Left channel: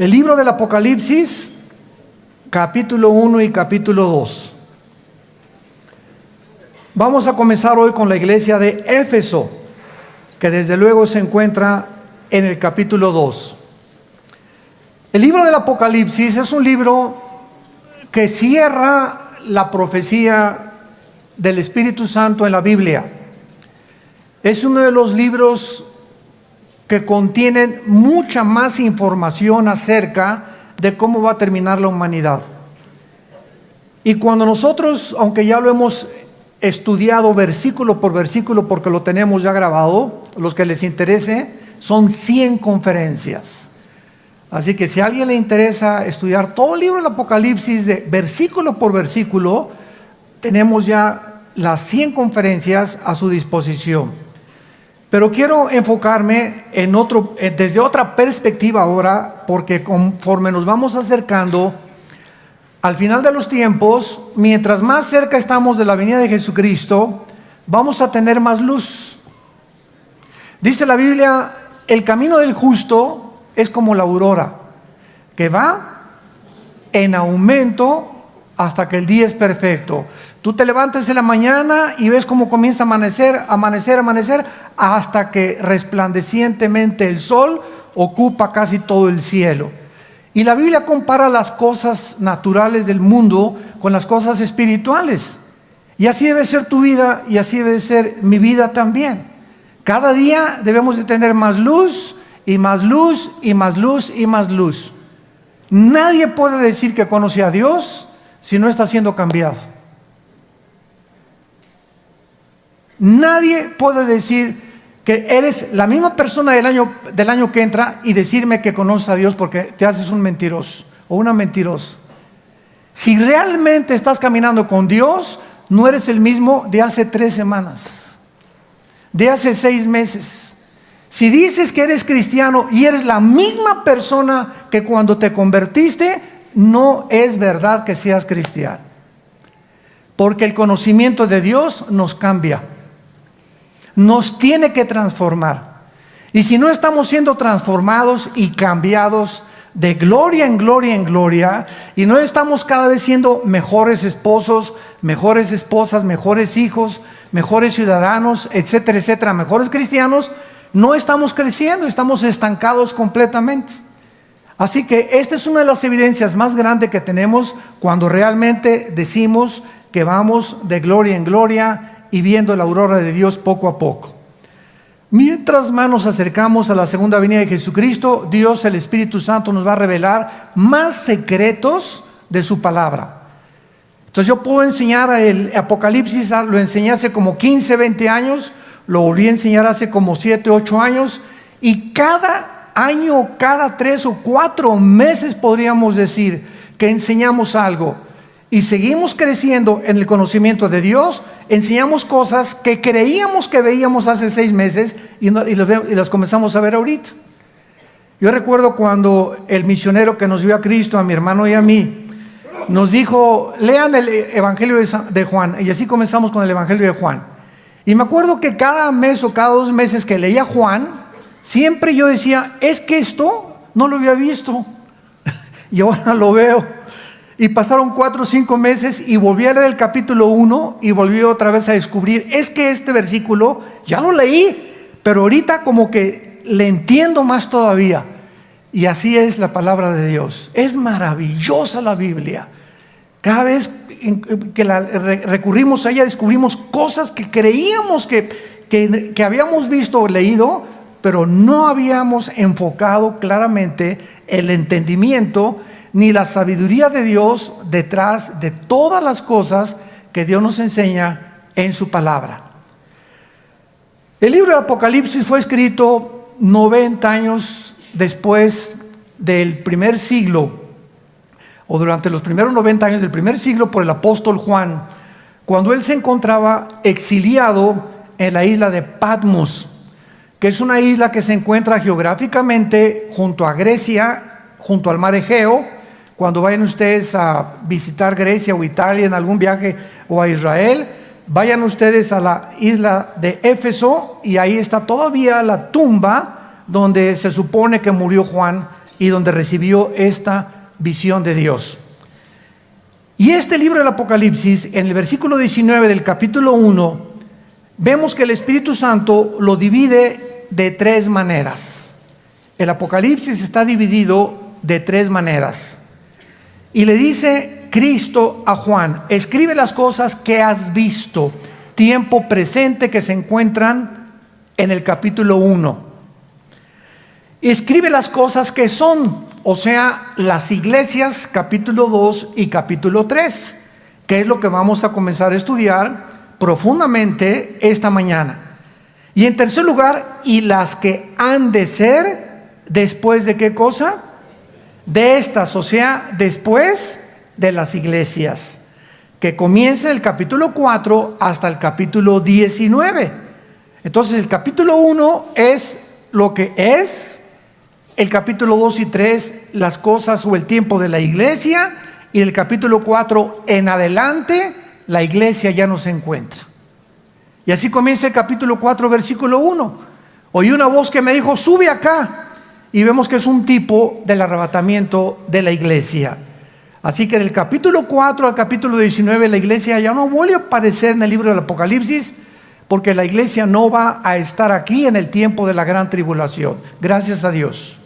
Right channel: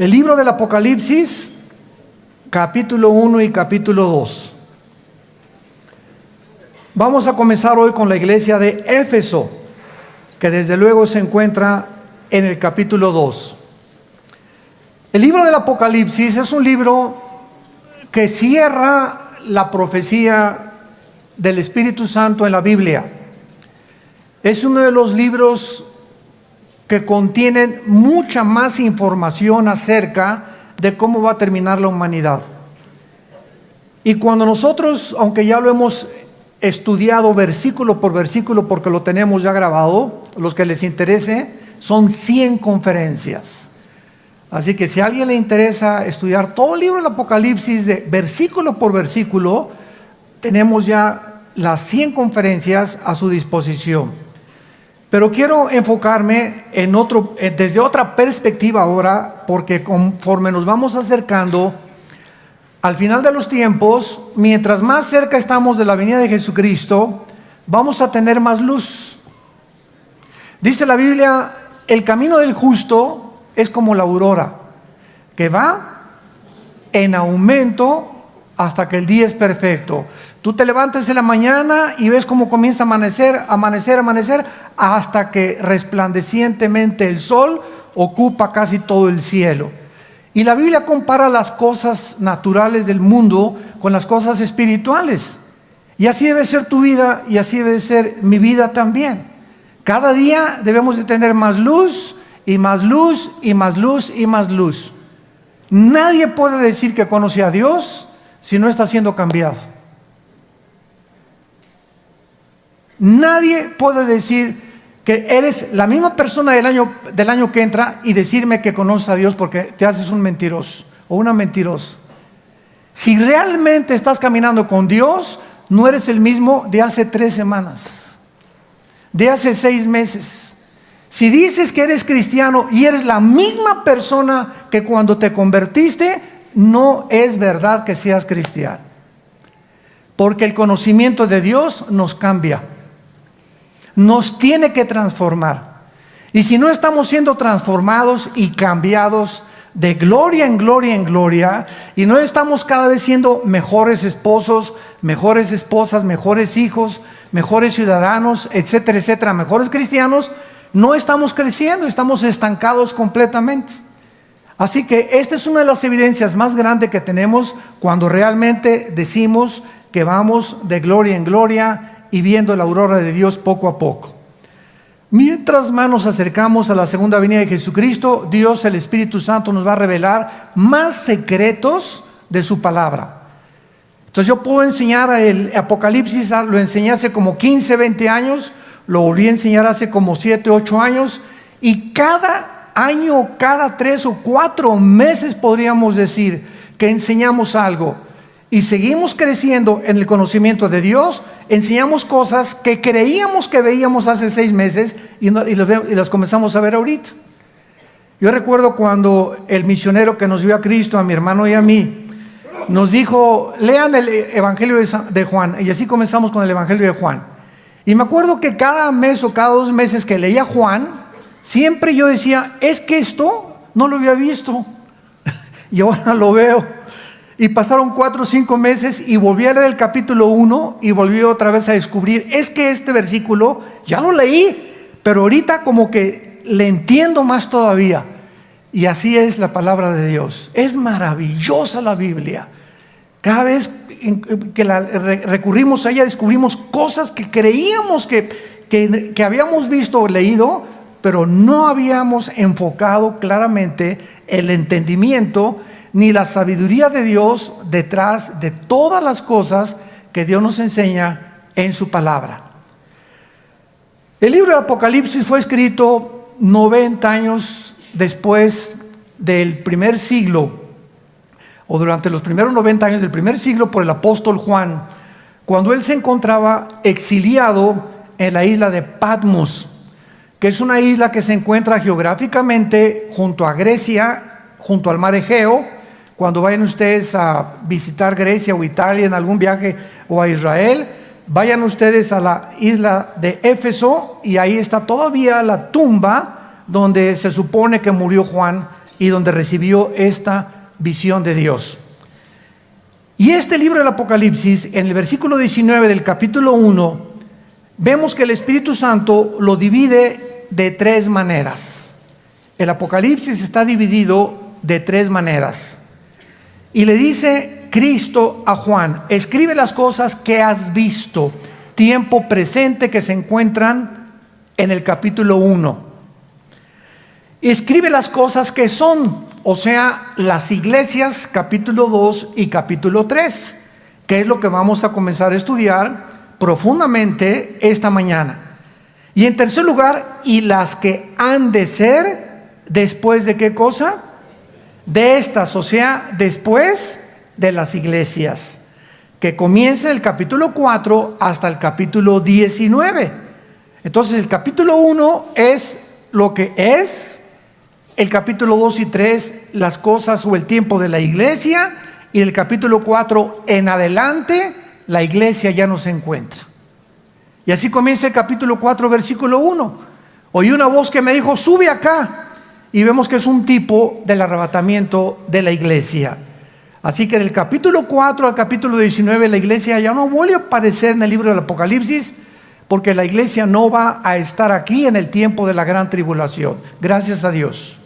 El libro del Apocalipsis, capítulo 1 y capítulo 2. Vamos a comenzar hoy con la iglesia de Éfeso, que desde luego se encuentra en el capítulo 2. El libro del Apocalipsis es un libro que cierra la profecía del Espíritu Santo en la Biblia. Es uno de los libros que contienen mucha más información acerca de cómo va a terminar la humanidad. Y cuando nosotros, aunque ya lo hemos estudiado versículo por versículo porque lo tenemos ya grabado, los que les interese, son 100 conferencias. Así que si a alguien le interesa estudiar todo el libro del Apocalipsis de versículo por versículo, tenemos ya las 100 conferencias a su disposición. Pero quiero enfocarme desde otra perspectiva ahora, porque conforme nos vamos acercando al final de los tiempos, mientras más cerca estamos de la venida de Jesucristo, vamos a tener más luz. Dice la Biblia, el camino del justo es como la aurora, que va en aumento hasta que el día es perfecto. Tú te levantas en la mañana y ves cómo comienza a amanecer, hasta que resplandecientemente el sol ocupa casi todo el cielo. Y la Biblia compara las cosas naturales del mundo con las cosas espirituales. Y así debe ser tu vida y así debe ser mi vida también. Cada día debemos de tener más luz y más luz y más luz y más luz. Nadie puede decir que conoce a Dios si no está siendo cambiado. Nadie puede decir que eres la misma persona del año que entra y decirme que conoces a Dios porque te haces un mentiroso o una mentirosa. Si realmente estás caminando con Dios, no eres el mismo de hace 3 semanas, de hace 6 meses. Si dices que eres cristiano y eres la misma persona que cuando te convertiste, no es verdad que seas cristiano. Porque el conocimiento de Dios nos cambia. Nos tiene que transformar. Y si no estamos siendo transformados y cambiados de gloria en gloria en gloria, y no estamos cada vez siendo mejores esposos, mejores esposas, mejores hijos, mejores ciudadanos, etcétera, etcétera, mejores cristianos, no estamos creciendo, estamos estancados completamente. Así que esta es una de las evidencias más grandes que tenemos cuando realmente decimos que vamos de gloria en gloria y viendo la aurora de Dios poco a poco. Mientras más nos acercamos a la segunda venida de Jesucristo, Dios, el Espíritu Santo, nos va a revelar más secretos de su palabra. Entonces yo puedo enseñar el Apocalipsis, lo enseñé hace como 15, 20 años, lo volví a enseñar hace como 7, 8 años, y cada año, cada 3 o 4 meses podríamos decir que enseñamos algo. Y seguimos creciendo en el conocimiento de Dios, enseñamos cosas que creíamos que veíamos hace 6 meses y las comenzamos a ver ahorita. Yo recuerdo cuando el misionero que nos dio a Cristo, a mi hermano y a mí, nos dijo, lean el Evangelio de Juan, y así comenzamos con el Evangelio de Juan. Y me acuerdo que cada mes o cada 2 meses que leía Juan, siempre yo decía, es que esto no lo había visto, y ahora lo veo. Y pasaron 4 o 5 meses y volví a leer el capítulo 1 y volví otra vez a descubrir, es que este versículo ya lo leí, pero ahorita como que le entiendo más todavía. Y así es la palabra de Dios. Es maravillosa la Biblia. Cada vez que recurrimos a ella descubrimos cosas que creíamos que habíamos visto o leído, pero no habíamos enfocado claramente el entendimiento ni la sabiduría de Dios detrás de todas las cosas que Dios nos enseña en su palabra. El libro del Apocalipsis fue escrito 90 años después del primer siglo, o durante los primeros 90 años del primer siglo, por el apóstol Juan, cuando él se encontraba exiliado en la isla de Patmos, que es una isla que se encuentra geográficamente junto a Grecia, junto al mar Egeo. Cuando vayan ustedes a visitar Grecia o Italia en algún viaje o a Israel, vayan ustedes a la isla de Éfeso y ahí está todavía la tumba donde se supone que murió Juan y donde recibió esta visión de Dios. Y este libro del Apocalipsis, en el versículo 19 del capítulo 1, vemos que el Espíritu Santo lo divide de 3 maneras. El Apocalipsis está dividido de 3 maneras. Y le dice Cristo a Juan: escribe las cosas que has visto, tiempo presente, que se encuentran en el capítulo 1. Escribe las cosas que son, o sea, las iglesias, capítulo 2 y capítulo 3, que es lo que vamos a comenzar a estudiar profundamente esta mañana. Y en tercer lugar, y las que han de ser después de ¿qué cosa? De estas, o sea, después de las iglesias, que comienza el capítulo 4 hasta el capítulo 19. Entonces el capítulo 1 es lo que es, el capítulo 2 y 3 las cosas o el tiempo de la iglesia, y el capítulo 4 en adelante la iglesia ya no se encuentra. Y así comienza el capítulo 4, versículo 1. Oí una voz que me dijo: sube acá. Y vemos que es un tipo del arrebatamiento de la iglesia. Así que del capítulo 4 al capítulo 19 la iglesia ya no vuelve a aparecer en el libro del Apocalipsis, porque la iglesia no va a estar aquí en el tiempo de la gran tribulación. Gracias a Dios.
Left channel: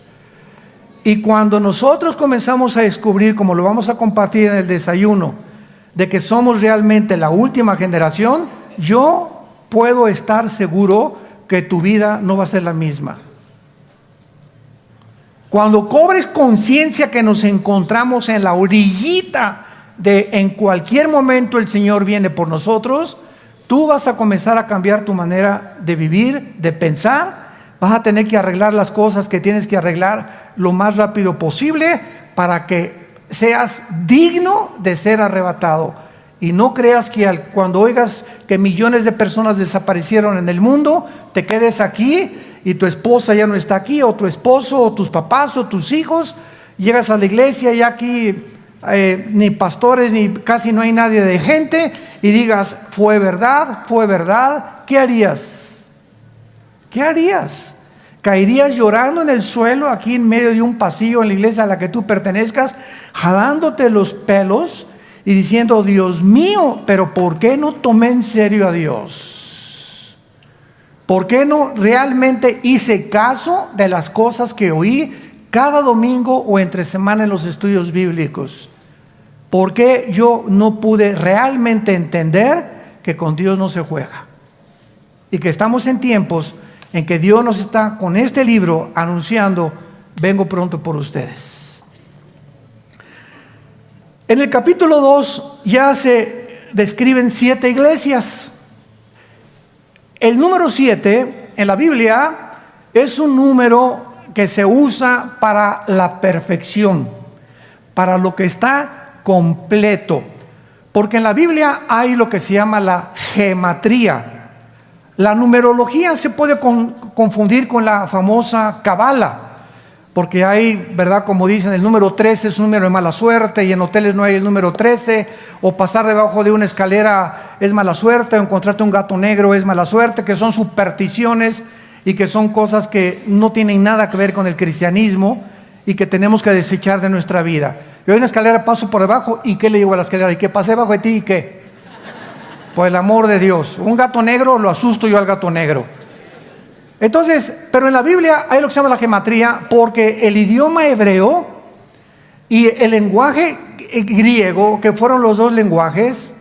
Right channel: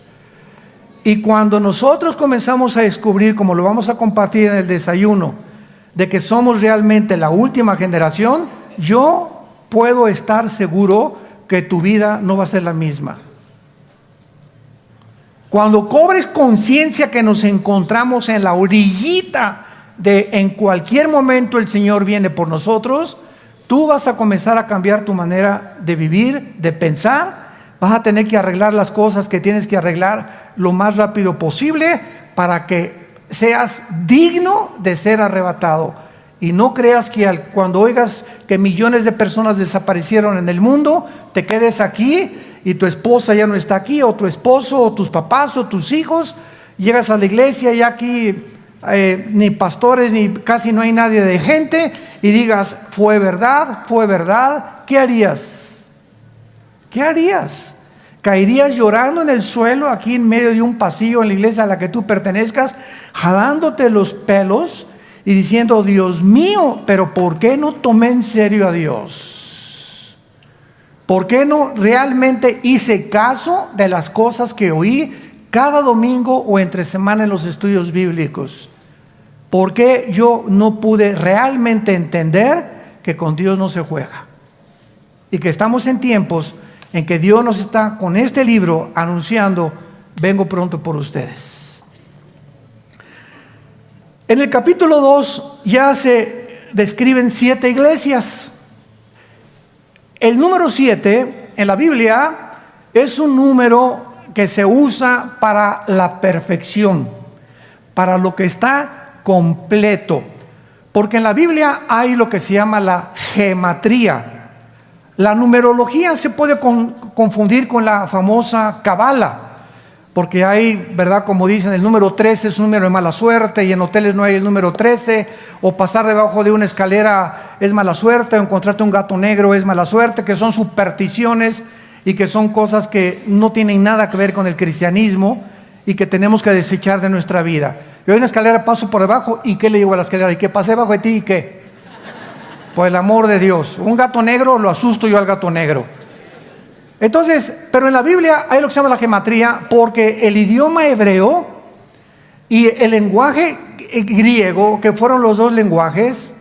Y cuando nosotros comenzamos a descubrir, como lo vamos a compartir en el desayuno, de que somos realmente la última generación, yo puedo estar seguro que tu vida no va a ser la misma. Cuando cobres conciencia que nos encontramos en la orillita de en cualquier momento el Señor viene por nosotros, tú vas a comenzar a cambiar tu manera de vivir, de pensar. Vas a tener que arreglar las cosas que tienes que arreglar lo más rápido posible para que seas digno de ser arrebatado. Y no creas que cuando oigas que millones de personas desaparecieron en el mundo, te quedes aquí y tu esposa ya no está aquí, o tu esposo, o tus papás, o tus hijos. Llegas a la iglesia y aquí ni pastores, ni casi no hay nadie de gente, y digas: fue verdad, fue verdad. ¿Qué harías? ¿Qué harías? ¿Caerías llorando en el suelo aquí en medio de un pasillo en la iglesia a la que tú pertenezcas, jalándote los pelos y diciendo: Dios mío, pero ¿por qué no tomé en serio a Dios? ¿Por qué no realmente hice caso de las cosas que oí cada domingo o entre semana en los estudios bíblicos? ¿Por qué yo no pude realmente entender que con Dios no se juega? Y que estamos en tiempos en que Dios nos está con este libro anunciando: vengo pronto por ustedes. En el capítulo 2 ya se describen 7 iglesias. El número 7 en la Biblia es un número que se usa para la perfección, para lo que está completo. Porque en la Biblia hay lo que se llama la gematría. La numerología se puede confundir con la famosa cábala, porque hay, ¿verdad? Como dicen, el número 13 es un número de mala suerte, y en hoteles no hay el número 13, o pasar debajo de una escalera es mala suerte, o encontrarte un gato negro es mala suerte, que son supersticiones y que son cosas que no tienen nada que ver con el cristianismo y que tenemos que desechar de nuestra vida. Yo en una escalera paso por debajo, ¿y qué le digo a la escalera? ¿Y qué pasé debajo de ti? ¿Y qué? Por el amor de Dios, un gato negro, lo asusto yo al gato negro. Entonces, pero en la Biblia hay lo que se llama la gematría, porque el idioma hebreo y el lenguaje griego, que fueron los 2 lenguajes,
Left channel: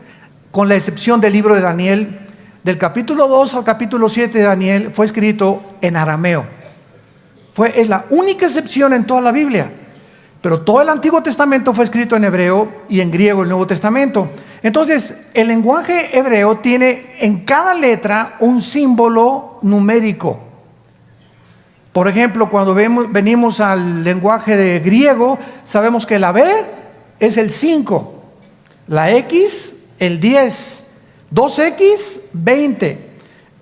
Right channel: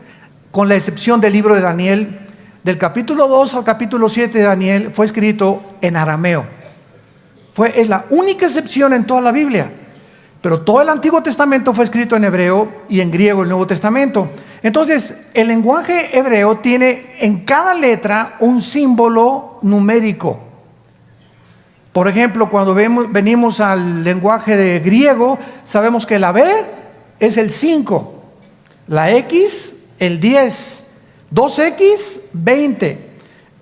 con la excepción del libro de Daniel, del capítulo 2 al capítulo 7 de Daniel, fue escrito en arameo. Es la única excepción en toda la Biblia. Pero todo el Antiguo Testamento fue escrito en hebreo y en griego el Nuevo Testamento. Entonces, el lenguaje hebreo tiene en cada letra un símbolo numérico. Por ejemplo, cuando venimos al lenguaje de griego, sabemos que la B es el 5, la X el 10, 2X 20,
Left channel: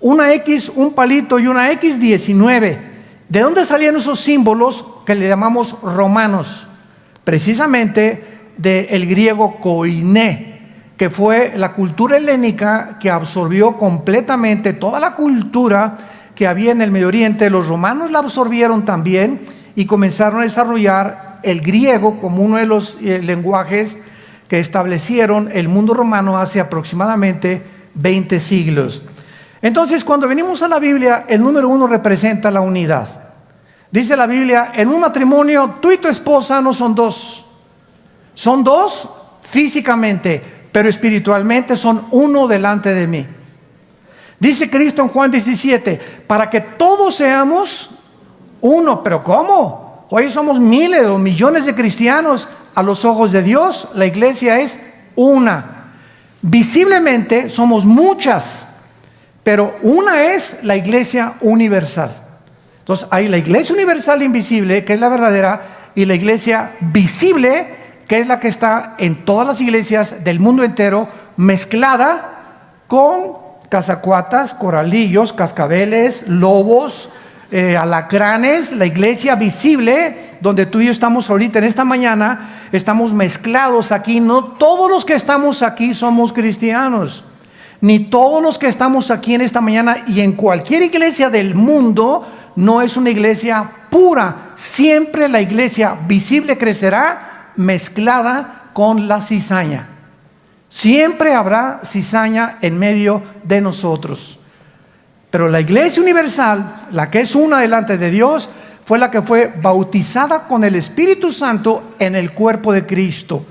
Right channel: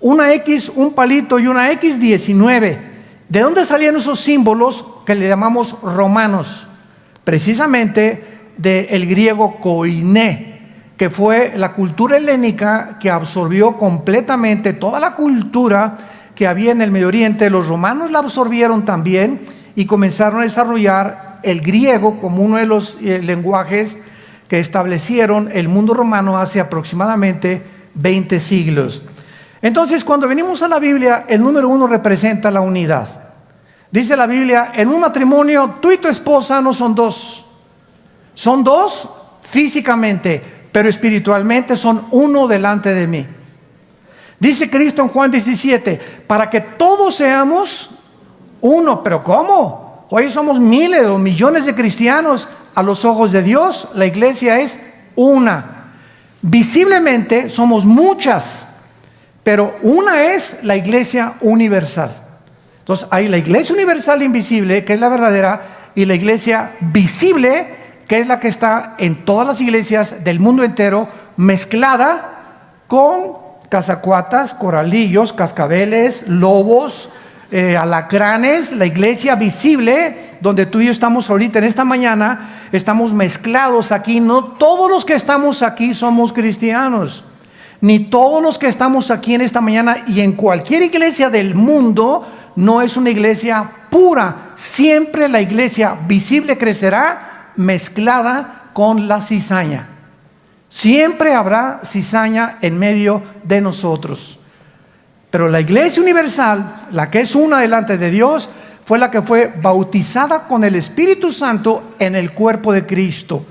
una X un palito y una X 19. ¿De dónde salían esos símbolos que le llamamos romanos? Precisamente del griego koiné, que fue la cultura helénica que absorbió completamente toda la cultura que había en el Medio Oriente. Los romanos la absorbieron también, y comenzaron a desarrollar el griego como uno de los lenguajes que establecieron el mundo romano hace aproximadamente 20 siglos. Entonces, cuando venimos a la Biblia, el número 1 representa la unidad. Dice la Biblia, en un matrimonio, tú y tu esposa no son dos. Son dos físicamente, pero espiritualmente son uno delante de mí. Dice Cristo en Juan 17, para que todos seamos uno. ¿Pero cómo? Hoy somos miles o millones de cristianos. A los ojos de Dios, la iglesia es una. Visiblemente somos muchas, pero una es la iglesia universal. Entonces hay la iglesia universal invisible, que es la verdadera, y la iglesia visible, que es la que está en todas las iglesias del mundo entero, mezclada con cazacuatas, coralillos, cascabeles, lobos, alacranes. La iglesia visible, donde tú y yo estamos ahorita en esta mañana, estamos mezclados aquí. No todos los que estamos aquí somos cristianos, ni todos los que estamos aquí en esta mañana y en cualquier iglesia del mundo no es una iglesia pura. Siempre la iglesia visible crecerá mezclada con la cizaña. Siempre habrá cizaña en medio de nosotros. Pero la iglesia universal, la que es una delante de Dios, fue la que fue bautizada con el Espíritu Santo en el cuerpo de Cristo,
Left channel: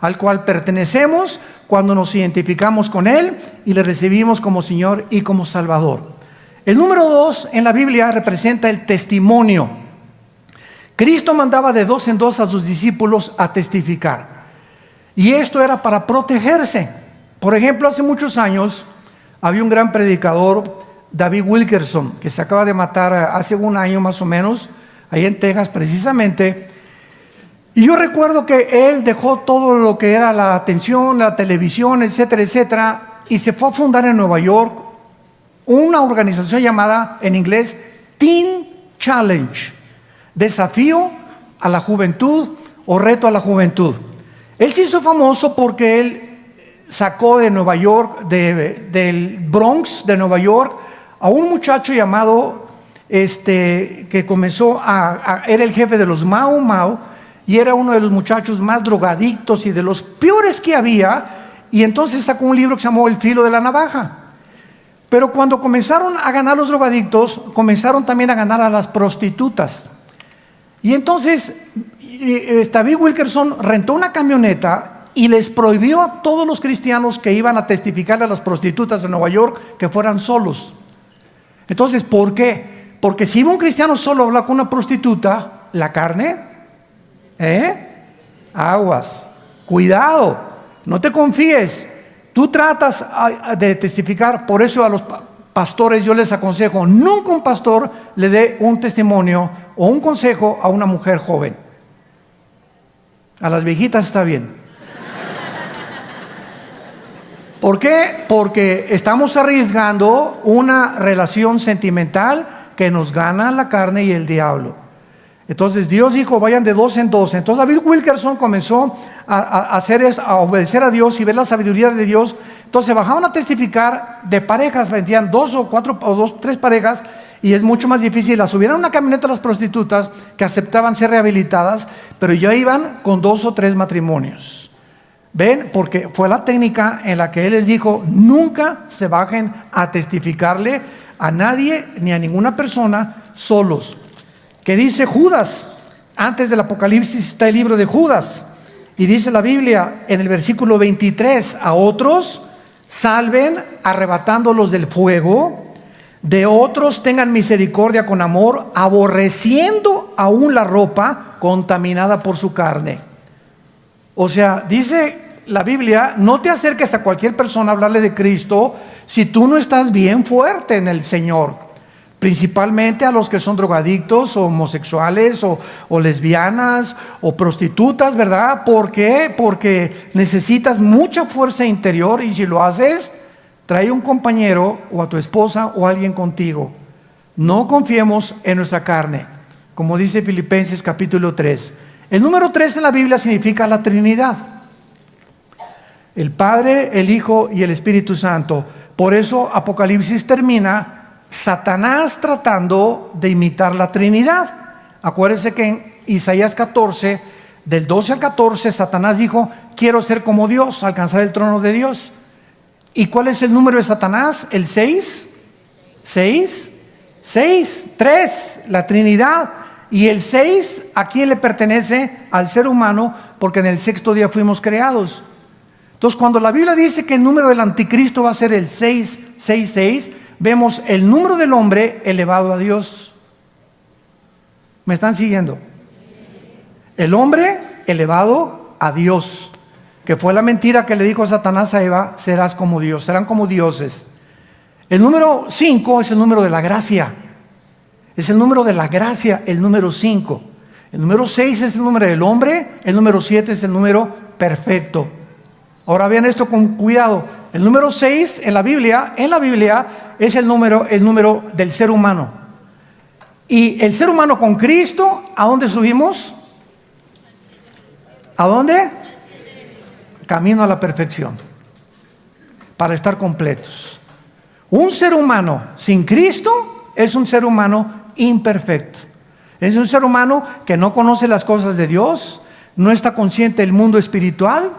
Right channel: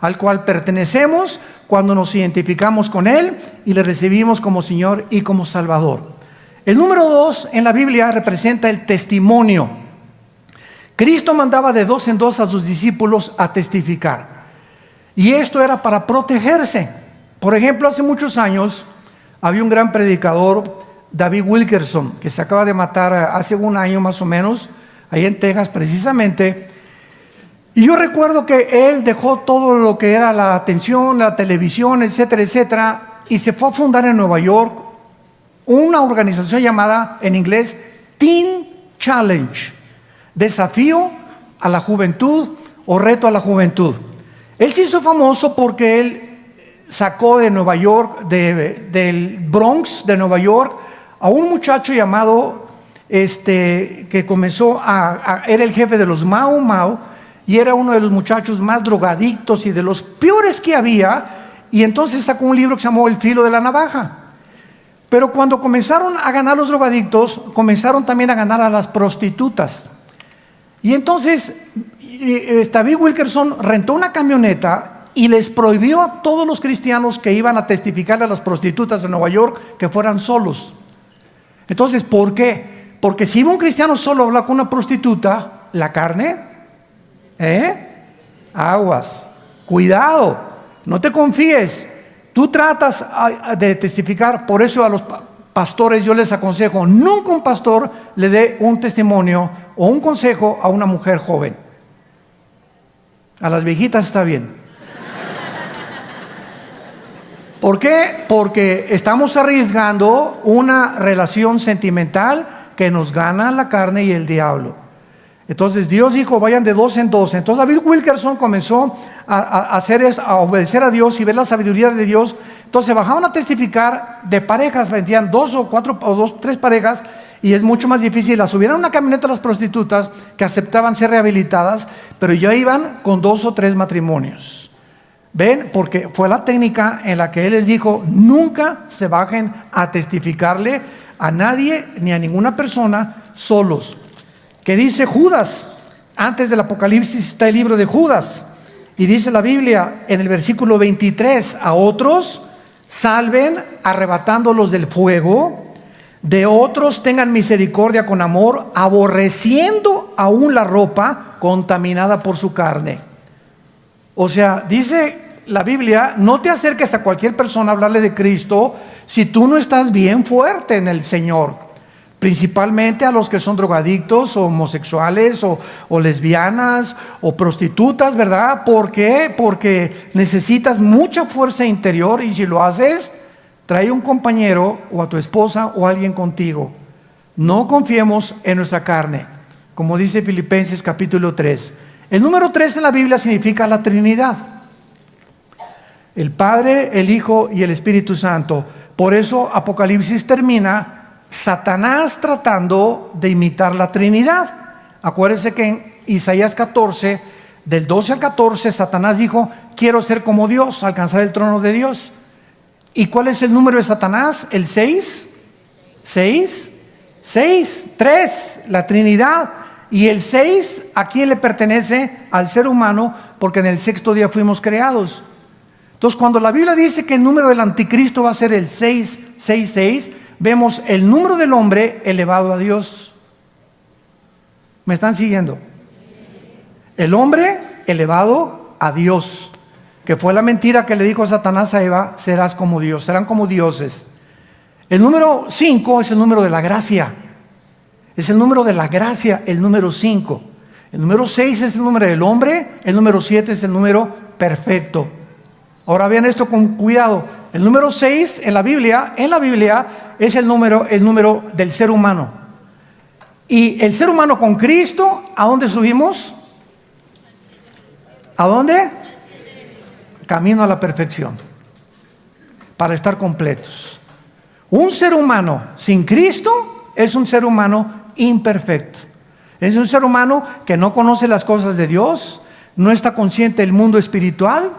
al cual pertenecemos cuando nos identificamos con Él y le recibimos como Señor y como Salvador. El número 2 en la Biblia representa el testimonio. Cristo mandaba de 2 en 2 a sus discípulos a testificar. Y esto era para protegerse. Por ejemplo, hace muchos años había un gran predicador, David Wilkerson, que se acaba de matar hace un año más o menos, ahí en Texas precisamente. Y yo recuerdo que él dejó todo lo que era la atención, la televisión, etcétera, etcétera, y se fue a fundar en Nueva York una organización llamada en inglés Teen Challenge, desafío a la juventud o reto a la juventud. Él se hizo famoso porque él sacó de Nueva York, del Bronx de Nueva York, a un muchacho llamado, que comenzó era el jefe de los Mau Mau, y era uno de los muchachos más drogadictos y de los peores que había, y entonces sacó un libro que se llamó El filo de la navaja. Pero cuando comenzaron a ganar los drogadictos, comenzaron también a ganar a las prostitutas. Y entonces David Wilkerson rentó una camioneta y les prohibió a todos los cristianos que iban a testificar a las prostitutas de Nueva York que fueran solos. Entonces, ¿por qué? Porque si iba un cristiano solo a hablar con una prostituta, la carne, aguas, cuidado, no te confíes. Tú tratas de testificar. Por eso a los pastores yo les aconsejo, nunca un pastor le dé un testimonio o un consejo a una mujer joven. A las viejitas está bien. ¿Por qué? Porque estamos arriesgando una relación sentimental que nos gana la carne y el diablo. Entonces Dios dijo, vayan de 2 en 2. Entonces David Wilkerson comenzó a hacer esto, a obedecer a Dios y ver la sabiduría de Dios. Entonces bajaban a testificar de parejas, vendían 2 o 4 o 2, 3 parejas, y es mucho más difícil. Las subieron a una camioneta a las prostitutas que aceptaban ser rehabilitadas, pero ya iban con 2 o 3 matrimonios. ¿Ven? Porque fue la técnica en la que Él les dijo, nunca se bajen a testificarle a nadie ni a ninguna persona solos. Que dice Judas, antes del Apocalipsis está el libro de Judas, y dice la Biblia en el versículo 23, a otros salven arrebatándolos del fuego, de otros tengan misericordia con amor, aborreciendo aún la ropa contaminada por su carne. O sea, dice la Biblia, no te acerques a cualquier persona a hablarle de Cristo si tú no estás bien fuerte en el Señor. Principalmente a los que son drogadictos o homosexuales o lesbianas o prostitutas, ¿verdad? ¿Por qué? Porque necesitas mucha fuerza interior, y si lo haces, trae un compañero o a tu esposa o alguien contigo. No confiemos en nuestra carne, como dice Filipenses capítulo 3. El número 3 en la Biblia significa la Trinidad. El Padre, el Hijo y el Espíritu Santo. Por eso Apocalipsis termina Satanás tratando de imitar la Trinidad. Acuérdense que en Isaías 14, del 12 al 14, Satanás dijo: quiero ser como Dios, alcanzar el trono de Dios. ¿Y cuál es el número de Satanás? El 6, 3, la Trinidad. Y el 6, ¿a quién le pertenece? Al ser humano, porque en el sexto día fuimos creados. Entonces, cuando la Biblia dice que el número del anticristo va a ser el 666, vemos el número del hombre elevado a Dios. ¿Me están siguiendo? El hombre elevado a Dios, que fue la mentira que le dijo Satanás a Eva: serás como Dios, serán como dioses. El número 5 es el número de la gracia. Es el número de la gracia, el número 5. El número 6 es el número del hombre. El número 7 es el número perfecto. Ahora vean esto con cuidado. El número 6 en la Biblia es el número del ser humano. Y el ser humano con Cristo, ¿a dónde subimos? ¿A dónde? Camino a la perfección, para estar completos. Un ser humano sin Cristo es un ser humano imperfecto. Es un ser humano que no conoce las cosas de Dios, no está consciente del mundo espiritual.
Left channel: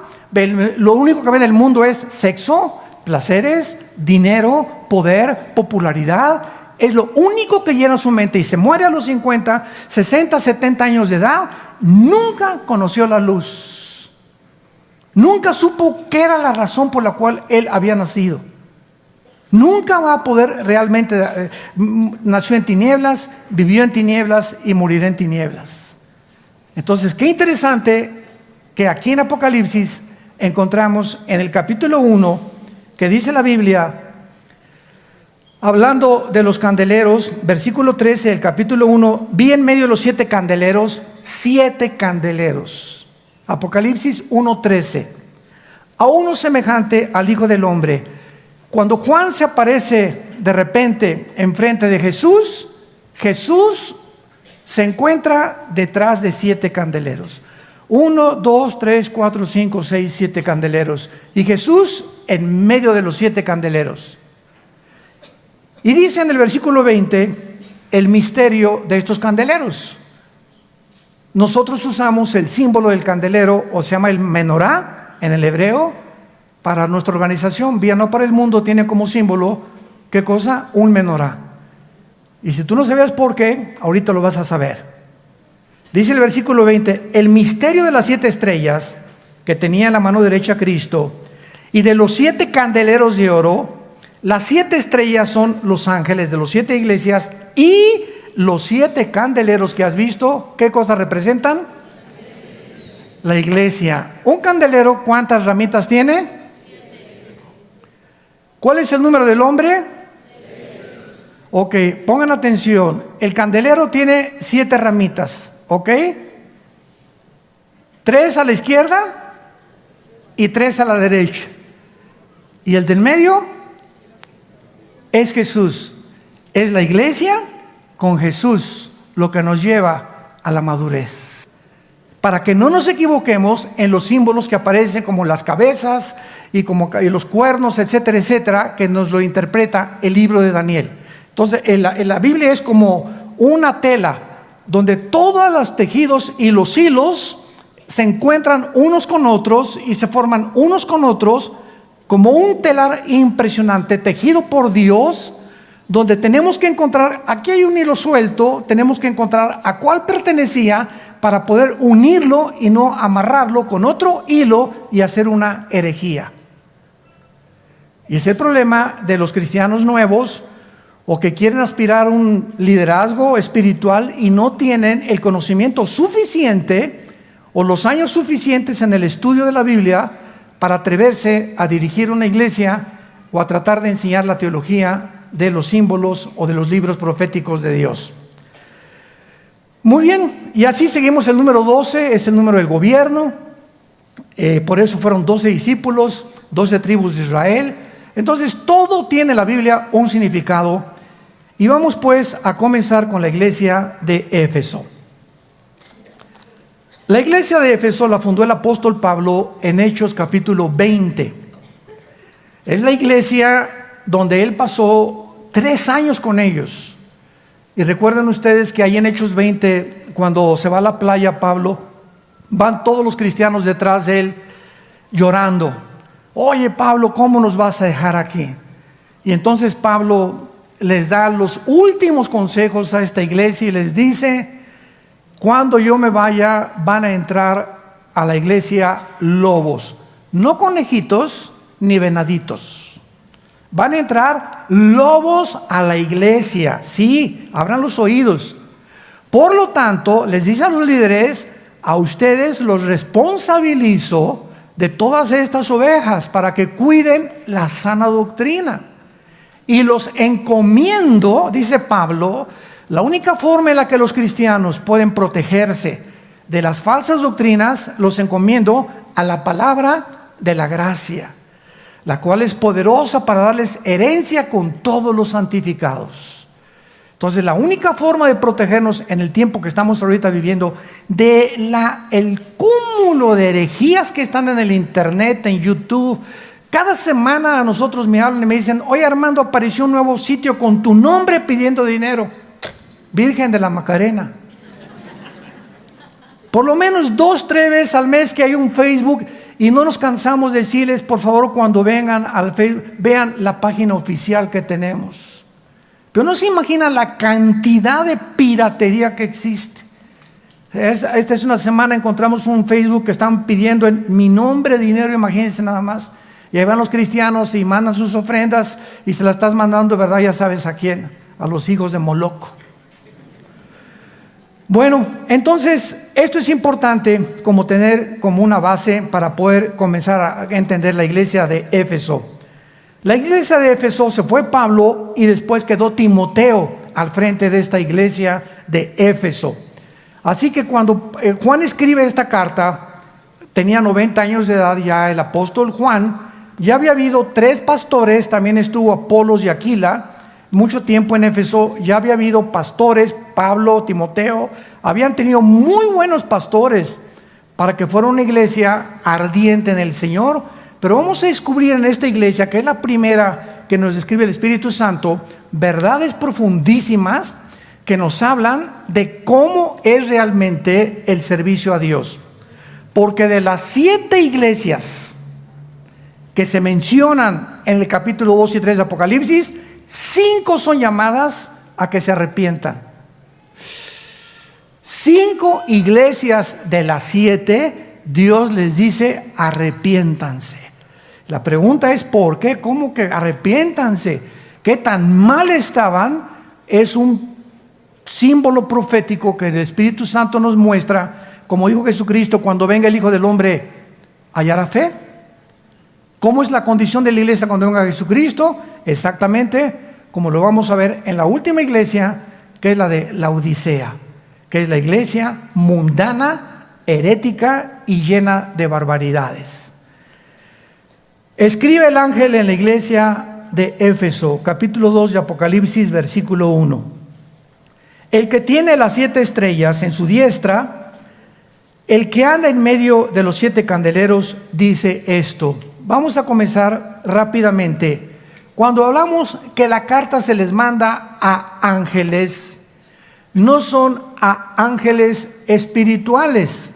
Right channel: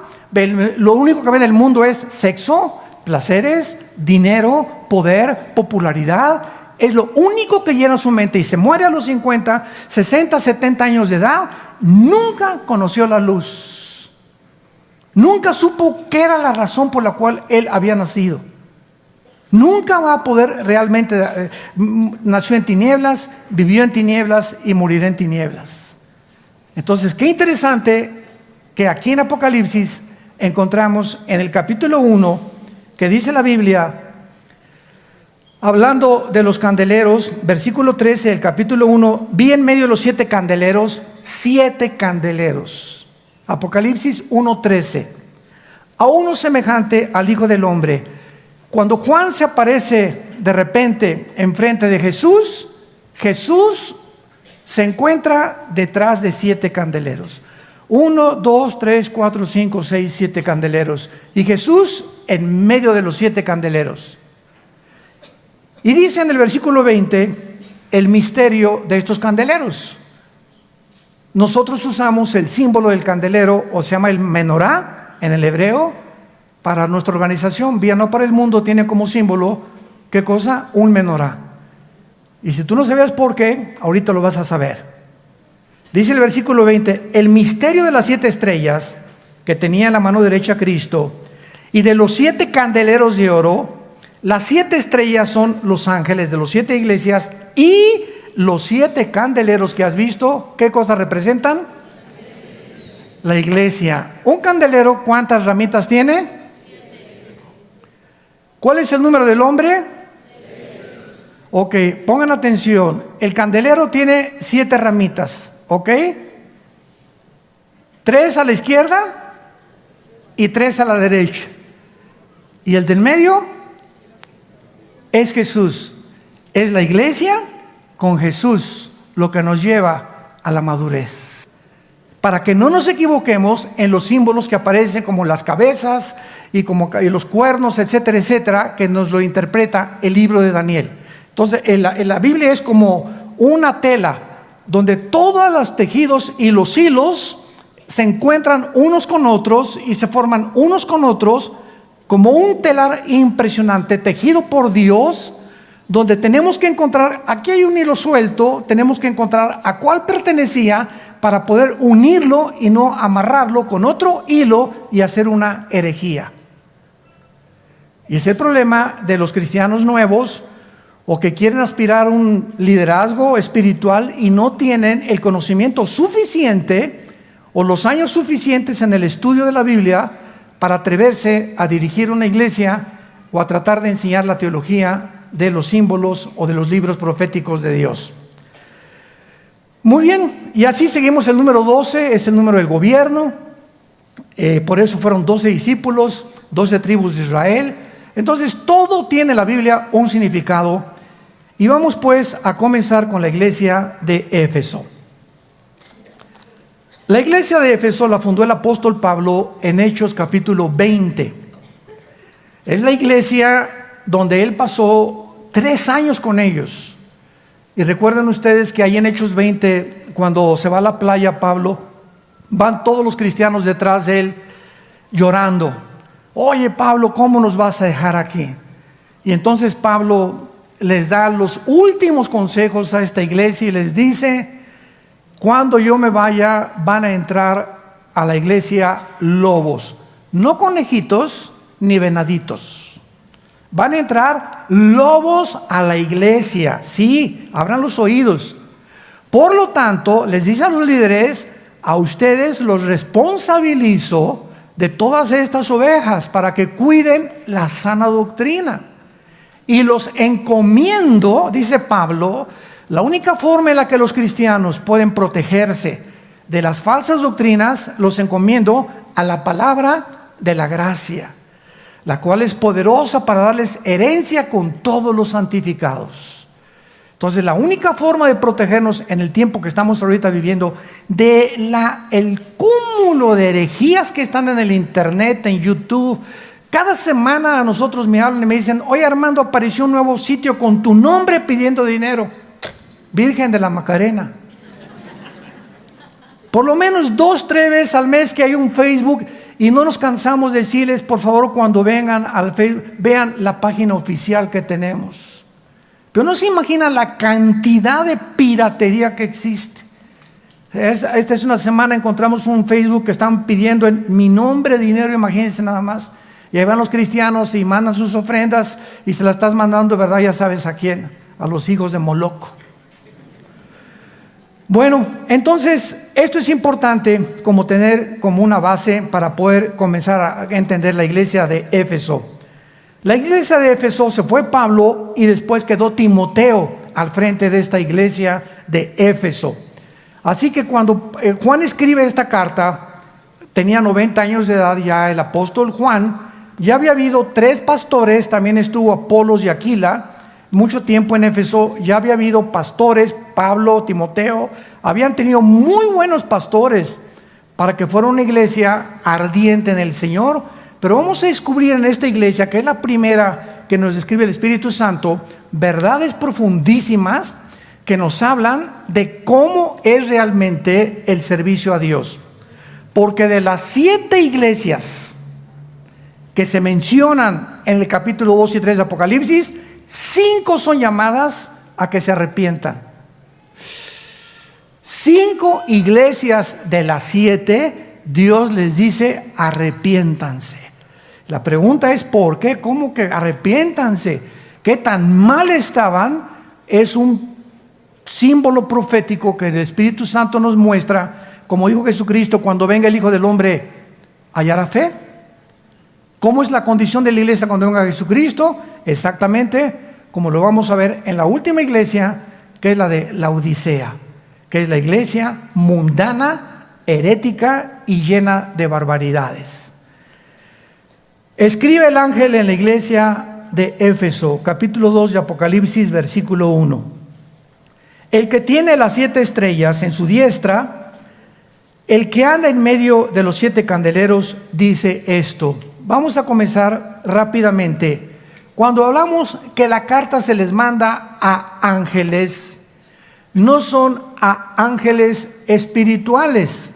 Lo único que ve del mundo es sexo, placeres, dinero, poder, popularidad. Es lo único que llena su mente, y se muere a los 50, 60, 70 años de edad. Nunca conoció la luz. Nunca supo qué era la razón por la cual él había nacido. Nunca va a poder realmente. Nació en tinieblas, vivió en tinieblas y morirá en tinieblas. Entonces, qué interesante que aquí en Apocalipsis encontramos en el capítulo 1, que dice la Biblia, hablando de los candeleros, versículo 13 del capítulo 1: vi en medio de los 7 candeleros, 7 candeleros. Apocalipsis 1:13. A uno semejante al Hijo del Hombre. Cuando Juan se aparece de repente enfrente de Jesús, Jesús se encuentra detrás de 7 candeleros. 1, 2, 3, 4, 5, 6, 7 candeleros. Y Jesús en medio de los 7 candeleros. Y dice en el versículo 20 el misterio de estos candeleros. Nosotros usamos el símbolo del candelero, o se llama el menorá en el hebreo. Para nuestra organización, Vía No para el Mundo, tiene como símbolo, ¿qué cosa? Un menorá. Y si tú no sabías por qué, ahorita lo vas a saber. Dice el versículo 20: el misterio de las 7 estrellas que tenía en la mano derecha Cristo, y de los 7 candeleros de oro. Las 7 estrellas son los ángeles de las 7 iglesias, y los 7 candeleros que has visto, ¿qué cosa representan? La iglesia. Un candelero, ¿cuántas ramitas tiene? ¿Cuál es el número del hombre? Ok, pongan atención. El candelero tiene 7 ramitas, ¿ok? 3 a la izquierda y 3 a la derecha. ¿Y el del medio? Es Jesús. Es la iglesia con Jesús lo que nos lleva a la madurez. Para que no nos equivoquemos en los símbolos que aparecen, como las cabezas y los cuernos, etcétera, etcétera, que nos lo interpreta el libro de Daniel. Entonces, en la Biblia es como una tela donde todos los tejidos y los hilos se encuentran unos con otros y se forman unos con otros como un telar impresionante tejido por Dios, donde tenemos que encontrar, aquí hay un hilo suelto, tenemos que encontrar a cuál pertenecía para poder unirlo y no amarrarlo con otro hilo y hacer una herejía. Y es el problema de los cristianos nuevos, o que quieren aspirar a un liderazgo espiritual y no tienen el conocimiento suficiente o los años suficientes en el estudio de la Biblia para atreverse a dirigir una iglesia o a tratar de enseñar la teología de los símbolos o de los libros proféticos de Dios. Muy bien, y así seguimos. El número 12 es el número del gobierno. Por eso fueron 12 discípulos, 12 tribus de Israel. Entonces todo tiene la Biblia un significado. Y vamos pues a comenzar con la iglesia de Éfeso. La iglesia de Éfeso la fundó el apóstol Pablo en Hechos capítulo 20. Es la iglesia donde él pasó 3 años con ellos. Y recuerden ustedes que ahí en Hechos 20, cuando se va a la playa Pablo, van todos los cristianos detrás de él llorando. Oye Pablo, ¿cómo nos vas a dejar aquí? Y entonces Pablo les da los últimos consejos a esta iglesia y les dice: cuando yo me vaya van a entrar a la iglesia lobos, no conejitos ni venaditos. Van a entrar lobos a la iglesia. Sí, abran los oídos. Por lo tanto, les dice a los líderes: a ustedes los responsabilizo de todas estas ovejas para que cuiden la sana doctrina. Y los encomiendo, dice Pablo, la única forma en la que los cristianos pueden protegerse de las falsas doctrinas, los encomiendo a la palabra de la gracia, la cual es poderosa para darles herencia con todos los santificados. Entonces, la única forma de protegernos en el tiempo que estamos ahorita viviendo el cúmulo de herejías que están en el internet, en YouTube. Cada semana a nosotros me hablan y me dicen: oye Armando, apareció un nuevo sitio con tu nombre pidiendo dinero. Virgen de la Macarena. Por lo menos 2-3 veces al mes que hay un Facebook, y no nos cansamos de decirles: por favor, cuando vengan al Facebook, vean la página oficial que tenemos. Pero no se imaginan la cantidad de piratería que existe. Esta es una semana, encontramos un Facebook que están pidiendo en mi nombre dinero, imagínense nada más. Y ahí van los cristianos y mandan sus ofrendas y se las estás mandando, ¿verdad? Ya sabes a quién, a los hijos de Moloco. Bueno, entonces esto es importante como tener como una base para poder comenzar a entender la iglesia de Éfeso. La iglesia de Éfeso se fue Pablo y después quedó Timoteo al frente de esta iglesia de Éfeso. Así que cuando Juan escribe esta carta, tenía 90 años de edad ya el apóstol Juan. Ya había habido 3 pastores, también estuvo Apolos y Aquila, mucho tiempo en Éfeso. Ya había habido pastores, Pablo, Timoteo, habían tenido muy buenos pastores para que fuera una iglesia ardiente en el Señor. Pero vamos a descubrir en esta iglesia, que es la primera que nos describe el Espíritu Santo, verdades profundísimas que nos hablan de cómo es realmente el servicio a Dios. Porque de las 7 iglesias que se mencionan en el capítulo 2 y 3 de Apocalipsis, 5 son llamadas a que se arrepientan. 5 iglesias de las 7, Dios les dice: arrepiéntanse. La pregunta es: ¿por qué? ¿Cómo que arrepiéntanse? ¿Qué tan mal estaban? Es un símbolo profético que el Espíritu Santo nos muestra. Como dijo Jesucristo: cuando venga el Hijo del Hombre, ¿hallará fe? ¿Cómo es la condición de la iglesia cuando venga Jesucristo? Exactamente como lo vamos a ver en la última iglesia, que es la de Laodicea, que es la iglesia mundana, herética y llena de barbaridades. Escribe el ángel en la iglesia de Éfeso, capítulo 2 de Apocalipsis, versículo 1. El que tiene las 7 estrellas en su diestra, el que anda en medio de los 7 candeleros, dice esto. Vamos a comenzar rápidamente. Cuando hablamos que la carta se les manda a ángeles, no son a ángeles espirituales.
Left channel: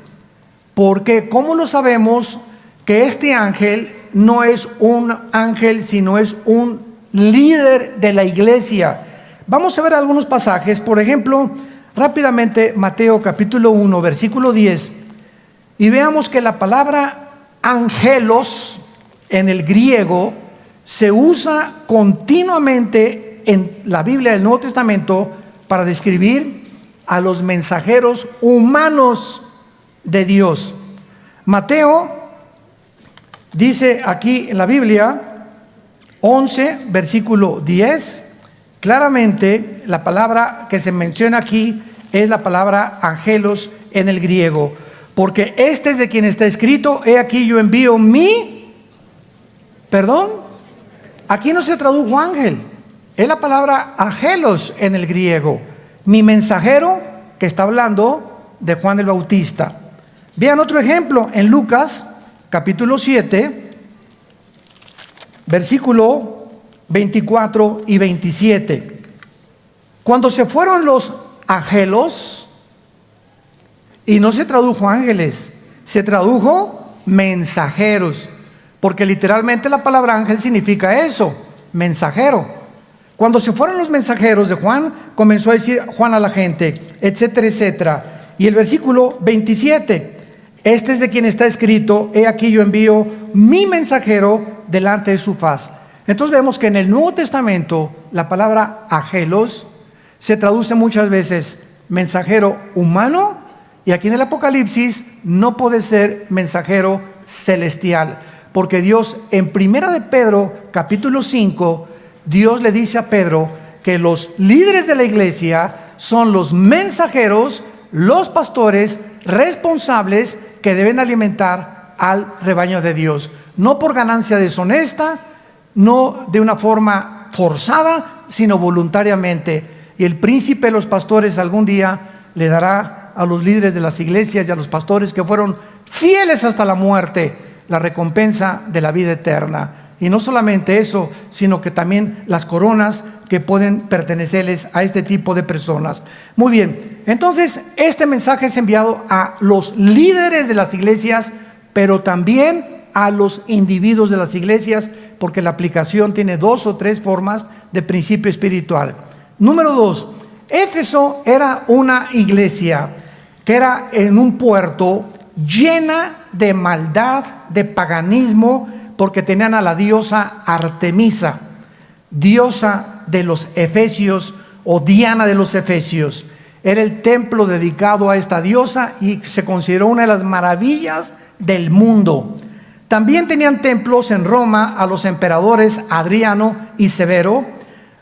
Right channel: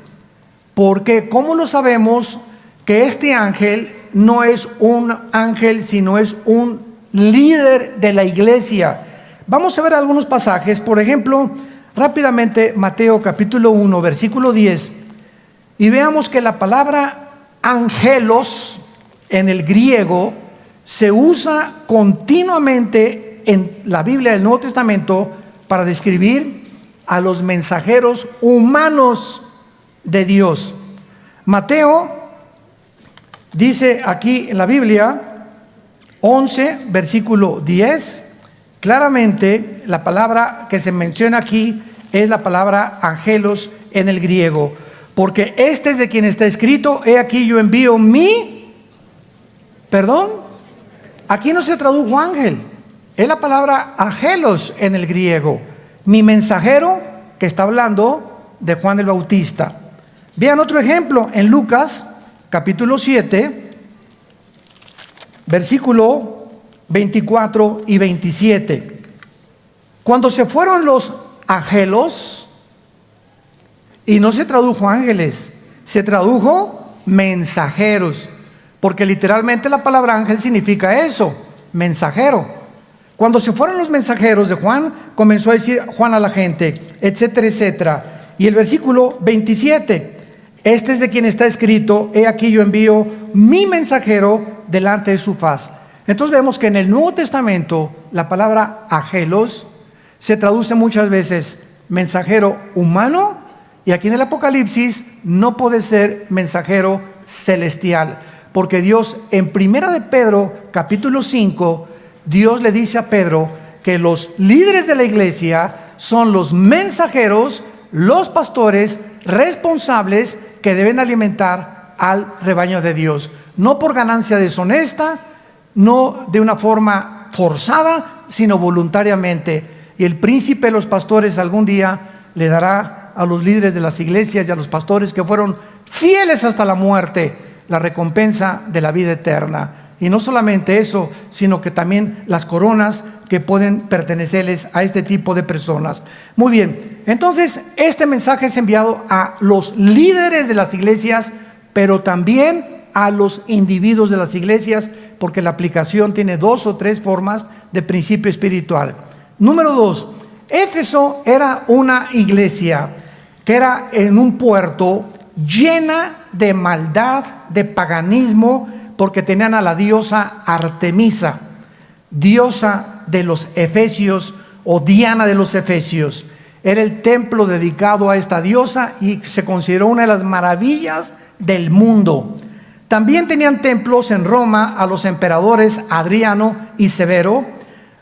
Porque, ¿cómo lo sabemos que este ángel no es un ángel, sino es un líder de la iglesia? Vamos a ver algunos pasajes. Por ejemplo, rápidamente, Mateo capítulo 1, versículo 10. Y veamos que la palabra angelos en el griego se usa continuamente en la Biblia del Nuevo Testamento para describir a los mensajeros humanos de Dios. Mateo dice aquí en la Biblia 11, versículo 10, claramente la palabra que se menciona aquí es la palabra angelos en el griego. Porque este es de quien está escrito: he aquí yo envío aquí no se tradujo ángel, es la palabra angelos en el griego, mi mensajero, que está hablando de Juan el Bautista. Vean otro ejemplo en Lucas capítulo 7, versículo 24 y 27. Cuando se fueron los angelos, y no se tradujo ángeles, se tradujo mensajeros, porque literalmente la palabra ángel significa eso, mensajero. Cuando se fueron los mensajeros de Juan, comenzó a decir Juan a la gente, etcétera, etcétera. Y el versículo 27, este es de quien está escrito, he aquí yo envío mi mensajero delante de su faz. Entonces vemos que en el Nuevo Testamento la palabra angelos se traduce muchas veces mensajero humano, y aquí en el Apocalipsis no puede ser mensajero celestial, porque Dios en Primera de Pedro capítulo 5, Dios le dice a Pedro que los líderes de la iglesia son los mensajeros, los pastores responsables que deben alimentar al rebaño de Dios, no por ganancia deshonesta, no de una forma forzada, sino voluntariamente. Y el príncipe de los pastores algún día le dará a los líderes de las iglesias y a los pastores que fueron fieles hasta la muerte la recompensa de la vida eterna. Y no solamente eso, sino que también las coronas que pueden pertenecerles a este tipo de personas. Muy bien, entonces este mensaje es enviado a los líderes de las iglesias, pero también a los individuos de las iglesias, porque la aplicación tiene 2 o 3 formas de principio espiritual. Número 2, Éfeso era una iglesia que era en un puerto llena de maldad, de paganismo, porque tenían a la diosa Artemisa, diosa de los efesios o Diana de los efesios. Era el templo dedicado a esta diosa y se consideró una de las maravillas del mundo. También tenían templos en Roma a los emperadores Adriano y Severo.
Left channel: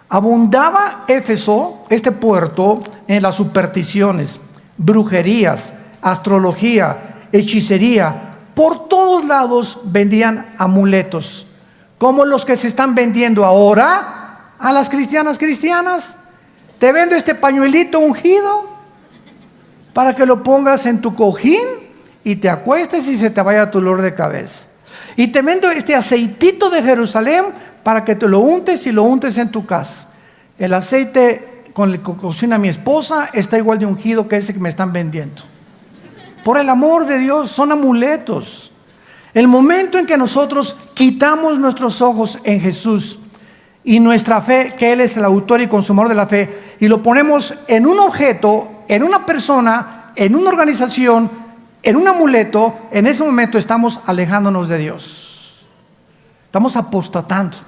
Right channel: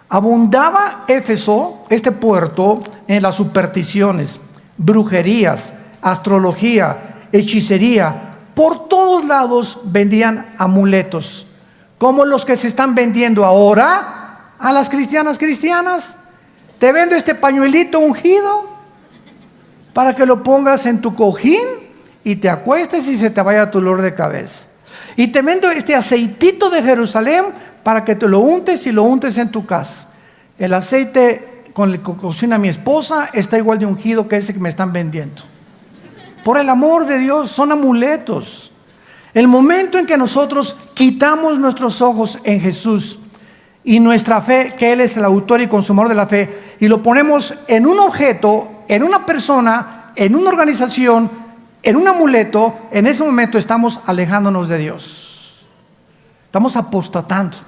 Abundaba Éfeso, este puerto, en las supersticiones, brujerías, astrología, hechicería. Por todos lados vendían amuletos, como los que se están vendiendo ahora a las cristianas. Te vendo este pañuelito ungido para que lo pongas en tu cojín y te acuestes y se te vaya tu dolor de cabeza. Y te vendo este aceitito de Jerusalén para que te lo untes y lo untes en tu casa. El aceite con el que cocina mi esposa está igual de ungido que ese que me están vendiendo. Por el amor de Dios, son amuletos. El momento en que nosotros quitamos nuestros ojos en Jesús y nuestra fe, que Él es el autor y consumador de la fe, y lo ponemos en un objeto, en una persona, en una organización, en un amuleto, en ese momento estamos alejándonos de Dios. Estamos apostatando.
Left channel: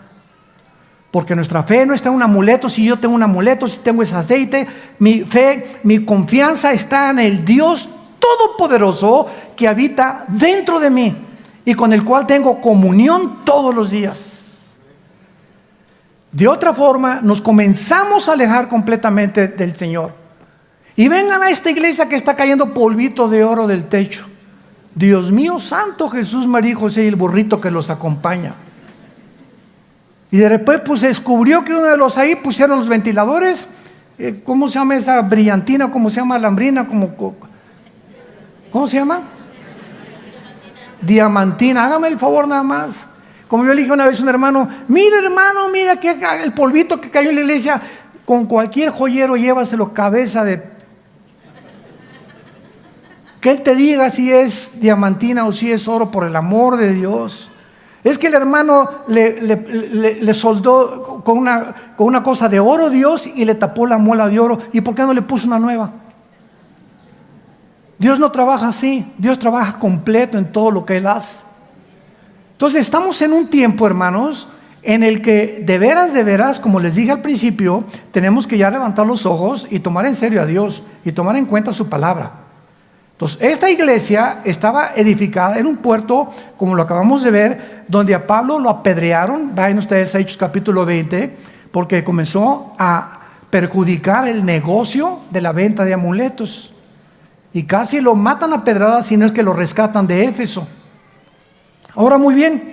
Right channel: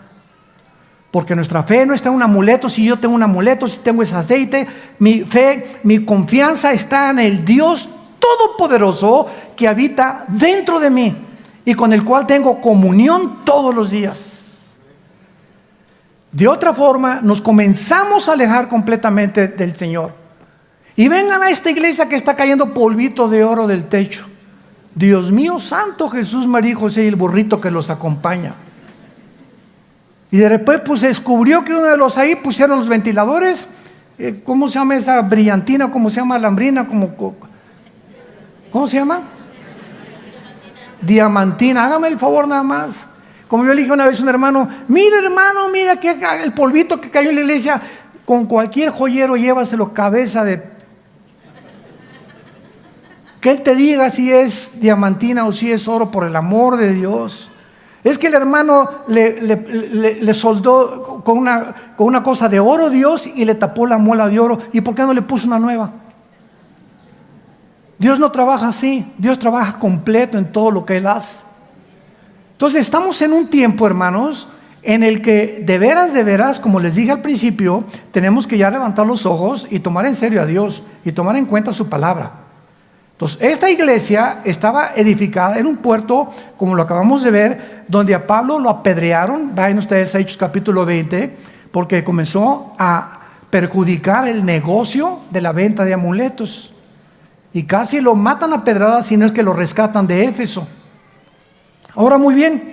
Porque nuestra fe no está en un amuleto. Si yo tengo un amuleto, si tengo ese aceite, mi fe, mi confianza está en el Dios Todopoderoso que habita dentro de mí y con el cual tengo comunión todos los días. De otra forma, nos comenzamos a alejar completamente del Señor. Y vengan a esta iglesia que está cayendo polvito de oro del techo. Dios mío santo, Jesús, María y José y el burrito que los acompaña. Y de repente pues se descubrió que uno de los ahí pusieron los ventiladores. ¿Cómo se llama esa brillantina? ¿Cómo se llama alambrina? ¿Cómo se llama? Diamantina. Hágame el favor nada más. Como yo le dije una vez a un hermano, mira que el polvito que cayó en la iglesia, con cualquier joyero llévaselo cabeza de... Que él te diga si es diamantina o si es oro, por el amor de Dios. Es que el hermano le soldó con una cosa de oro Dios y le tapó la muela de oro. ¿Y por qué no le puso una nueva? Dios no trabaja así. Dios trabaja completo en todo lo que Él hace. Entonces estamos en un tiempo, hermanos, en el que de veras, como les dije al principio, tenemos que ya levantar los ojos y tomar en serio a Dios y tomar en cuenta su palabra. Entonces, esta iglesia estaba edificada en un puerto, como lo acabamos de ver, donde a Pablo lo apedrearon. Vayan ustedes a Hechos capítulo 20, porque comenzó a perjudicar el negocio de la venta de amuletos. Y casi lo matan a pedradas, si no es que lo rescatan de Éfeso. Ahora, muy bien,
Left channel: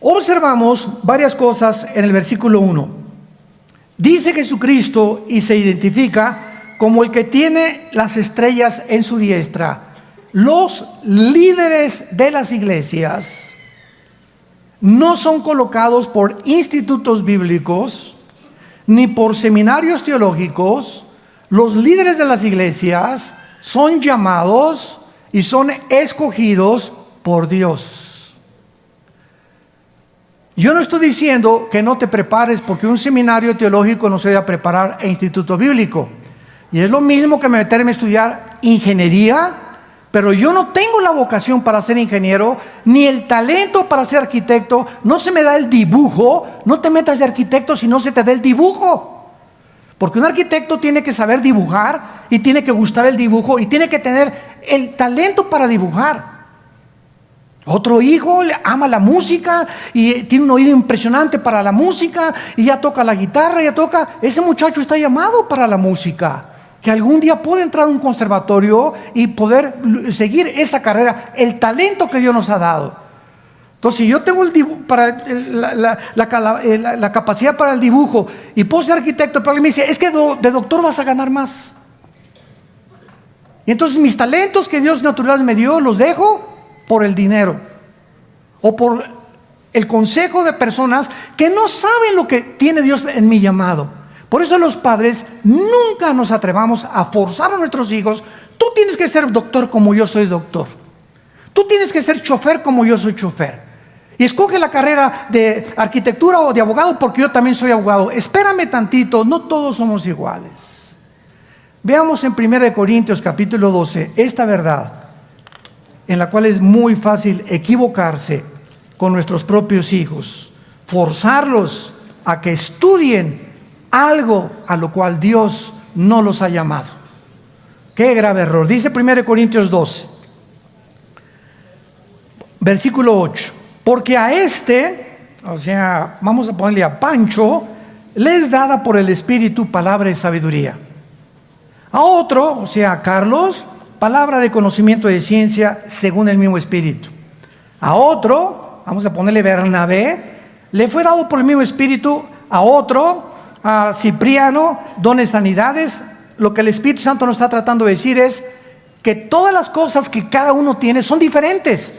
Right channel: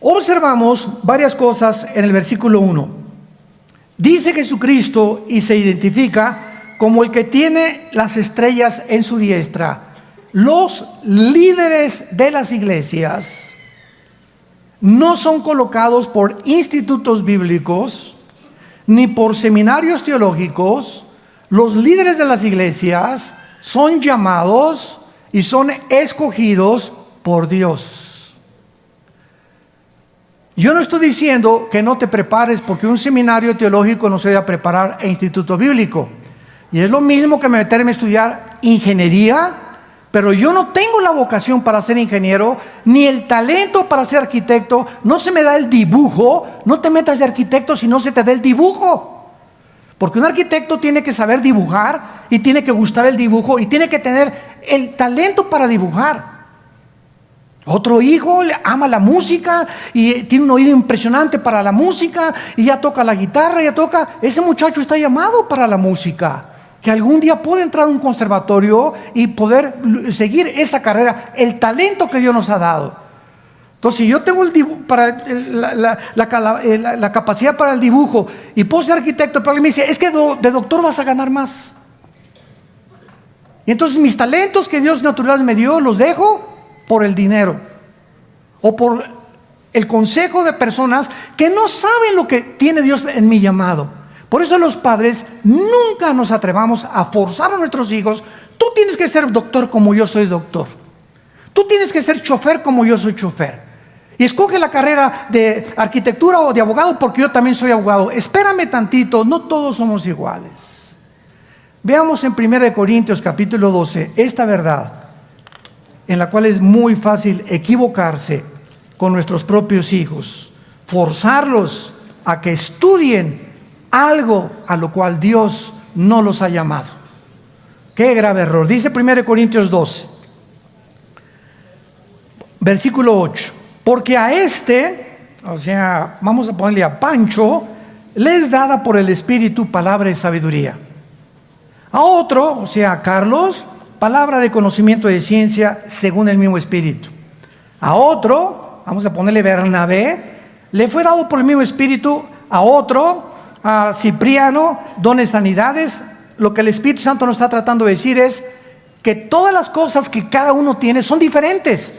observamos varias cosas en el versículo 1. Dice Jesucristo y se identifica como el que tiene las estrellas en su diestra. Los líderes de las iglesias no son colocados por institutos bíblicos, ni por seminarios teológicos. Los líderes de las iglesias son llamados y son escogidos por Dios. Yo no estoy diciendo que no te prepares, porque un seminario teológico no se debe preparar e instituto bíblico. Y es lo mismo que meterme a estudiar ingeniería, pero yo no tengo la vocación para ser ingeniero, ni el talento para ser arquitecto. No se me da el dibujo. No te metas de arquitecto si no se te da el dibujo. Porque un arquitecto tiene que saber dibujar, y tiene que gustar el dibujo, y tiene que tener el talento para dibujar. Otro hijo ama la música y tiene un oído impresionante para la música, y ya toca la guitarra, ese muchacho está llamado para la música, que algún día puede entrar a un conservatorio y poder seguir esa carrera, el talento que Dios nos ha dado. Entonces, si yo tengo la capacidad para el dibujo y puedo ser arquitecto, pero alguien me dice, es que de doctor vas a ganar más. Y entonces mis talentos que Dios natural me dio, los dejo por el dinero o por el consejo de personas que no saben lo que tiene Dios en mi llamado. Por eso los padres nunca nos atrevamos a forzar a nuestros hijos. Tú tienes que ser doctor como yo soy doctor. Tú tienes que ser chofer como yo soy chofer. Y escoge la carrera de arquitectura o de abogado porque yo también soy abogado. Espérame tantito, no todos somos iguales. Veamos en 1 Corintios capítulo 12 esta verdad, en la cual es muy fácil equivocarse con nuestros propios hijos, forzarlos a que estudien algo a lo cual Dios no los ha llamado. Qué grave error. Dice 1 Corintios 12, versículo 8. Porque a vamos a ponerle a Pancho, le es dada por el Espíritu palabra de sabiduría. A otro, a Carlos, palabra de conocimiento de ciencia según el mismo Espíritu. A otro, vamos a ponerle Bernabé, le fue dado por el mismo Espíritu. A otro, a Cipriano, dones de sanidades. Lo que el Espíritu Santo nos está tratando de decir es que todas las cosas que cada uno tiene son diferentes.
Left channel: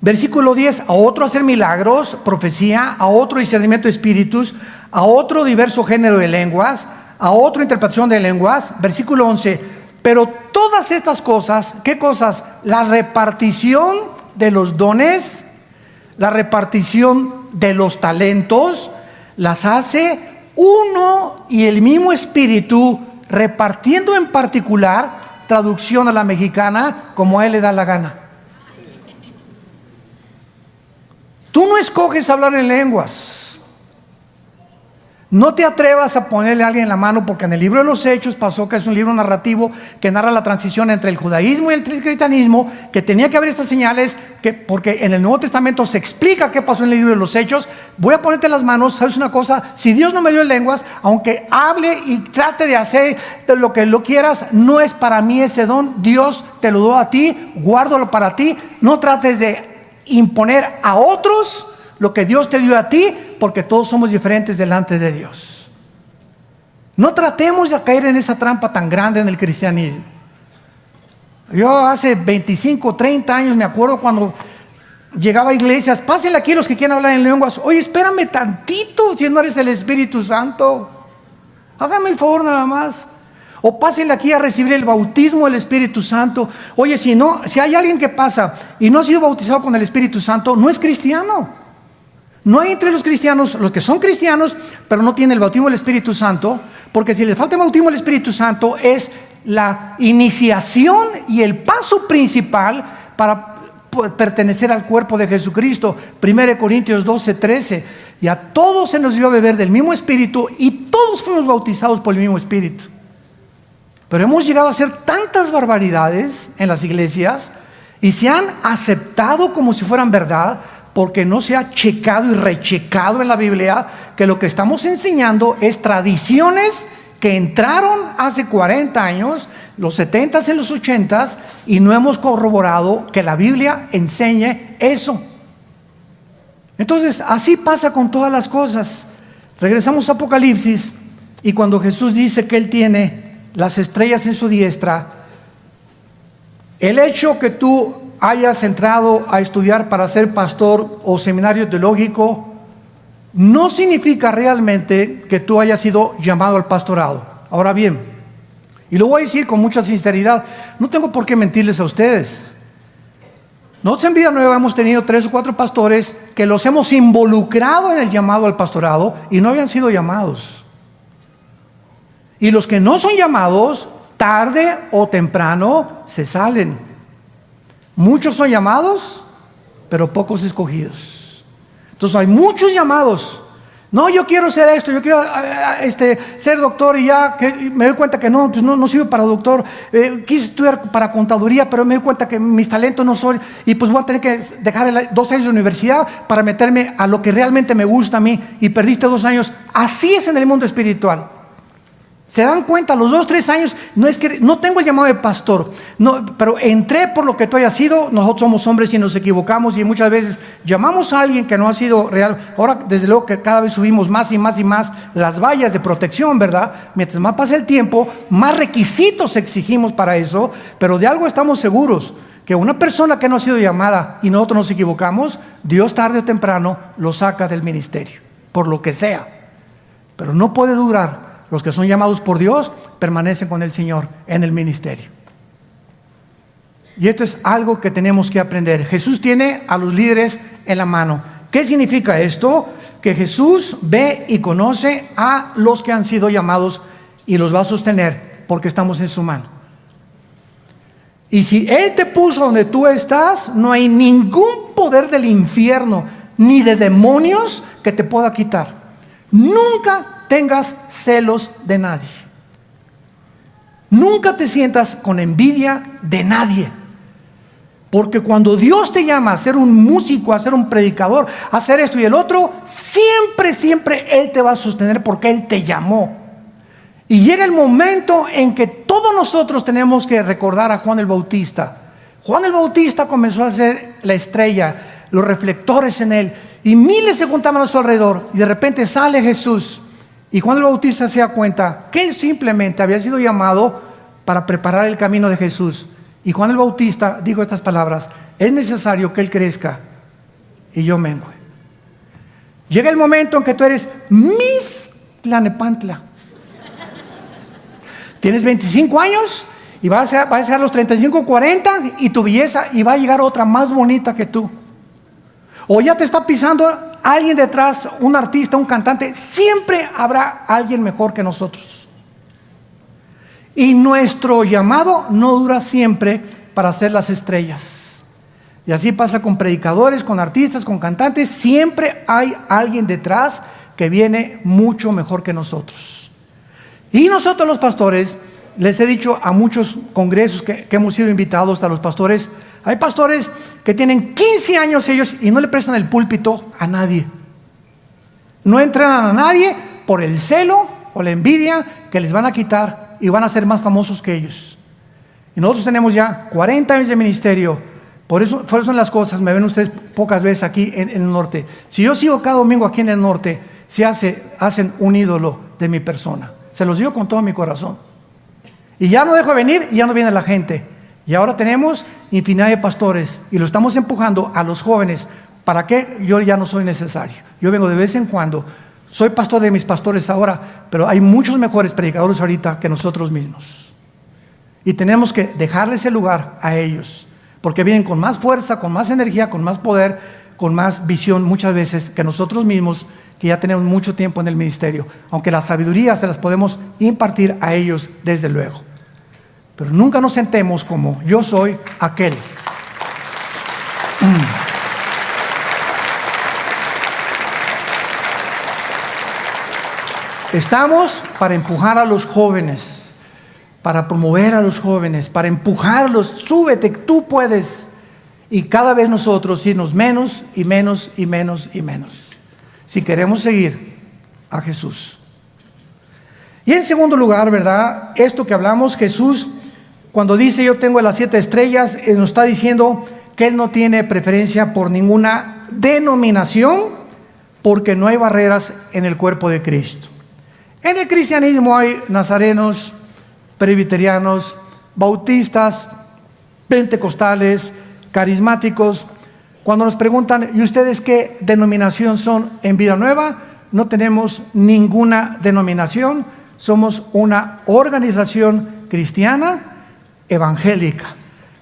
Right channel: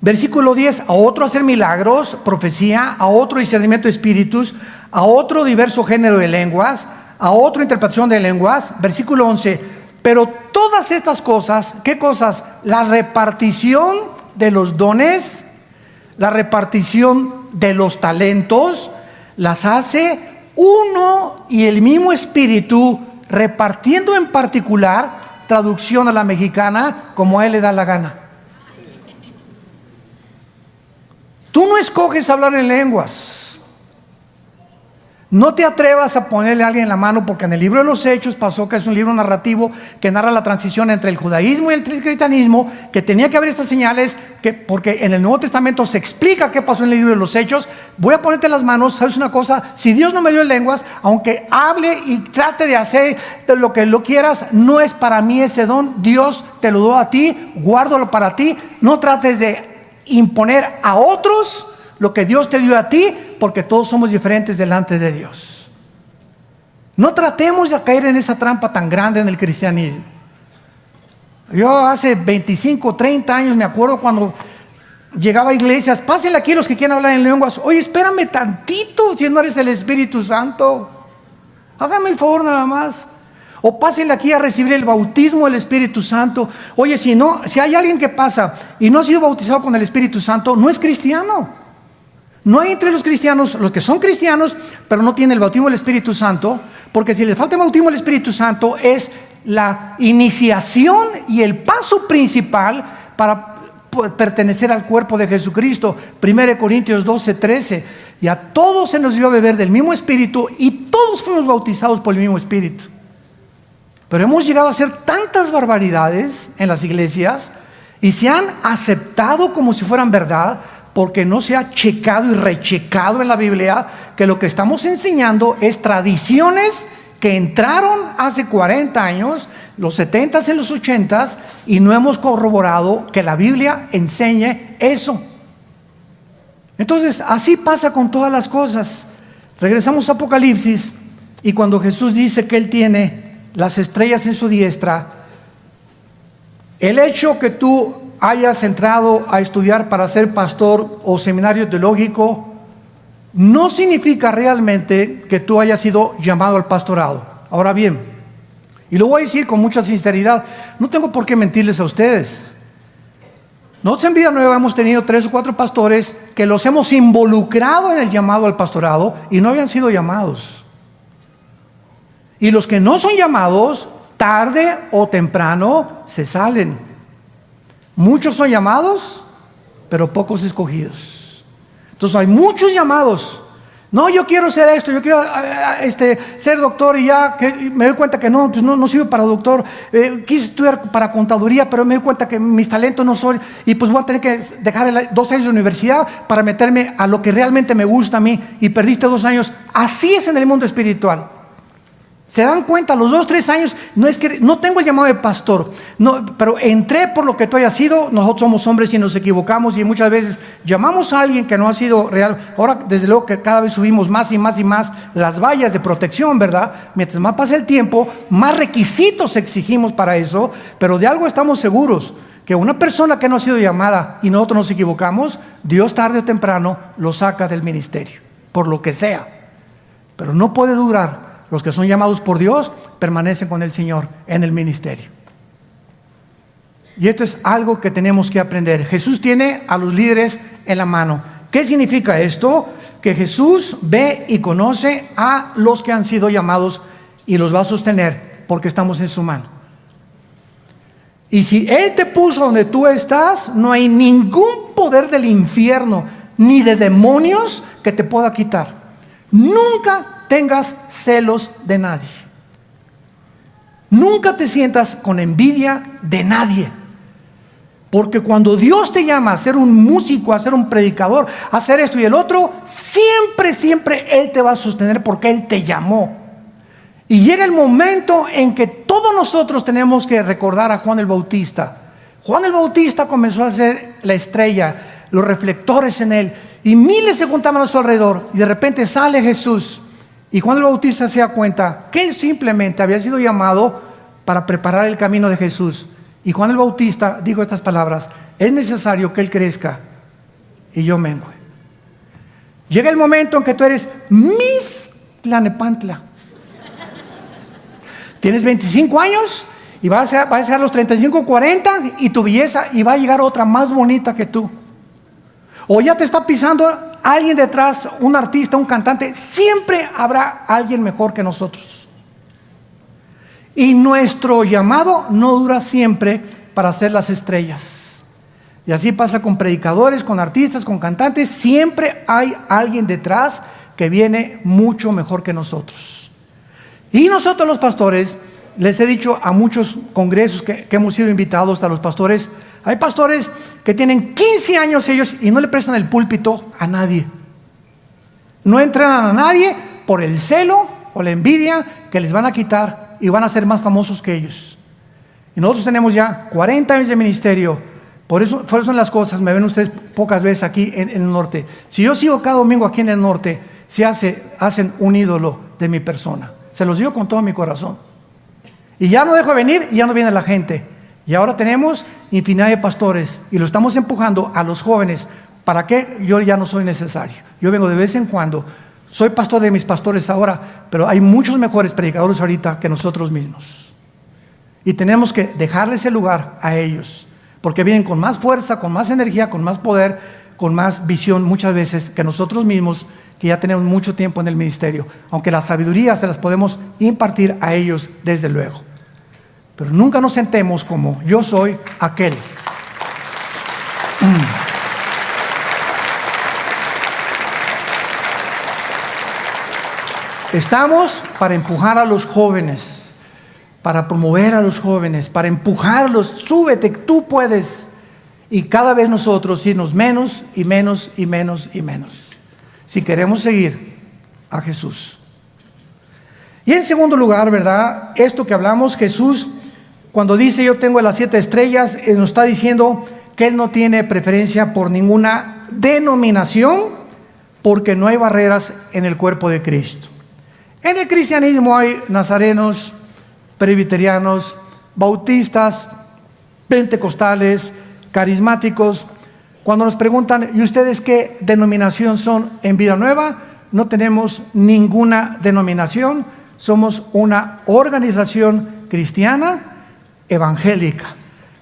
Versículo 10, a otro hacer milagros, profecía, a otro discernimiento de espíritus, a otro diverso género de lenguas, a otro interpretación de lenguas. Versículo 11, pero todas estas cosas, ¿qué cosas? La repartición de los dones, la repartición de los talentos, las hace uno y el mismo Espíritu, repartiendo en particular, traducción a la mexicana, como a él le da la gana. Tú no escoges hablar en lenguas. No te atrevas a ponerle a alguien la mano, porque en el libro de los Hechos pasó que es un libro narrativo que narra la transición entre el judaísmo y el cristianismo, que tenía que haber estas señales, porque en el Nuevo Testamento se explica qué pasó en el libro de los Hechos. Voy a ponerte las manos. ¿Sabes una cosa? Si Dios no me dio lenguas, aunque hable y trate de hacer lo que lo quieras, no es para mí ese don. Dios te lo dio a ti, guárdalo para ti. No trates de imponer a otros lo que Dios te dio a ti, porque todos somos diferentes delante de Dios. No tratemos de caer en esa trampa tan grande en el cristianismo. Yo hace 25, 30 años me acuerdo cuando llegaba a iglesias, pásenle aquí los que quieren hablar en lenguas. Oye, espérame tantito, si no eres el Espíritu Santo, hágame el favor nada más. O pásenle aquí a recibir el bautismo del Espíritu Santo. Oye, si hay alguien que pasa y no ha sido bautizado con el Espíritu Santo, no es cristiano. No hay entre los cristianos los que son cristianos, pero no tienen el bautismo del Espíritu Santo, porque si les falta el bautismo del Espíritu Santo es la iniciación y el paso principal para pertenecer al cuerpo de Jesucristo. 1 Corintios 12, 13. Y a todos se nos dio a beber del mismo Espíritu, y todos fuimos bautizados por el mismo Espíritu. Pero hemos llegado a hacer tantas barbaridades en las iglesias y se han aceptado como si fueran verdad, porque no se ha checado y rechecado en la Biblia que lo que estamos enseñando es tradiciones que entraron hace 40 años, los 70s y los 80s, y no hemos corroborado que la Biblia enseñe eso. Entonces, así pasa con todas las cosas. Regresamos a Apocalipsis, y cuando Jesús dice que Él tiene las estrellas en su diestra, el hecho que tú hayas entrado a estudiar para ser pastor o seminario teológico no significa realmente que tú hayas sido llamado al pastorado. Ahora bien, y lo voy a decir con mucha sinceridad, no tengo por qué mentirles a ustedes. Nosotros en Vida Nueva hemos tenido 3 o 4 pastores que los hemos involucrado en el llamado al pastorado y no habían sido llamados. Y los que no son llamados, tarde o temprano se salen. Muchos son llamados, pero pocos escogidos. Entonces hay muchos llamados. No, yo quiero ser esto, yo quiero ser doctor, y ya que me doy cuenta que no, pues no sirvo para doctor. Quise estudiar para contaduría, pero me doy cuenta que mis talentos no son, y pues voy a tener que dejar 2 años de universidad para meterme a lo que realmente me gusta a mí, y perdiste 2 años. Así es en el mundo espiritual. ¿Se dan cuenta? A los 2, 3 años, no es que no tengo el llamado de pastor, no, pero entré por lo que tú hayas sido. Nosotros somos hombres y nos equivocamos, y muchas veces llamamos a alguien que no ha sido real. Ahora, desde luego que cada vez subimos más y más y más las vallas de protección, ¿verdad? Mientras más pasa el tiempo, más requisitos exigimos para eso, pero de algo estamos seguros, que una persona que no ha sido llamada y nosotros nos equivocamos, Dios tarde o temprano lo saca del ministerio, por lo que sea. Pero no puede durar. Los que son llamados por Dios permanecen con el Señor en el ministerio. Y esto es algo que tenemos que aprender. Jesús tiene a los líderes en la mano. ¿Qué significa esto? Que Jesús ve y conoce a los que han sido llamados y los va a sostener porque estamos en su mano. Y si Él te puso donde tú estás, no hay ningún poder del infierno ni de demonios que te pueda quitar. Nunca tengas celos de nadie. Nunca te sientas con envidia de nadie. Porque cuando Dios te llama a ser un músico, a ser un predicador, a hacer esto y el otro, siempre Él te va a sostener porque Él te llamó. Y llega el momento en que todos nosotros tenemos que recordar a Juan el Bautista. Juan el Bautista comenzó a ser la estrella, los reflectores en él, y miles se juntaban a su alrededor, y de repente sale Jesús. Y Juan el Bautista se da cuenta que él simplemente había sido llamado para preparar el camino de Jesús. Y Juan el Bautista dijo estas palabras: es necesario que él crezca y yo mengue. Llega el momento en que tú eres Miss Tlanepantla. Tienes 25 años y vas a ser los 35, 40, y tu belleza, y va a llegar otra más bonita que tú. O ya te está pisando alguien detrás, un artista, un cantante. Siempre habrá alguien mejor que nosotros. Y nuestro llamado no dura siempre para ser las estrellas. Y así pasa con predicadores, con artistas, con cantantes. Siempre hay alguien detrás que viene mucho mejor que nosotros. Y nosotros los pastores, les he dicho a muchos congresos que hemos sido invitados a los pastores, hay pastores que tienen 15 años ellos y no le prestan el púlpito a nadie. No entrenan a nadie por el celo o la envidia que les van a quitar y van a ser más famosos que ellos. Y nosotros tenemos ya 40 años de ministerio. Por eso son las cosas. Me ven ustedes pocas veces aquí en el norte. Si yo sigo cada domingo aquí en el norte, hacen un ídolo de mi persona. Se los digo con todo mi corazón. Y ya no dejo de venir y ya no viene la gente. Y ahora tenemos infinidad de pastores y lo estamos empujando a los jóvenes. ¿Para qué? Yo ya no soy necesario. Yo vengo de vez en cuando. Soy pastor de mis pastores ahora, pero hay muchos mejores predicadores ahorita que nosotros mismos. Y tenemos que dejarles el lugar a ellos, porque vienen con más fuerza, con más energía, con más poder, con más visión muchas veces que nosotros mismos, que ya tenemos mucho tiempo en el ministerio. Aunque la sabiduría se las podemos impartir a ellos desde luego. Pero nunca nos sentemos como yo soy aquel. Estamos para empujar a los jóvenes, para promover a los jóvenes, para empujarlos. Súbete, tú puedes. Y cada vez nosotros irnos menos y menos y menos y menos, si queremos seguir a Jesús. Y en segundo lugar, ¿verdad? Esto que hablamos, Jesús, cuando dice yo tengo las 7 estrellas, nos está diciendo que Él no tiene preferencia por ninguna denominación, porque no hay barreras en el cuerpo de Cristo. En el cristianismo hay nazarenos, presbiterianos, bautistas, pentecostales, carismáticos, Cuando nos preguntan, ¿y ustedes qué denominación son en Vida Nueva? No tenemos ninguna denominación, somos una organización cristiana evangélica.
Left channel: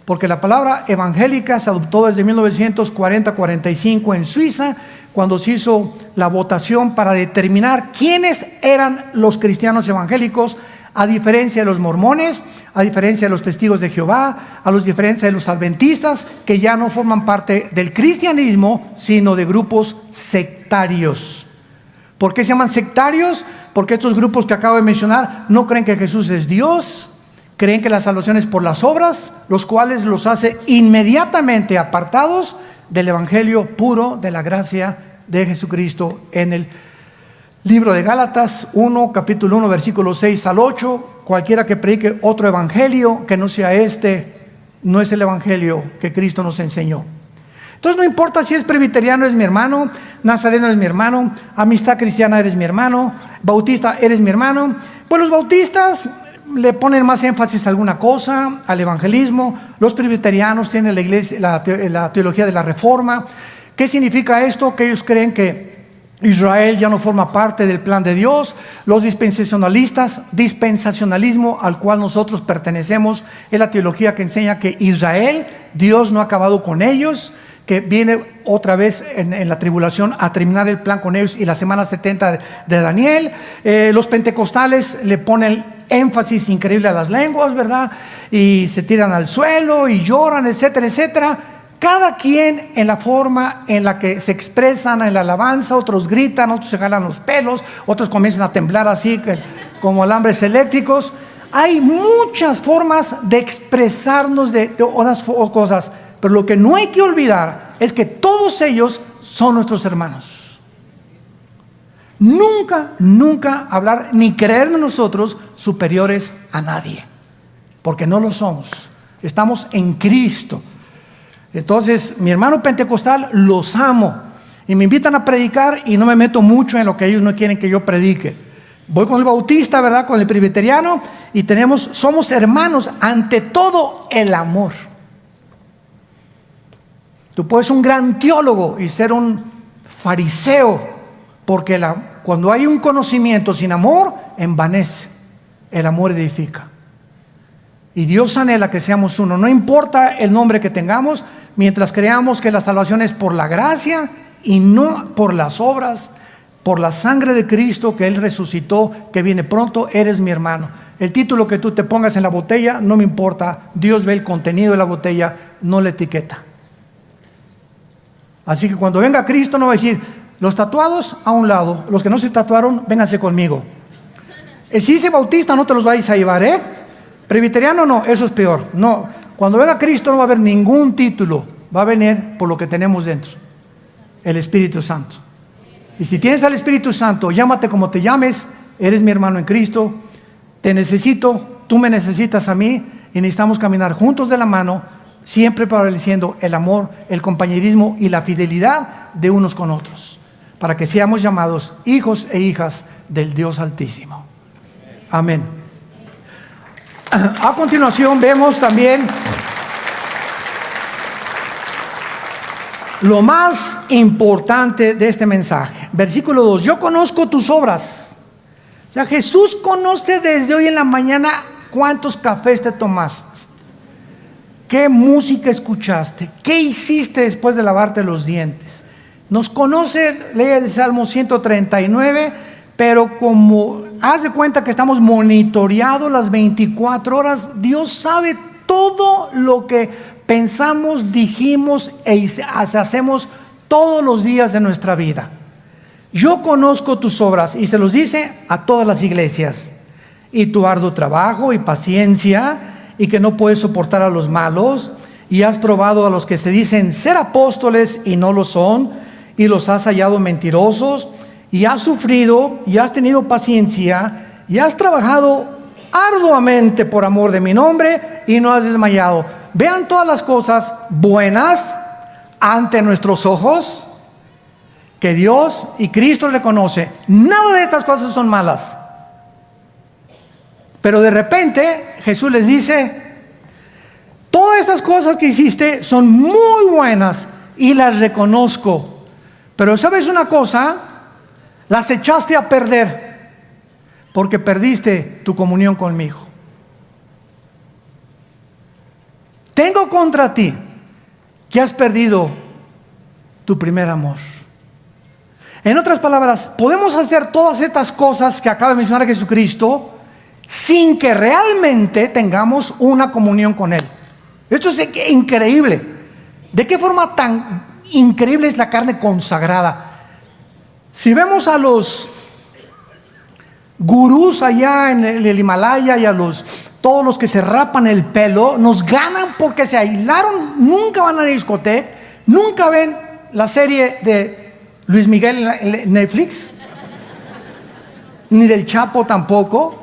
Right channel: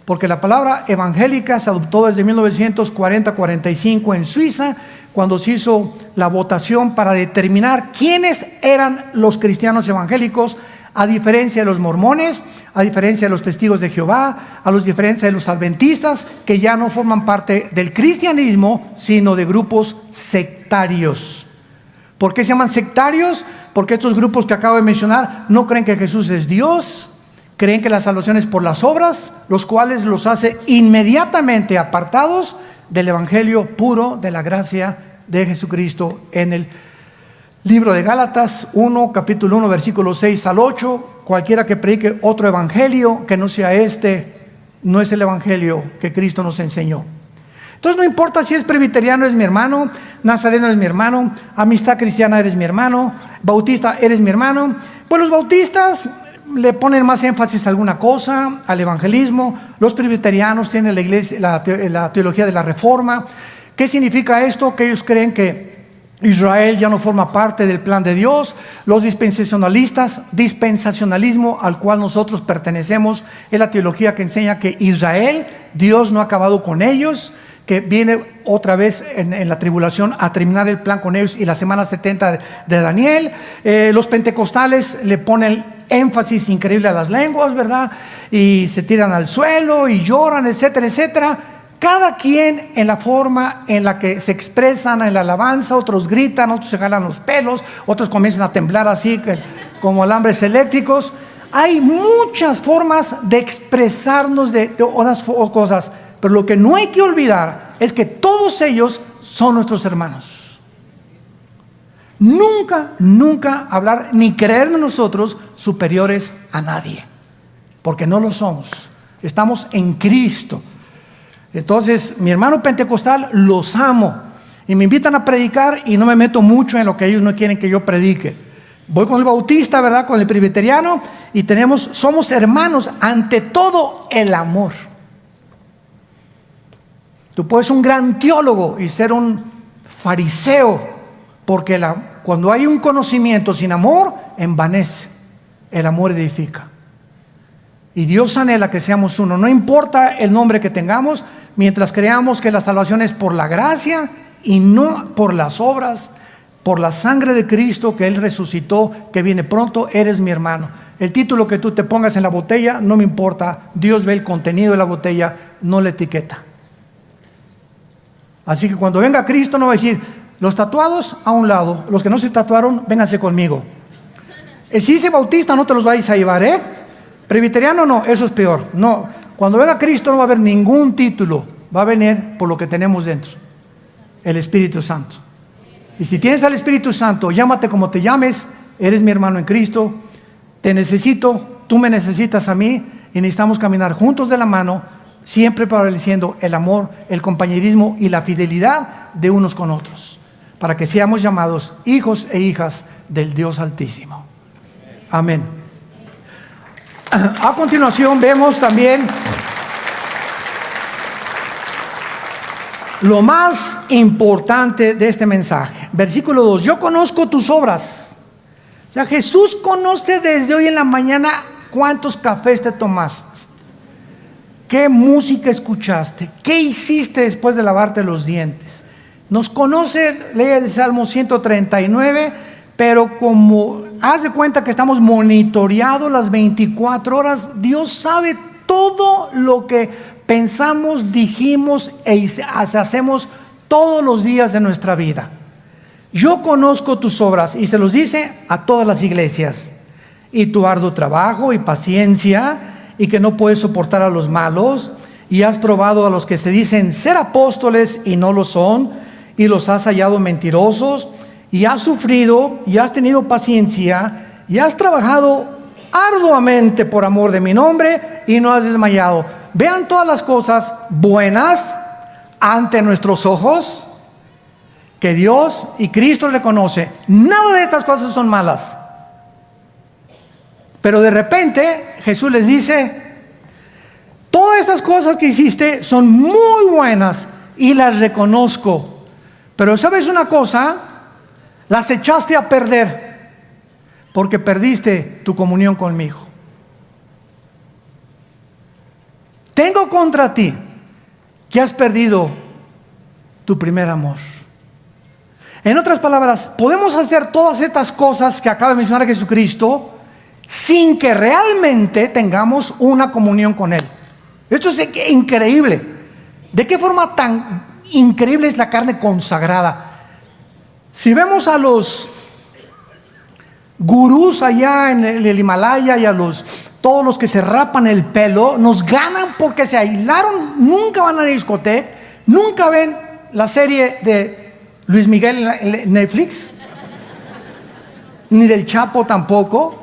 Porque la palabra evangélica se adoptó desde 1940-45 en Suiza, cuando se hizo la votación para determinar quiénes eran los cristianos evangélicos, a diferencia de los mormones, a diferencia de los testigos de Jehová, a diferencia de los adventistas, que ya no forman parte del cristianismo, sino de grupos sectarios. ¿Por qué se llaman sectarios? Porque estos grupos que acabo de mencionar no creen que Jesús es Dios, creen que la salvación es por las obras, los cuales los hace inmediatamente apartados del evangelio puro de la gracia de Jesucristo. En el libro de Gálatas 1, capítulo 1, versículos 6 al 8, cualquiera que predique otro evangelio que no sea este, no es el evangelio que Cristo nos enseñó. Entonces no importa si es presbiteriano, eres mi hermano, nazareno eres mi hermano, amistad cristiana eres mi hermano, bautista eres mi hermano. Pues los bautistas le ponen más énfasis a alguna cosa, al evangelismo. Los presbiterianos tienen la iglesia, la teología de la reforma. ¿Qué significa esto? Que ellos creen que Israel ya no forma parte del plan de Dios. Los dispensacionalismo al cual nosotros pertenecemos, es la teología que enseña que Israel, Dios no ha acabado con ellos, que viene otra vez en la tribulación a terminar el plan con ellos, y la semana 70 de Daniel. Los pentecostales le ponen énfasis increíble a las lenguas, ¿verdad? Y se tiran al suelo y lloran, etcétera, etcétera. Cada quien en la forma en la que se expresan en la alabanza. Otros gritan, otros se jalan los pelos, otros comienzan a temblar así como alambres eléctricos. Hay muchas formas de expresarnos de unas cosas, pero lo que no hay que olvidar es que todos ellos son nuestros hermanos. Nunca hablar ni creernos nosotros superiores a nadie, porque no lo somos. Estamos en Cristo. Entonces, mi hermano pentecostal los amo y me invitan a predicar y no me meto mucho en lo que ellos no quieren que yo predique. Voy con el bautista, ¿verdad? Con el presbiteriano, y somos hermanos. Ante todo, el amor. Tú puedes ser un gran teólogo y ser un fariseo, porque cuando hay un conocimiento sin amor, envanece. El amor edifica. Y Dios anhela que seamos uno. No importa el nombre que tengamos, mientras creamos que la salvación es por la gracia y no por las obras, por la sangre de Cristo que Él resucitó, que viene pronto, eres mi hermano. El título que tú te pongas en la botella no me importa. Dios ve el contenido de la botella, no la etiqueta. Así que cuando venga Cristo no va a decir: los tatuados a un lado, los que no se tatuaron, vénganse conmigo. Si dice bautista, no te los vais a llevar, ¿eh? Presbiteriano no, eso es peor. No, cuando venga Cristo no va a haber ningún título, va a venir por lo que tenemos dentro, el Espíritu Santo. Y si tienes al Espíritu Santo, llámate como te llames, eres mi hermano en Cristo, te necesito, tú me necesitas a mí, y necesitamos caminar juntos de la mano, siempre prevaleciendo el amor, el compañerismo y la fidelidad de unos con otros, para que seamos llamados hijos e hijas del Dios Altísimo. Amén. A continuación vemos también lo más importante de este mensaje. Versículo 2: yo conozco tus obras. O sea, Jesús conoce desde hoy en la mañana cuántos cafés te tomaste, qué música escuchaste, qué hiciste después de lavarte los dientes. Nos conoce, lee el Salmo 139, pero como haz de cuenta que estamos monitoreados las 24 horas, Dios sabe todo lo que pensamos, dijimos e hacemos todos los días de nuestra vida. Yo conozco tus obras, y se los dice a todas las iglesias, y tu arduo trabajo y paciencia, y que no puedes soportar a los malos, y has probado a los que se dicen ser apóstoles y no lo son, y los has hallado mentirosos, y has sufrido y has tenido paciencia y has trabajado arduamente por amor de mi nombre y no has desmayado. Vean todas las cosas buenas ante nuestros ojos que Dios y Cristo reconoce. Nada de estas cosas son malas. Pero de repente Jesús les dice: todas estas cosas que hiciste son muy buenas, y las reconozco. Pero ¿sabes una cosa? Las echaste a perder porque perdiste tu comunión conmigo. Tengo contra ti que has perdido tu primer amor. En otras palabras, podemos hacer todas estas cosas que acaba de mencionar Jesucristo sin que realmente tengamos una comunión con Él. Esto es increíble. ¿De qué forma tan increíble es la carne consagrada? Si vemos a los gurús allá en el Himalaya y a todos los que se rapan el pelo, nos ganan porque se aislaron, nunca van a la discoteca, nunca ven la serie de Luis Miguel en Netflix, ni del Chapo tampoco,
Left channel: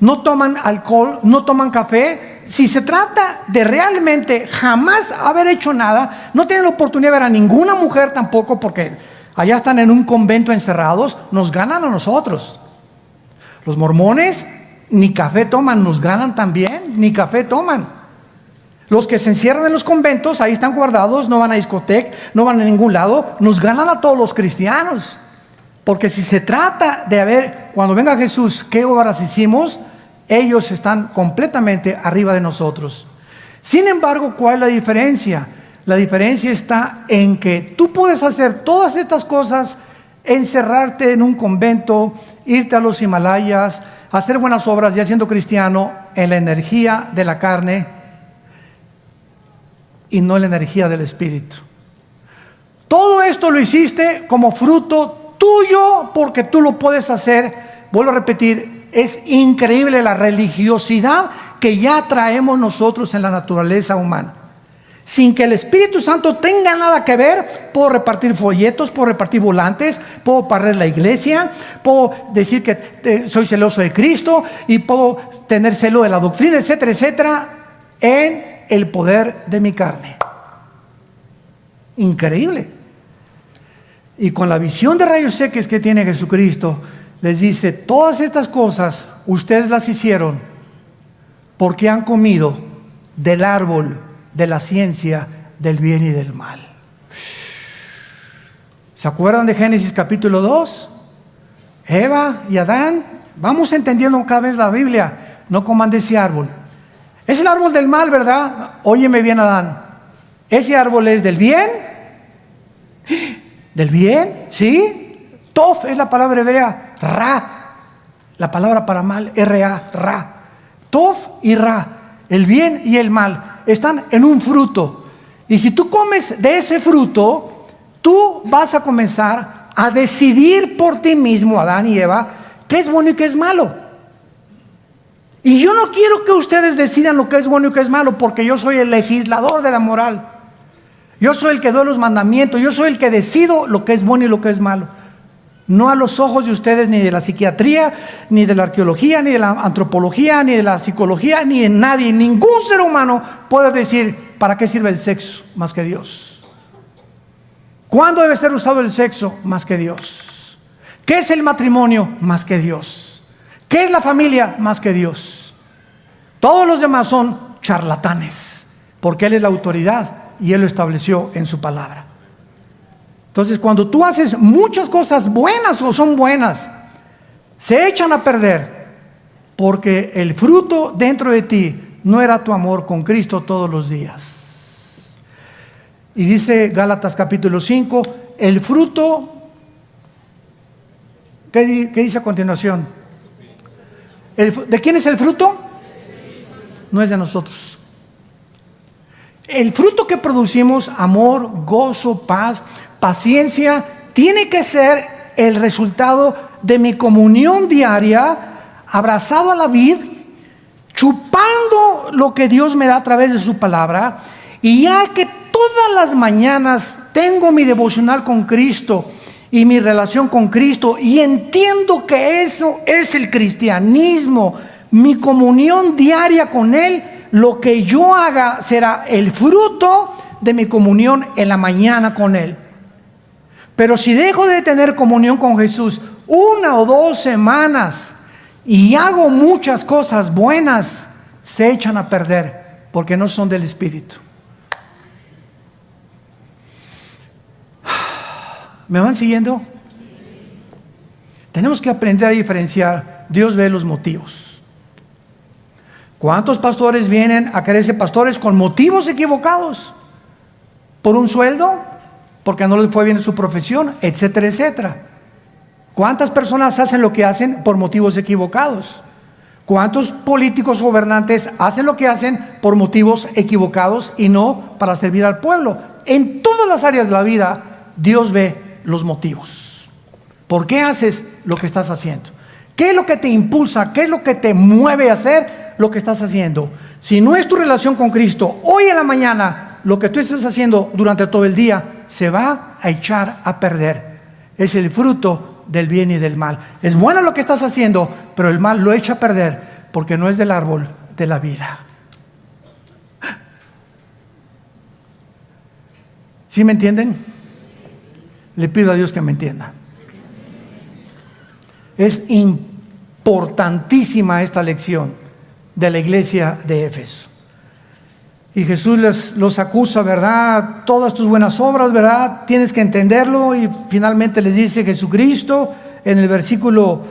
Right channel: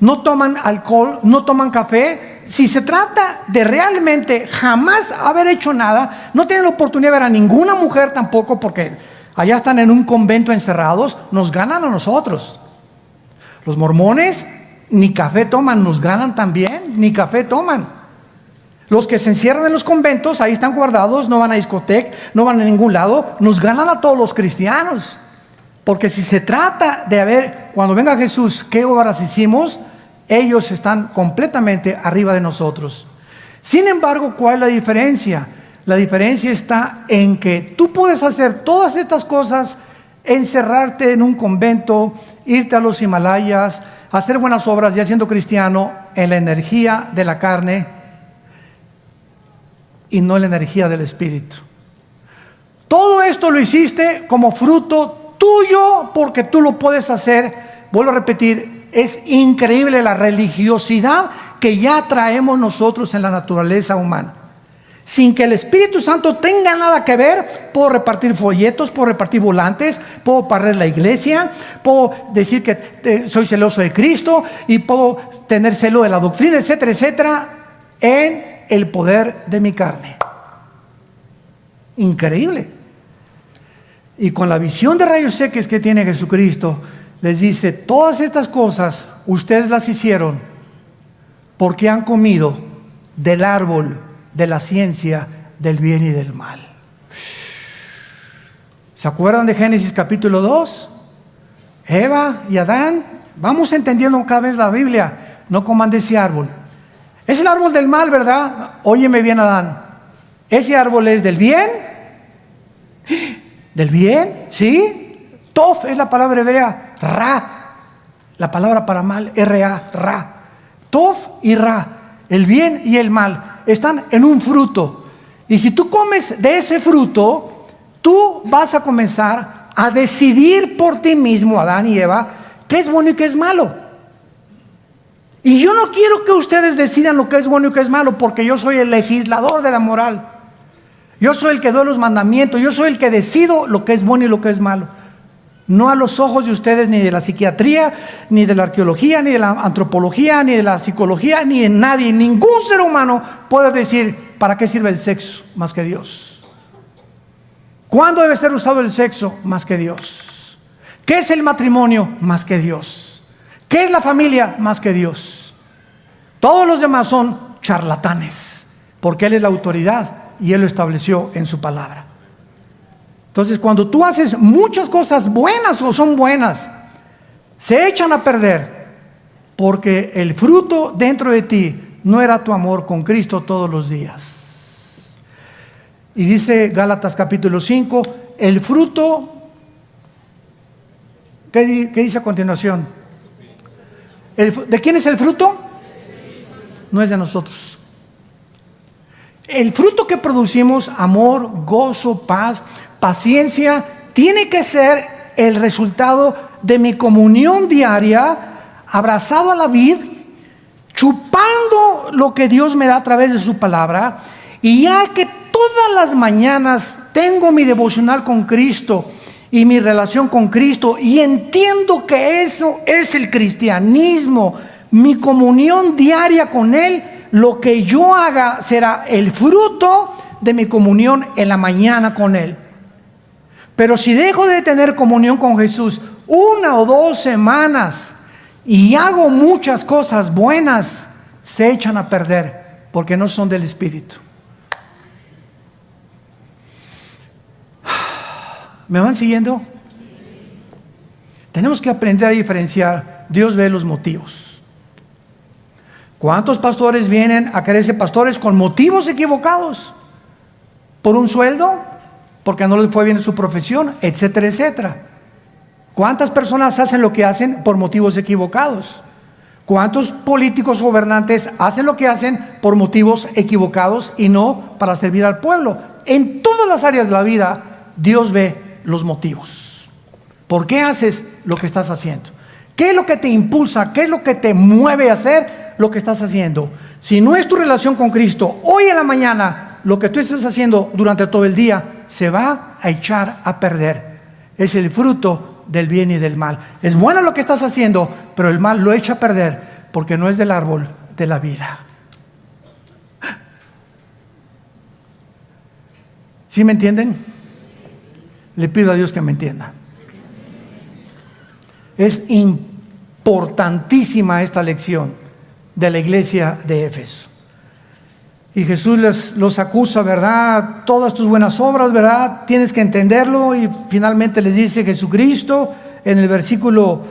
no toman alcohol, no toman café. Si se trata de realmente jamás haber hecho nada, no tienen la oportunidad de ver a ninguna mujer tampoco, porque allá están en un convento encerrados, nos ganan a nosotros. Los mormones ni café toman, nos ganan también, ni café toman. Los que se encierran en los conventos, ahí están guardados, no van a discoteca, no van a ningún lado, nos ganan a todos los cristianos. Porque si se trata de ver, cuando venga Jesús, qué obras hicimos, ellos están completamente arriba de nosotros. Sin embargo, ¿cuál es la diferencia? La diferencia está en que tú puedes hacer todas estas cosas, encerrarte en un convento, irte a los Himalayas, hacer buenas obras ya siendo cristiano en la energía de la carne y no en la energía del Espíritu. Todo esto lo hiciste como fruto tuyo porque tú lo puedes hacer. Vuelvo a repetir, es increíble la religiosidad que ya traemos nosotros en la naturaleza humana. Sin que el Espíritu Santo tenga nada que ver, puedo repartir folletos, puedo repartir volantes, puedo barrer la iglesia, puedo decir que soy celoso de Cristo y puedo tener celo de la doctrina, etcétera, etcétera, en el poder de mi carne. Increíble. Y con la visión de rayos X que tiene Jesucristo, les dice, todas estas cosas ustedes las hicieron porque han comido del árbol de la ciencia del bien y del mal. ¿Se acuerdan de Génesis capítulo 2? Eva y Adán, vamos entendiendo cada vez la Biblia, no coman de ese árbol. Es el árbol del mal, ¿verdad? Óyeme bien, Adán. ¿Ese árbol es del bien? ¿Del bien? ¿Sí? Tof es la palabra hebrea. Ra, la palabra para mal, R-A, ra. Tof y ra, el bien y el mal, están en un fruto. Y si tú comes de ese fruto, tú vas a comenzar a decidir por ti mismo, Adán y Eva, qué es bueno y qué es malo. Y yo no quiero que ustedes decidan lo que es bueno y qué es malo, porque yo soy el legislador de la moral. Yo soy el que doy los mandamientos, yo soy el que decido lo que es bueno y lo que es malo. No a los ojos de ustedes, ni de la psiquiatría, ni de la arqueología, ni de la antropología, ni de la psicología, ni de nadie. Ningún ser humano puede decir para qué sirve el sexo más que Dios. ¿Cuándo debe ser usado el sexo más que Dios? ¿Qué es el matrimonio más que Dios? ¿Qué es la familia más que Dios? Todos los demás son charlatanes, porque Él es la autoridad y Él lo estableció en su palabra. Entonces, cuando tú haces muchas cosas buenas o son buenas, se echan a perder porque el fruto dentro de ti no era tu amor con Cristo todos los días. Y dice Gálatas capítulo 5, el fruto, ¿qué dice a continuación? ¿De quién es el fruto? No es de nosotros. El fruto que producimos, amor, gozo, paz, paciencia, tiene que ser el resultado de mi comunión diaria, abrazado a la vid, chupando lo que Dios me da a través de su palabra. Y ya que todas las mañanas tengo mi devocional con Cristo y mi relación con Cristo, y entiendo que eso es el cristianismo, mi comunión diaria con Él, lo que yo haga será el fruto de mi comunión en la mañana con Él. Pero si dejo de tener comunión con Jesús 1 o 2 semanas y hago muchas cosas buenas, se echan a perder porque no son del Espíritu. ¿Me van siguiendo? Tenemos que aprender a diferenciar. Dios ve los motivos. ¿Cuántos pastores vienen a quererse pastores con motivos equivocados? ¿Por un sueldo? ¿Porque no les fue bien en su profesión? Etcétera, etcétera. ¿Cuántas personas hacen lo que hacen por motivos equivocados? ¿Cuántos políticos gobernantes hacen lo que hacen por motivos equivocados y no para servir al pueblo? En todas las áreas de la vida, Dios ve los motivos. ¿Por qué haces lo que estás haciendo? ¿Qué es lo que te impulsa? ¿Qué es lo que te mueve a hacer lo que estás haciendo? Si no es tu relación con Cristo, hoy en la mañana, lo que tú estás haciendo durante todo el día se va a echar a perder. Es el fruto del bien y del mal. Es bueno lo que estás haciendo, pero el mal lo echa a perder porque no es del árbol de la vida. ¿Sí me entienden? Le pido a Dios que me entienda. Es importantísima esta lección de la iglesia de Éfeso. Y Jesús los acusa, ¿verdad? Todas tus buenas obras, ¿verdad? Tienes que entenderlo. Y finalmente les dice: Jesucristo, en el versículo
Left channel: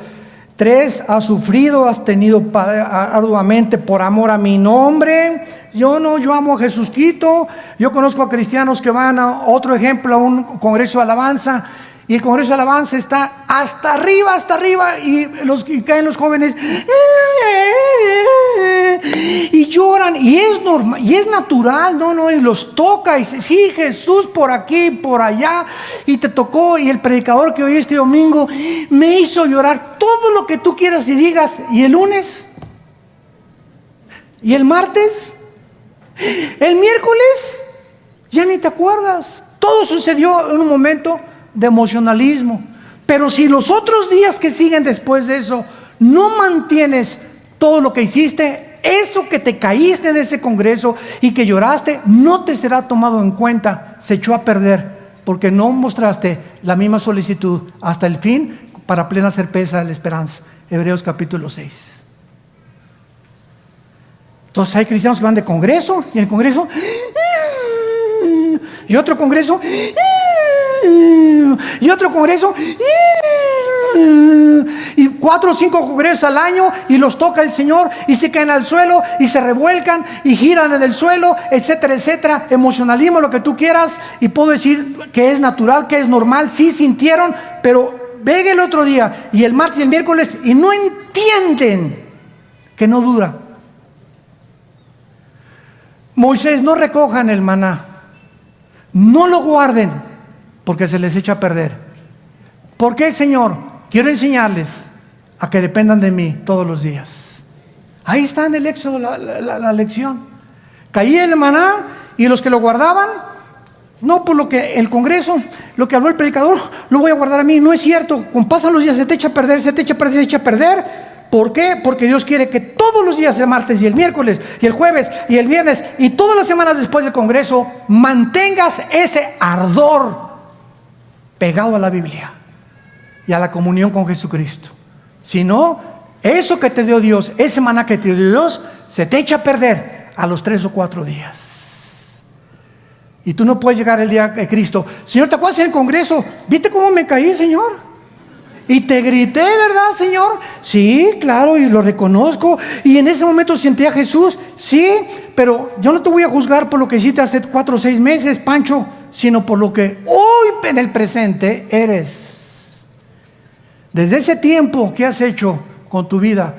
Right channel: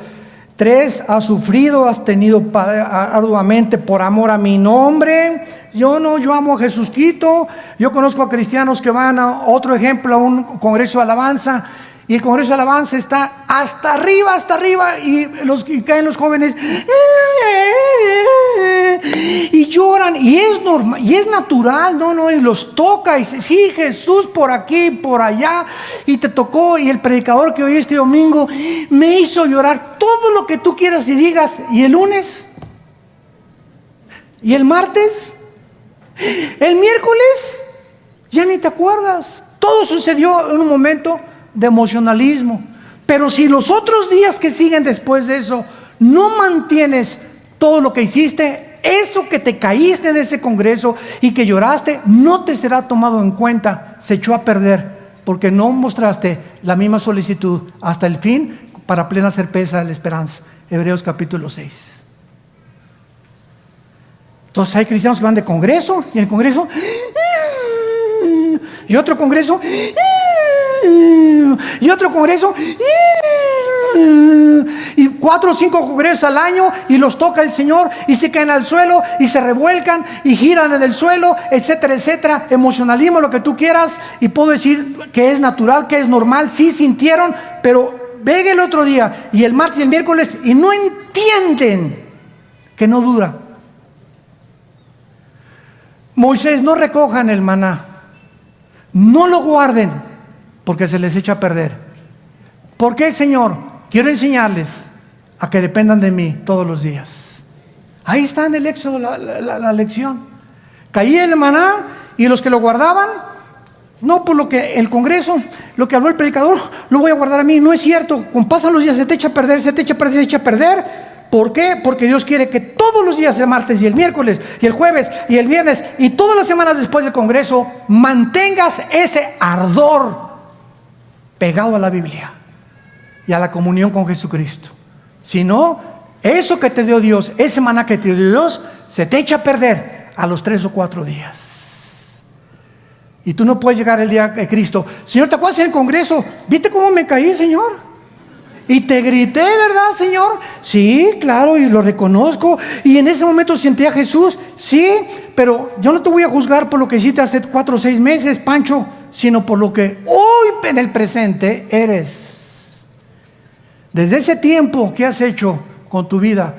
3, has sufrido, has tenido arduamente por amor a mi nombre. Yo amo a Jesucristo. Yo conozco a cristianos que van a otro ejemplo, a un congreso de alabanza, y el congreso de alabanza está hasta arriba, y caen los jóvenes y lloran, y es normal, y es natural, y los toca, y sí, Jesús por aquí, por allá, y te tocó, y el predicador que oí este domingo me hizo llorar. Todo lo que tú quieras y digas, y el lunes, y el martes, el miércoles, ya ni te acuerdas. Todo sucedió en un momento de emocionalismo. Pero si los otros días que siguen después de eso no mantienes todo lo que hiciste, eso que te caíste en ese congreso y que lloraste, no te será tomado en cuenta. Se echó a perder porque no mostraste la misma solicitud hasta el fin para plena certeza de la esperanza. Hebreos capítulo 6. Entonces hay cristianos que van de congreso, y en el congreso, y otro congreso, y otro congreso, y 4 o 5 congresos al año, y los toca el Señor, y se caen al suelo, y se revuelcan, y giran en el suelo, etcétera, etcétera. Emocionalismo, lo que tú quieras, y puedo decir que es natural, que es normal. Sí sintieron, pero venga el otro día, y el martes y el miércoles, y no entienden que no dura. Moisés: no recojan el maná, no lo guarden, porque se les echa a perder. ¿Por qué, Señor? Quiero enseñarles a que dependan de mí todos los días. Ahí está en el Éxodo la lección. Caía el maná, y los que lo guardaban, no por lo que el congreso, lo que habló el predicador, lo voy a guardar a mí. No es cierto. Cuando pasan los días se te echa a perder, se te echa a perder, se echa a perder. ¿Por qué? Porque Dios quiere que todos los días, el martes y el miércoles y el jueves y el viernes y todas las semanas después del congreso, mantengas ese ardor pegado a la Biblia y a la comunión con Jesucristo. Si no, eso que te dio Dios, ese maná que te dio Dios, se te echa a perder a los 3 o 4 días. Y tú no puedes llegar el día de Cristo: Señor, ¿te acuerdas en el congreso? ¿Viste cómo me caí, Señor? Y te grité, ¿verdad, Señor? Sí, claro, y lo reconozco. Y en ese momento sentí a Jesús. Sí, pero yo no te voy a juzgar por lo que hiciste hace 4 o 6 meses, Pancho, sino por lo que hoy en el presente eres. Desde ese tiempo, ¿qué has hecho con tu vida?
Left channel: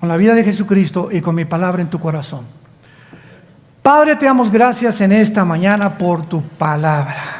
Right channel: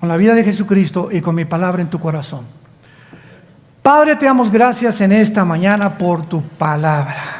Con la vida de Jesucristo y con mi palabra en tu corazón. Padre, te damos gracias en esta mañana por tu palabra.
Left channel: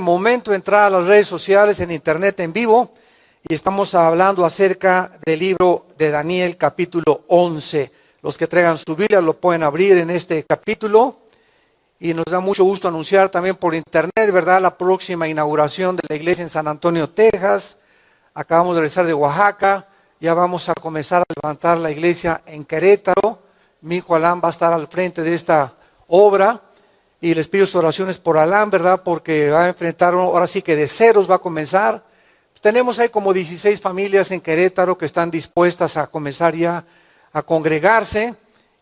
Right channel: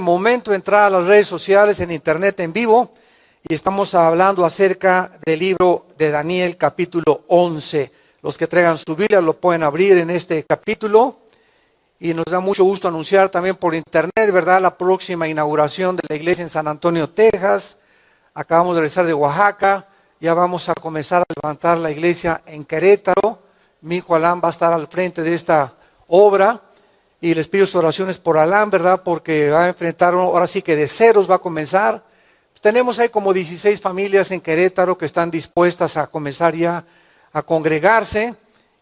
Momento entrar a las redes sociales, en internet, en vivo, y estamos hablando acerca del libro de Daniel capítulo 11. Los que traigan su Biblia lo pueden abrir en este capítulo, y nos da mucho gusto anunciar también por internet, ¿verdad?, la próxima inauguración de la iglesia en San Antonio, Texas. Acabamos de regresar de Oaxaca, ya vamos a comenzar a levantar la iglesia en Querétaro. Mi hijo Alan va a estar al frente de esta obra y les pido sus oraciones por Alan, ¿verdad?, porque va a enfrentar, ahora sí que de ceros va a comenzar. Tenemos ahí como 16 familias en Querétaro que están dispuestas a comenzar ya a congregarse.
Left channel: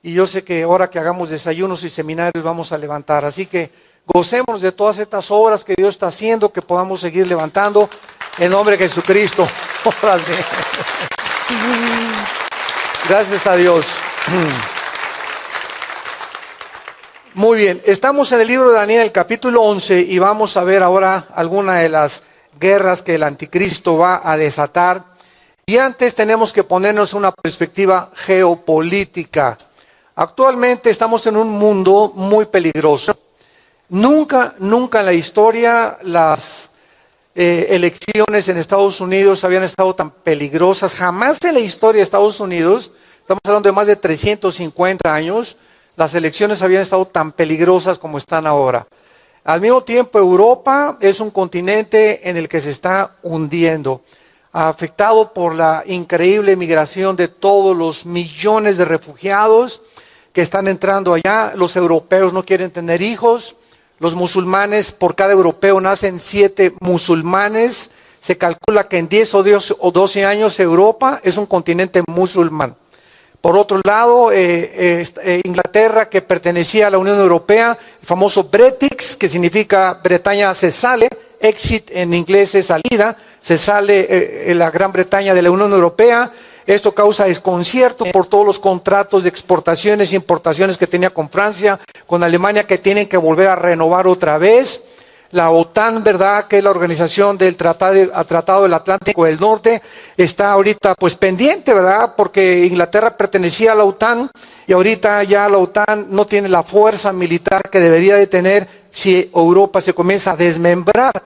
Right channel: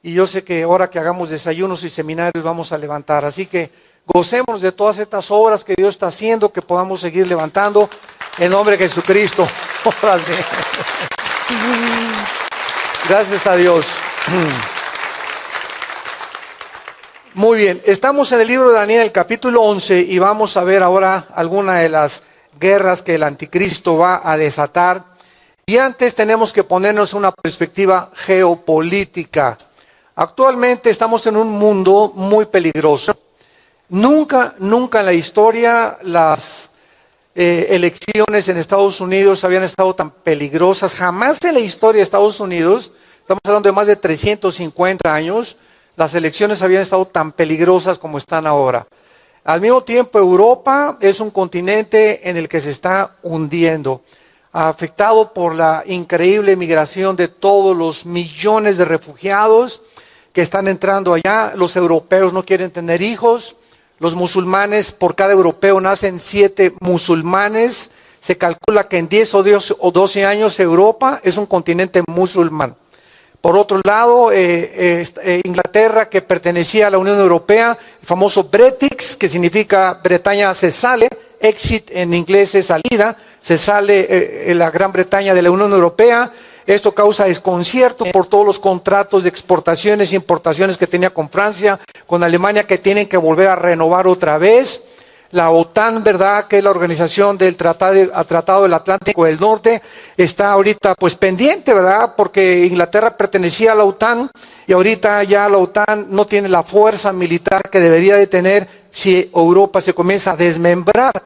Y yo sé que ahora que hagamos desayunos y seminarios vamos a levantar. Así que gocémonos de todas estas obras que Dios está haciendo, que podamos seguir levantando en nombre de Jesucristo. Gracias a Dios. Muy bien, estamos en el libro de Daniel, el capítulo 11, y vamos a ver ahora alguna de las guerras que el anticristo va a desatar. Y antes tenemos que ponernos una perspectiva geopolítica. Actualmente estamos en un mundo muy peligroso. Nunca en la historia las elecciones en Estados Unidos habían estado tan peligrosas. Jamás en la historia de Estados Unidos, estamos hablando de más de 350 años, las elecciones habían estado tan peligrosas como están ahora. Al mismo tiempo, Europa es un continente en el que se está hundiendo, afectado por la increíble migración de todos los millones de refugiados que están entrando allá. Los europeos no quieren tener hijos. Los musulmanes, por cada europeo nacen 7 musulmanes. Se calcula que en 10 o 12 años Europa es un continente musulmán. Por otro lado, Inglaterra, que pertenecía a la Unión Europea, el famoso Brexit, que significa Bretaña se sale, exit en inglés es salida, se sale la Gran Bretaña de la Unión Europea. Esto causa desconcierto por todos los contratos de exportaciones e importaciones que tenía con Francia, con Alemania, que tienen que volver a renovar otra vez. La OTAN, ¿verdad?, que es la organización del Tratado del Atlántico del Norte, está ahorita pues pendiente, ¿verdad?, porque Inglaterra pertenecía a la OTAN y ahorita ya la OTAN no tiene la fuerza militar que debería de tener si Europa se comienza a desmembrar.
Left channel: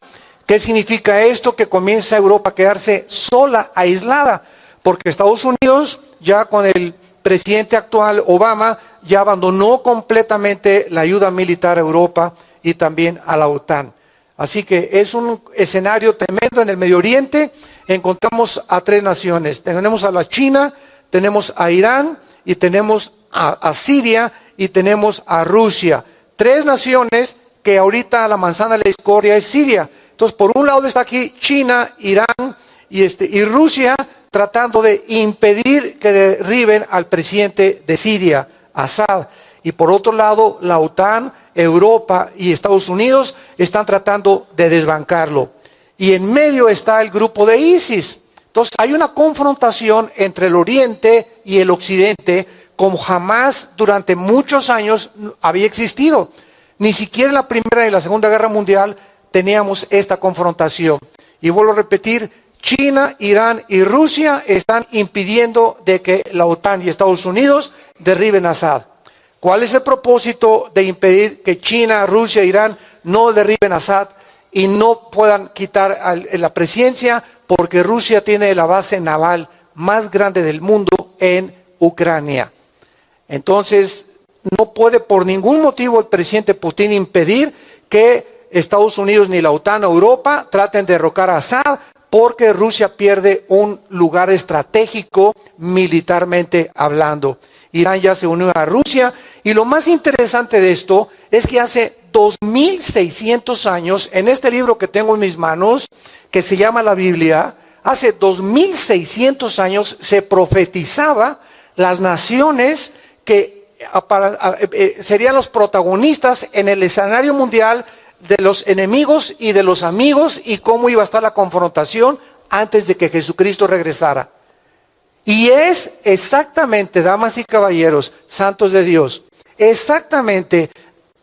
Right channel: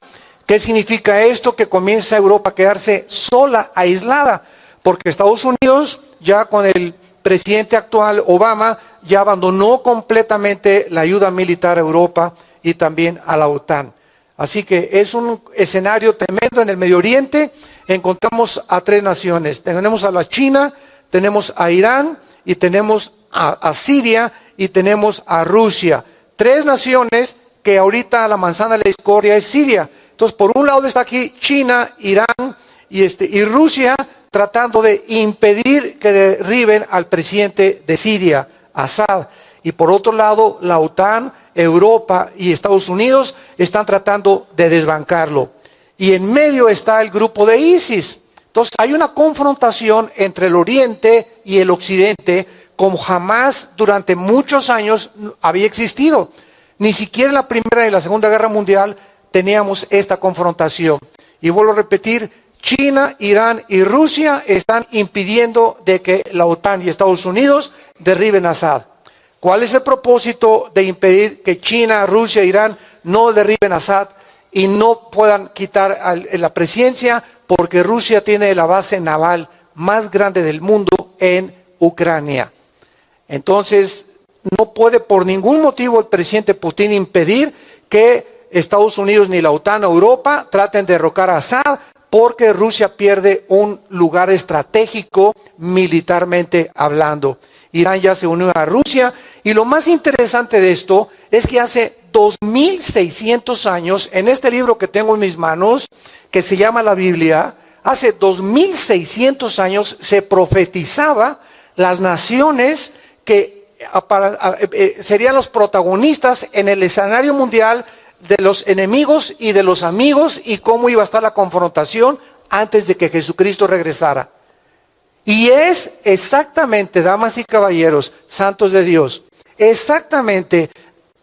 ¿Qué significa esto? Que comienza Europa a quedarse sola, aislada, porque Estados Unidos, ya con el presidente actual, Obama, ya abandonó completamente la ayuda militar a Europa y también a la OTAN. Así que es un escenario tremendo en el Medio Oriente. Encontramos a 3 naciones. Tenemos a la China, tenemos a Irán y tenemos a Siria y tenemos a Rusia. 3 naciones que ahorita la manzana de la discordia es Siria. Entonces, por un lado está aquí China, Irán y Rusia, tratando de impedir que derriben al presidente de Siria, Assad. Y por otro lado, la OTAN, Europa y Estados Unidos están tratando de desbancarlo. Y en medio está el grupo de ISIS. Entonces hay una confrontación entre el Oriente y el Occidente como jamás durante muchos años había existido. Ni siquiera en la Primera y la Segunda Guerra Mundial teníamos esta confrontación. Y vuelvo a repetir, China, Irán y Rusia están impidiendo de que la OTAN y Estados Unidos derriben a Assad. ¿Cuál es el propósito de impedir que China, Rusia e Irán no derriben a Assad y no puedan quitar la presidencia? Porque Rusia tiene la base naval más grande del mundo en Ucrania. Entonces, no puede por ningún motivo el presidente Putin impedir que Estados Unidos ni la OTAN o Europa traten de derrocar a Assad, porque Rusia pierde un lugar estratégico militarmente hablando. Irán ya se unió a Rusia, y lo más interesante de esto es que hace 2600 años, en este libro que tengo en mis manos, que se llama la Biblia, hace 2600 años se profetizaba las naciones que serían los protagonistas en el escenario mundial de los enemigos y de los amigos, y cómo iba a estar la confrontación antes de que Jesucristo regresara. Y es exactamente, damas y caballeros, santos de Dios, exactamente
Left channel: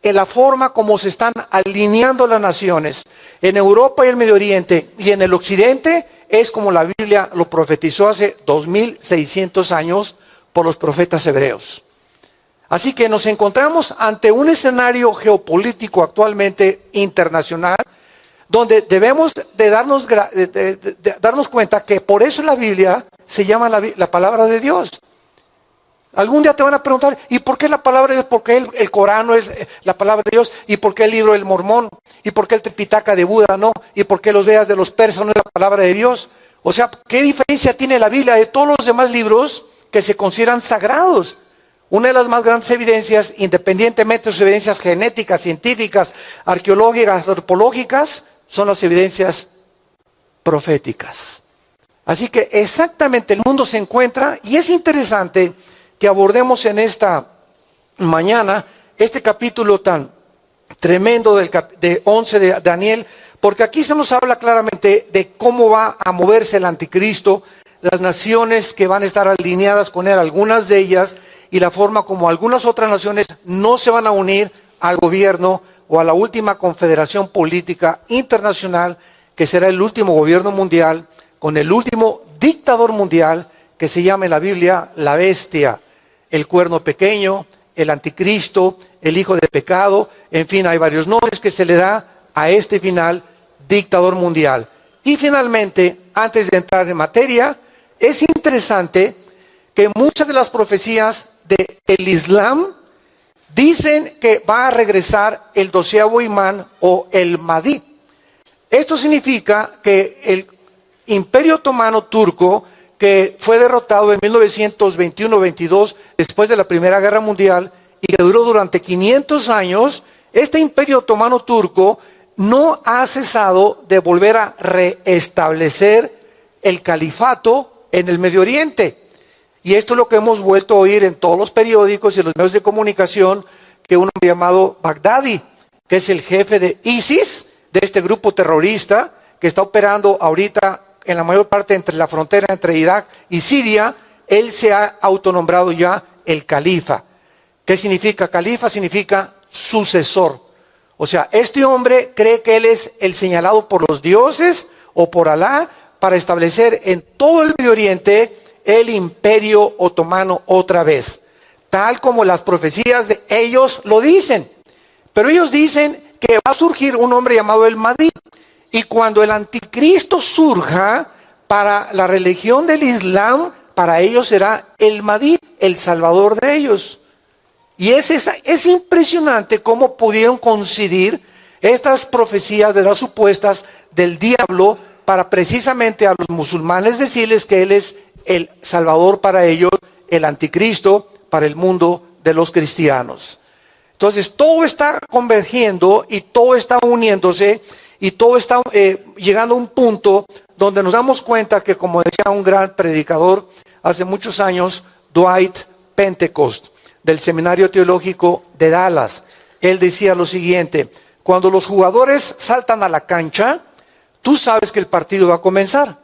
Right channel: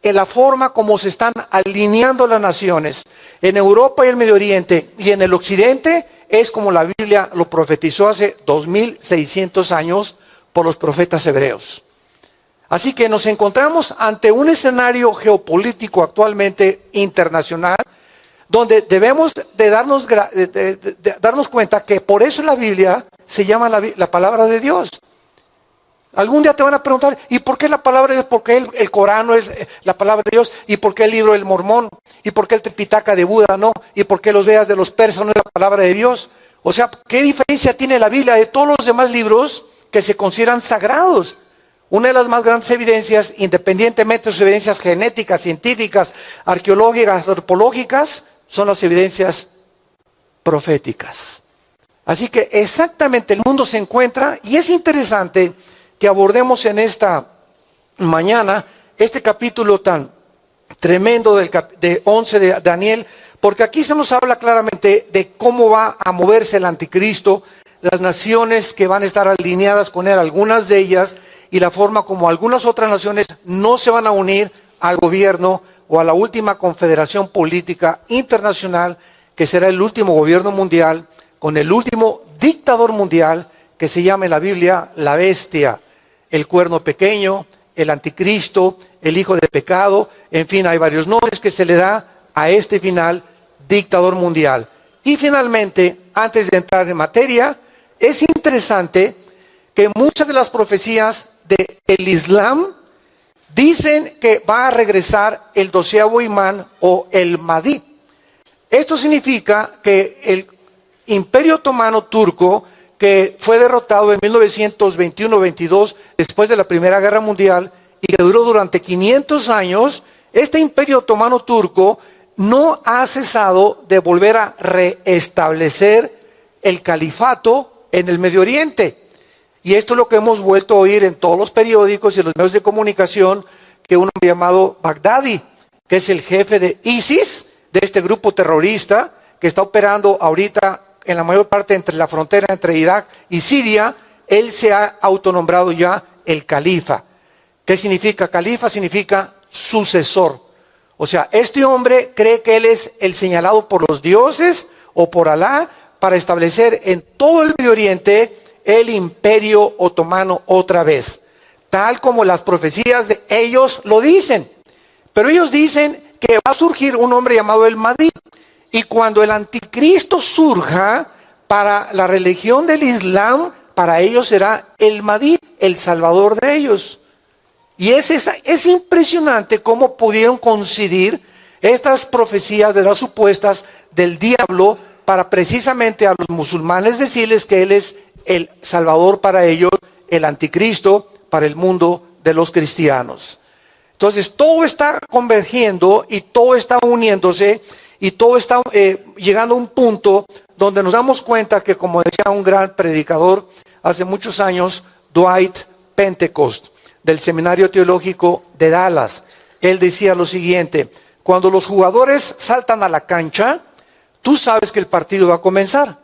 en la forma como se están alineando las naciones en Europa y el Medio Oriente y en el Occidente, es como la Biblia lo profetizó hace 2600 años por los profetas hebreos. Así que nos encontramos ante un escenario geopolítico actualmente internacional, donde debemos de darnos cuenta que por eso la Biblia se llama la palabra de Dios. Algún día te van a preguntar, ¿y por qué la palabra de Dios? ¿Por qué el Corán no es la palabra de Dios? ¿Y por qué el libro del Mormón? ¿Y por qué el Tripitaka de Buda no? ¿Y por qué los Vedas de los persas no es la palabra de Dios? O sea, ¿qué diferencia tiene la Biblia de todos los demás libros que se consideran sagrados? Una de las más grandes evidencias, independientemente de sus evidencias genéticas, científicas, arqueológicas, antropológicas, son las evidencias proféticas. Así que exactamente el mundo se encuentra, y es interesante que abordemos en esta mañana este capítulo tan tremendo de 11 de Daniel, porque aquí se nos habla claramente de cómo va a moverse el anticristo, las naciones que van a estar alineadas con él, algunas de ellas, y la forma como algunas otras naciones no se van a unir al gobierno o a la última confederación política internacional, que será el último gobierno mundial, con el último dictador mundial, que se llama en la Biblia la bestia, el cuerno pequeño, el anticristo, el hijo de pecado. En fin, hay varios nombres que se le da a este final dictador mundial. Y finalmente, antes de entrar en materia, es interesante que muchas de las profecías del Islam dicen que va a regresar el 12º imán o el Mahdi. Esto significa que el Imperio Otomano turco, que fue derrotado en 1921-22 después de la Primera Guerra Mundial y que duró durante 500 años, este Imperio Otomano turco no ha cesado de volver a reestablecer el califato en el Medio Oriente. Y esto es lo que hemos vuelto a oír en todos los periódicos y en los medios de comunicación, que un hombre llamado Baghdadi, que es el jefe de ISIS, de este grupo terrorista que está operando ahorita en la mayor parte entre la frontera entre Irak y Siria, él se ha autonombrado ya el califa. ¿Qué significa califa? Significa sucesor. O sea, este hombre cree que él es el señalado por los dioses o por Alá para establecer en todo el Medio Oriente el Imperio Otomano otra vez, tal como las profecías de ellos lo dicen. Pero ellos dicen que va a surgir un hombre llamado el Mahdi, y cuando el anticristo surja para la religión del Islam, para ellos será el Mahdi, el salvador de ellos. Y es impresionante cómo pudieron coincidir estas profecías de las supuestas del diablo para precisamente a los musulmanes decirles que él es el salvador para ellos, el anticristo para el mundo de los cristianos. Entonces todo está convergiendo y todo está uniéndose y todo está llegando a un punto donde nos damos cuenta que, como decía un gran predicador hace muchos años, Dwight Pentecost, del Seminario Teológico de Dallas, él decía lo siguiente: cuando los jugadores saltan a la cancha, tú sabes que el partido va a comenzar.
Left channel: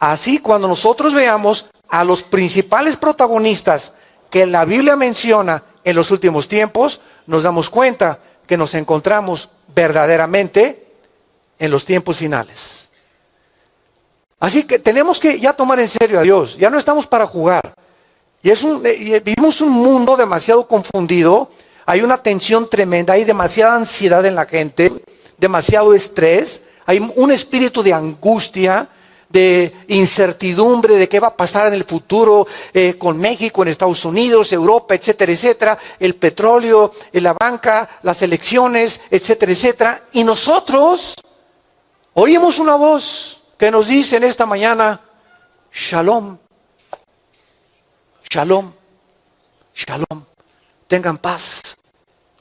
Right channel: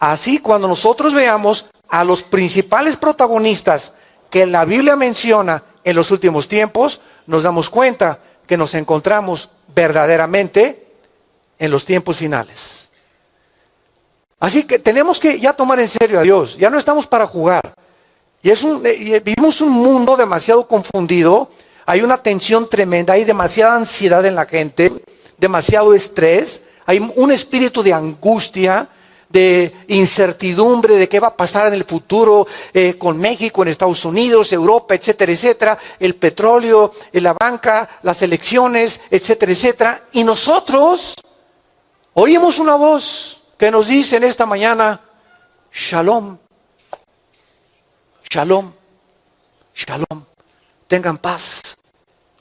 Así, cuando nosotros veamos a los principales protagonistas que la Biblia menciona en los últimos tiempos, nos damos cuenta que nos encontramos verdaderamente en los tiempos finales. Así que tenemos que ya tomar en serio a Dios. Ya no estamos para jugar. Vivimos un mundo demasiado confundido. Hay una tensión tremenda, hay demasiada ansiedad en la gente, demasiado estrés, hay un espíritu de angustia, de incertidumbre de qué va a pasar en el futuro con México, en Estados Unidos, Europa, etcétera, etcétera, el petróleo, la banca, las elecciones, etcétera, etcétera. Y nosotros oímos una voz que nos dice en esta mañana: Shalom, Shalom, Shalom, tengan paz.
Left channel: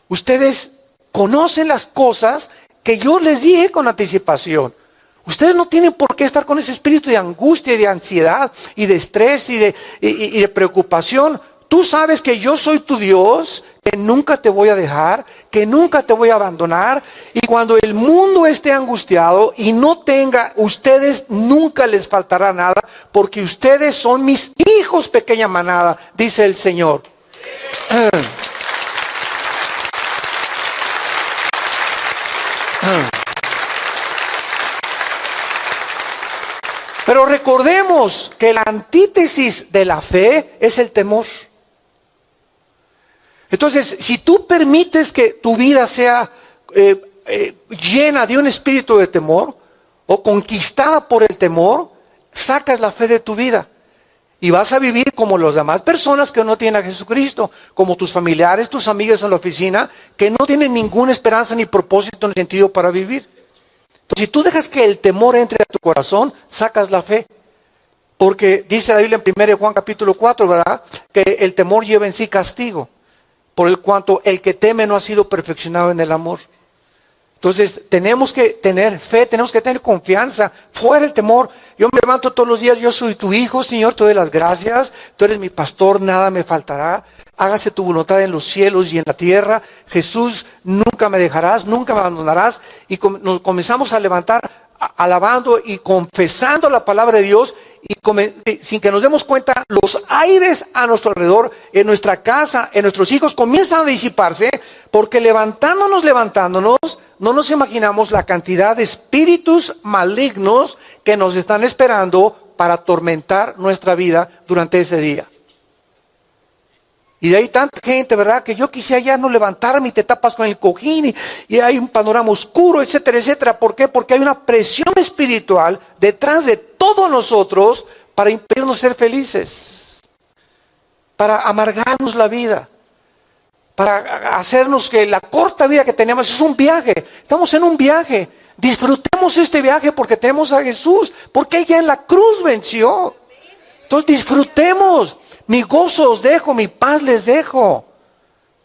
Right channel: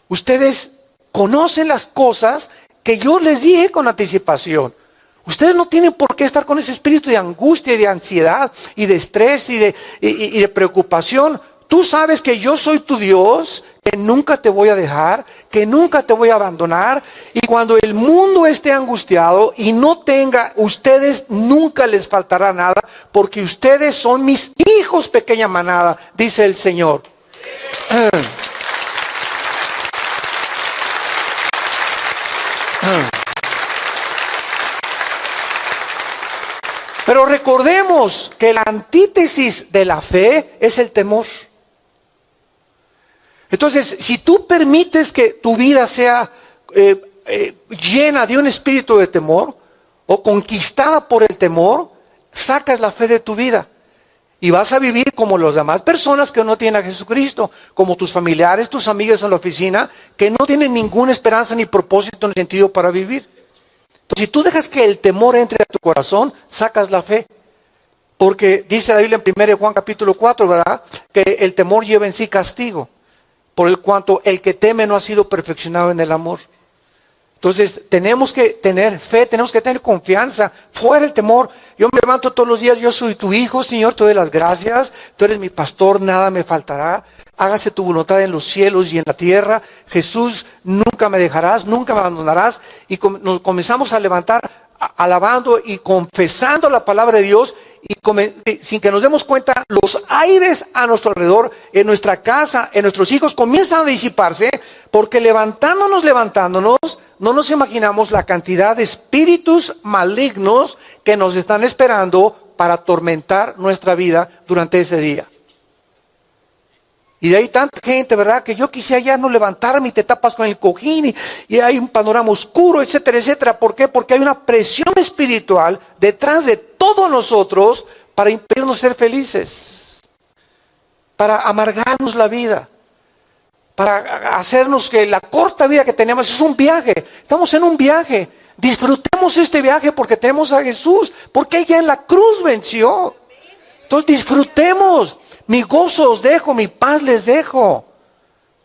Ustedes conocen las cosas que yo les dije con anticipación. Ustedes no tienen por qué estar con ese espíritu de angustia y de ansiedad y de estrés y de preocupación. Tú sabes que yo soy tu Dios, que nunca te voy a dejar, que nunca te voy a abandonar. Y cuando el mundo esté angustiado y no tenga, ustedes nunca les faltará nada, porque ustedes son mis hijos, pequeña manada, dice el Señor. Pero recordemos que la antítesis de la fe es el temor. Entonces, si tú permites que tu vida sea llena de un espíritu de temor o conquistada por el temor, sacas la fe de tu vida. Y vas a vivir como las demás personas que no tienen a Jesucristo, como tus familiares, tus amigos en la oficina, que no tienen ninguna esperanza ni propósito ni sentido para vivir. Entonces, si tú dejas que el temor entre a tu corazón, sacas la fe. Porque dice la Biblia en 1 Juan capítulo 4, ¿verdad? Que el temor lleva en sí castigo, por el cuanto el que teme no ha sido perfeccionado en el amor. Entonces tenemos que tener fe, tenemos que tener confianza, fuera el temor. Yo me levanto todos los días, yo soy tu hijo, Señor, te doy las gracias, tú eres mi pastor, nada me faltará. Hágase tu voluntad en los cielos y en la tierra. Jesús, nunca me dejarás, nunca me abandonarás. Y nos comenzamos a levantar alabando y confesando la palabra de Dios, y sin que nos demos cuenta, los aires a nuestro alrededor, en nuestra casa, en nuestros hijos, comienzan a disiparse, porque levantándonos, no nos imaginamos la cantidad de espíritus malignos que nos están esperando para atormentar nuestra vida durante ese día. Y de ahí tanta gente, ¿verdad? Que yo quisiera ya no levantarme y te tapas con el cojín y hay un panorama oscuro, etcétera, etcétera. ¿Por qué? Porque hay una presión espiritual detrás de todos nosotros para impedirnos ser felices, para amargarnos la vida, para hacernos que la corta vida que tenemos es un viaje. Estamos en un viaje. Disfrutemos este viaje porque tenemos a Jesús, porque Él ya en la cruz venció. Entonces disfrutemos. Mi gozo os dejo, mi paz les dejo.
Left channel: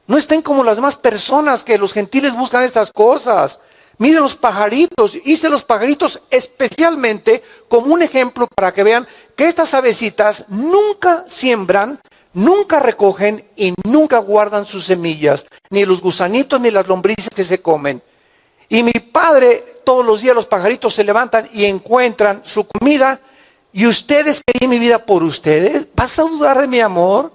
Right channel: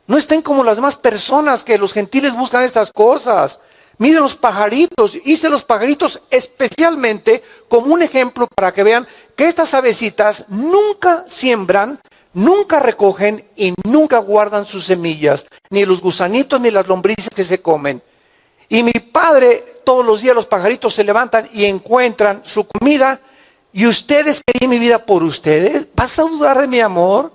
No estén como las demás personas que los gentiles buscan estas cosas. Miren los pajaritos. Hice los pajaritos especialmente como un ejemplo para que vean que estas avecitas nunca siembran, nunca recogen y nunca guardan sus semillas. Ni los gusanitos ni las lombrices que se comen. Y mi Padre, todos los días los pajaritos se levantan y encuentran su comida. ¿Y ustedes querían mi vida por ustedes? ¿Vas a dudar de mi amor?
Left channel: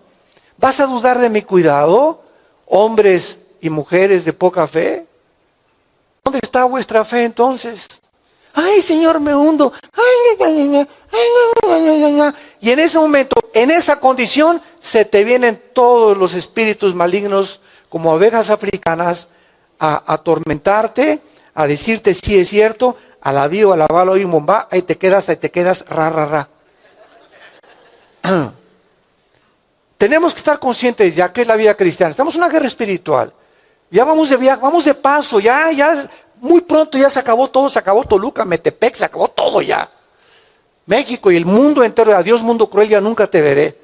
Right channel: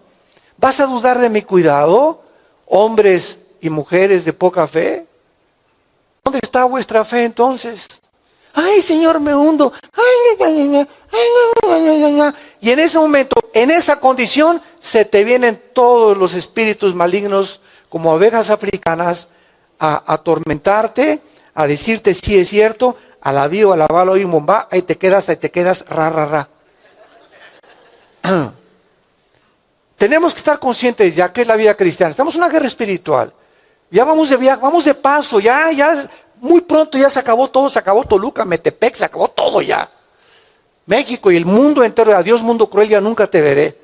¿Vas a dudar de mi cuidado? Hombres y mujeres de poca fe. ¿Dónde está vuestra fe entonces? Ay, Señor, me hundo. Y en ese momento, en esa condición, se te vienen todos los espíritus malignos como abejas africanas a atormentarte, a decirte si es cierto. Alabío, alabalo y momba, ahí te quedas, ra. Tenemos que estar conscientes ya que es la vida cristiana. Estamos en una guerra espiritual. Ya vamos de viaje, vamos de paso, ya muy pronto ya se acabó todo, se acabó Toluca, Metepec, se acabó todo ya. México y el mundo entero, adiós mundo cruel, ya nunca te veré.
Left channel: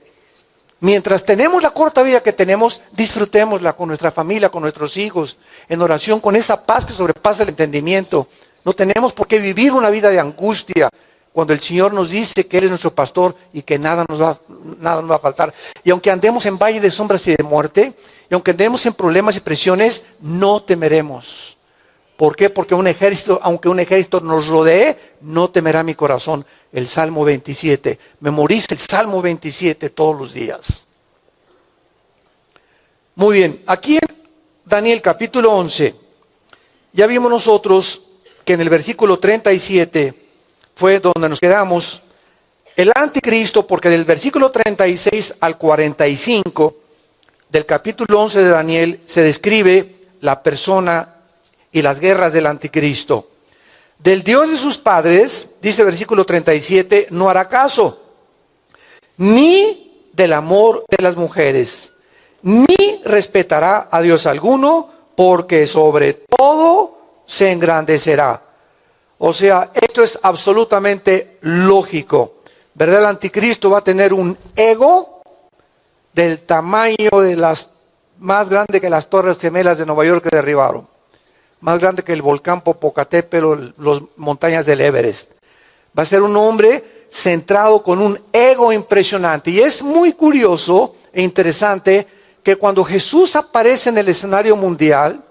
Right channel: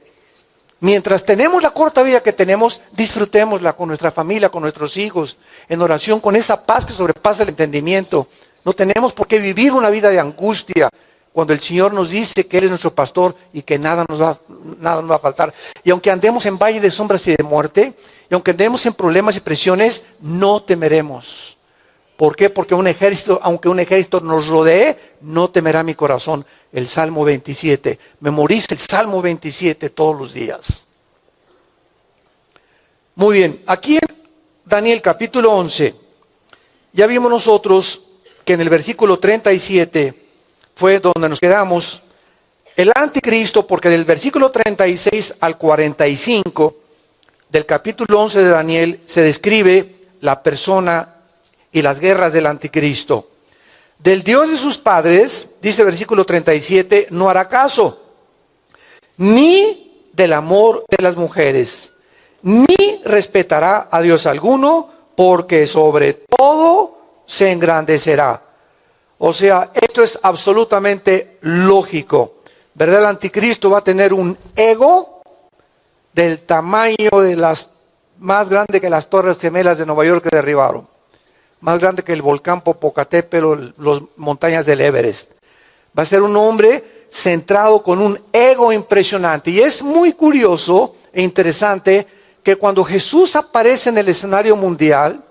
Mientras tenemos la corta vida que tenemos, disfrutémosla con nuestra familia, con nuestros hijos, en oración, con esa paz que sobrepasa el entendimiento. No tenemos por qué vivir una vida de angustia cuando el Señor nos dice que Él es nuestro pastor y que nada nos va a faltar. Y aunque andemos en valle de sombras y de muerte, y aunque andemos en problemas y presiones, no temeremos. ¿Por qué? Porque aunque un ejército nos rodee, no temerá mi corazón. El Salmo 27. Memoriza el Salmo 27 todos los días. Muy bien, aquí en Daniel capítulo 11, ya vimos nosotros que en el versículo 37 fue donde nos quedamos, el anticristo, porque del versículo 36 al 45 del capítulo 11 de Daniel se describe la persona y las guerras del anticristo. Del Dios de sus padres, dice el versículo 37, no hará caso, ni del amor de las mujeres, ni respetará a Dios alguno, porque sobre todo se engrandecerá. O sea, esto es absolutamente lógico, ¿verdad? El anticristo va a tener un ego del tamaño de más grande que las Torres Gemelas de Nueva York que derribaron, más grande que el volcán Popocatépetl o las montañas del Everest. Va a ser un hombre centrado con un ego impresionante. Y es muy curioso e interesante que cuando Jesús aparece en el escenario mundial,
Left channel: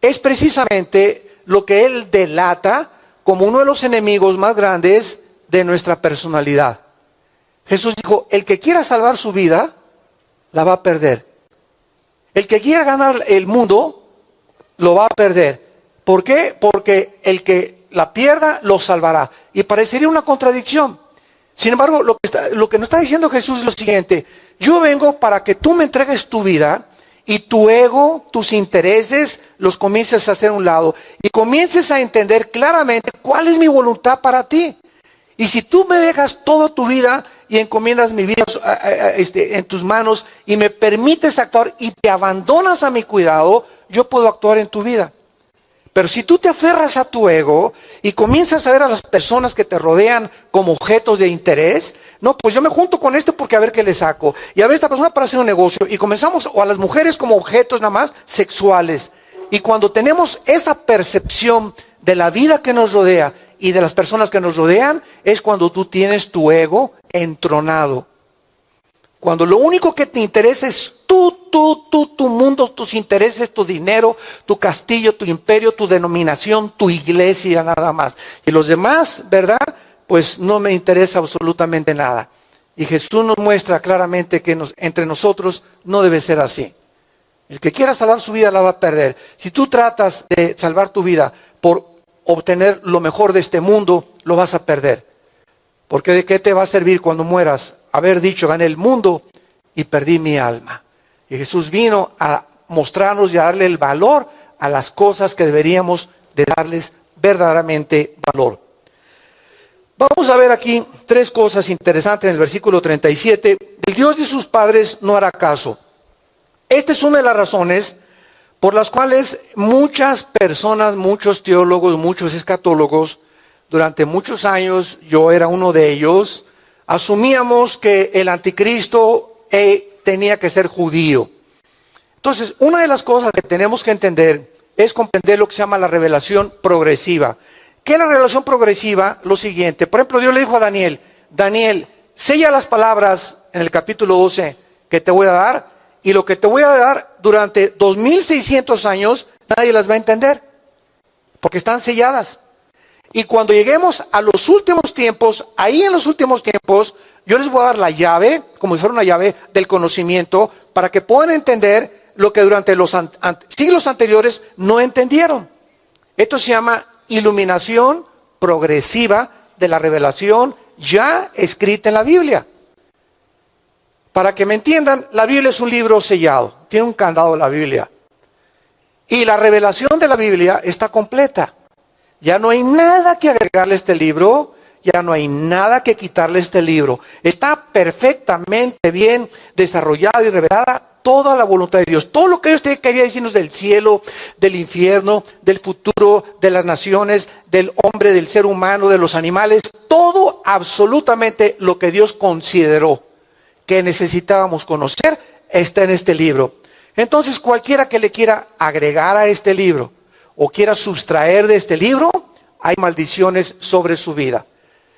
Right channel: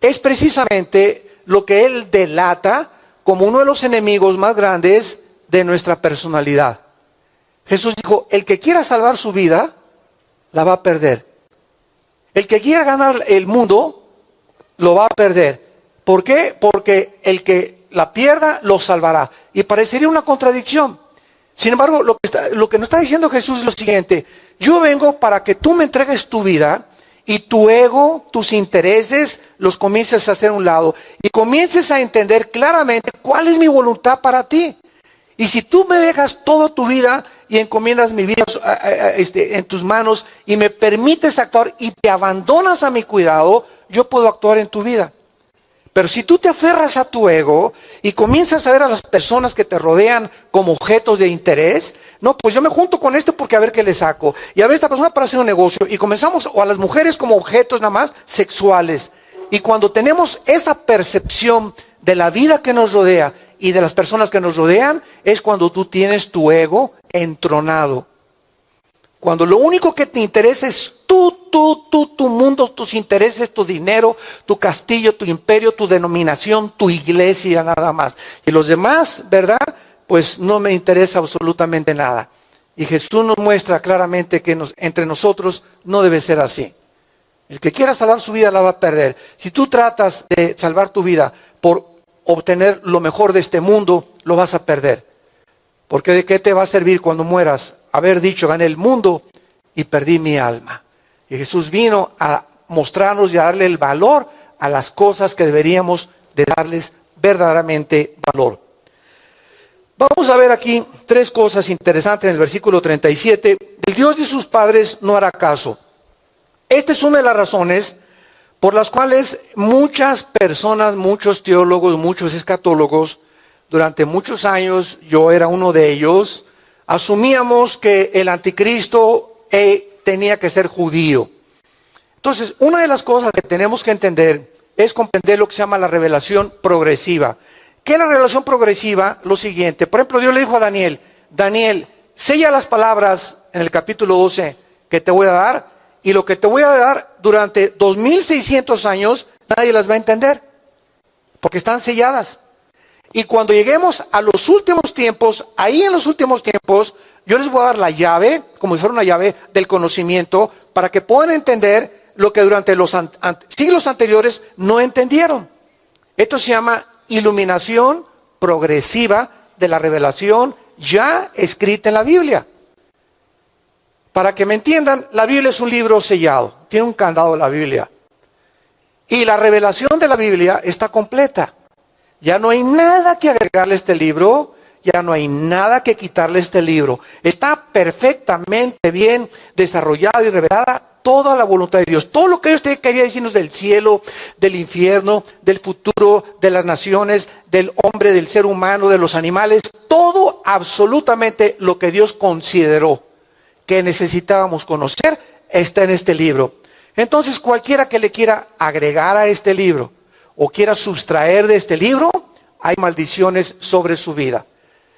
es precisamente lo que Él delata como uno de los enemigos más grandes de nuestra personalidad. Jesús dijo, el que quiera salvar su vida, la va a perder. El que quiera ganar el mundo, lo va a perder. ¿Por qué? Porque el que la pierda, lo salvará. Y parecería una contradicción. Sin embargo, lo que nos está diciendo Jesús es lo siguiente. Yo vengo para que tú me entregues tu vida y tu ego, tus intereses, los comiences a hacer a un lado. Y comiences a entender claramente cuál es mi voluntad para ti. Y si tú me dejas toda tu vida y encomiendas mi vida en tus manos y me permites actuar y te abandonas a mi cuidado, yo puedo actuar en tu vida. Pero si tú te aferras a tu ego y comienzas a ver a las personas que te rodean como objetos de interés, no, pues yo me junto con esto porque a ver qué le saco. Y a ver esta persona para hacer un negocio. Y comenzamos, o a las mujeres como objetos nada más sexuales. Y cuando tenemos esa percepción de la vida que nos rodea y de las personas que nos rodean, es cuando tú tienes tu ego entronado. Cuando lo único que te interesa es tu mundo, tus intereses, tu dinero, tu castillo, tu imperio, tu denominación, tu iglesia, nada más. Y los demás, ¿verdad? Pues no me interesa absolutamente nada. Y Jesús nos muestra claramente que entre nosotros no debe ser así. El que quiera salvar su vida la va a perder. Si tú tratas de salvar tu vida por obtener lo mejor de este mundo, lo vas a perder. Porque ¿de qué te va a servir cuando mueras haber dicho, gané el mundo y perdí mi alma? Y Jesús vino a mostrarnos y a darle el valor a las cosas que deberíamos de darles verdaderamente valor. Vamos a ver aquí tres cosas interesantes en el versículo 37. El Dios de sus padres no hará caso. Esta es una de las razones por las cuales muchas personas, muchos teólogos, muchos escatólogos, durante muchos años, yo era uno de ellos, asumíamos que el anticristo tenía que ser judío. Entonces, una de las cosas que tenemos que entender es comprender lo que se llama la revelación progresiva. ¿Qué es la revelación progresiva? Lo siguiente, por ejemplo, Dios le dijo a Daniel, Daniel, sella las palabras en el capítulo 12 que te voy a dar, y lo que te voy a dar durante 2600 años, nadie las va a entender, porque están selladas. Y cuando lleguemos a los últimos tiempos, ahí en los últimos tiempos, yo les voy a dar la llave, como si fuera una llave del conocimiento, para que puedan entender lo que durante los siglos anteriores no entendieron. Esto se llama iluminación progresiva de la revelación ya escrita en la Biblia. Para que me entiendan, la Biblia es un libro sellado, tiene un candado la Biblia. Y la revelación de la Biblia está completa. Ya no hay nada que agregarle a este libro, ya no hay nada que quitarle a este libro. Está perfectamente bien desarrollada y revelada toda la voluntad de Dios. Todo lo que Dios quería decirnos del cielo, del infierno, del futuro, de las naciones, del hombre, del ser humano, de los animales, todo absolutamente lo que Dios consideró que necesitábamos conocer está en este libro. Entonces cualquiera que le quiera agregar a este libro o quiera sustraer de este libro, hay maldiciones sobre su vida.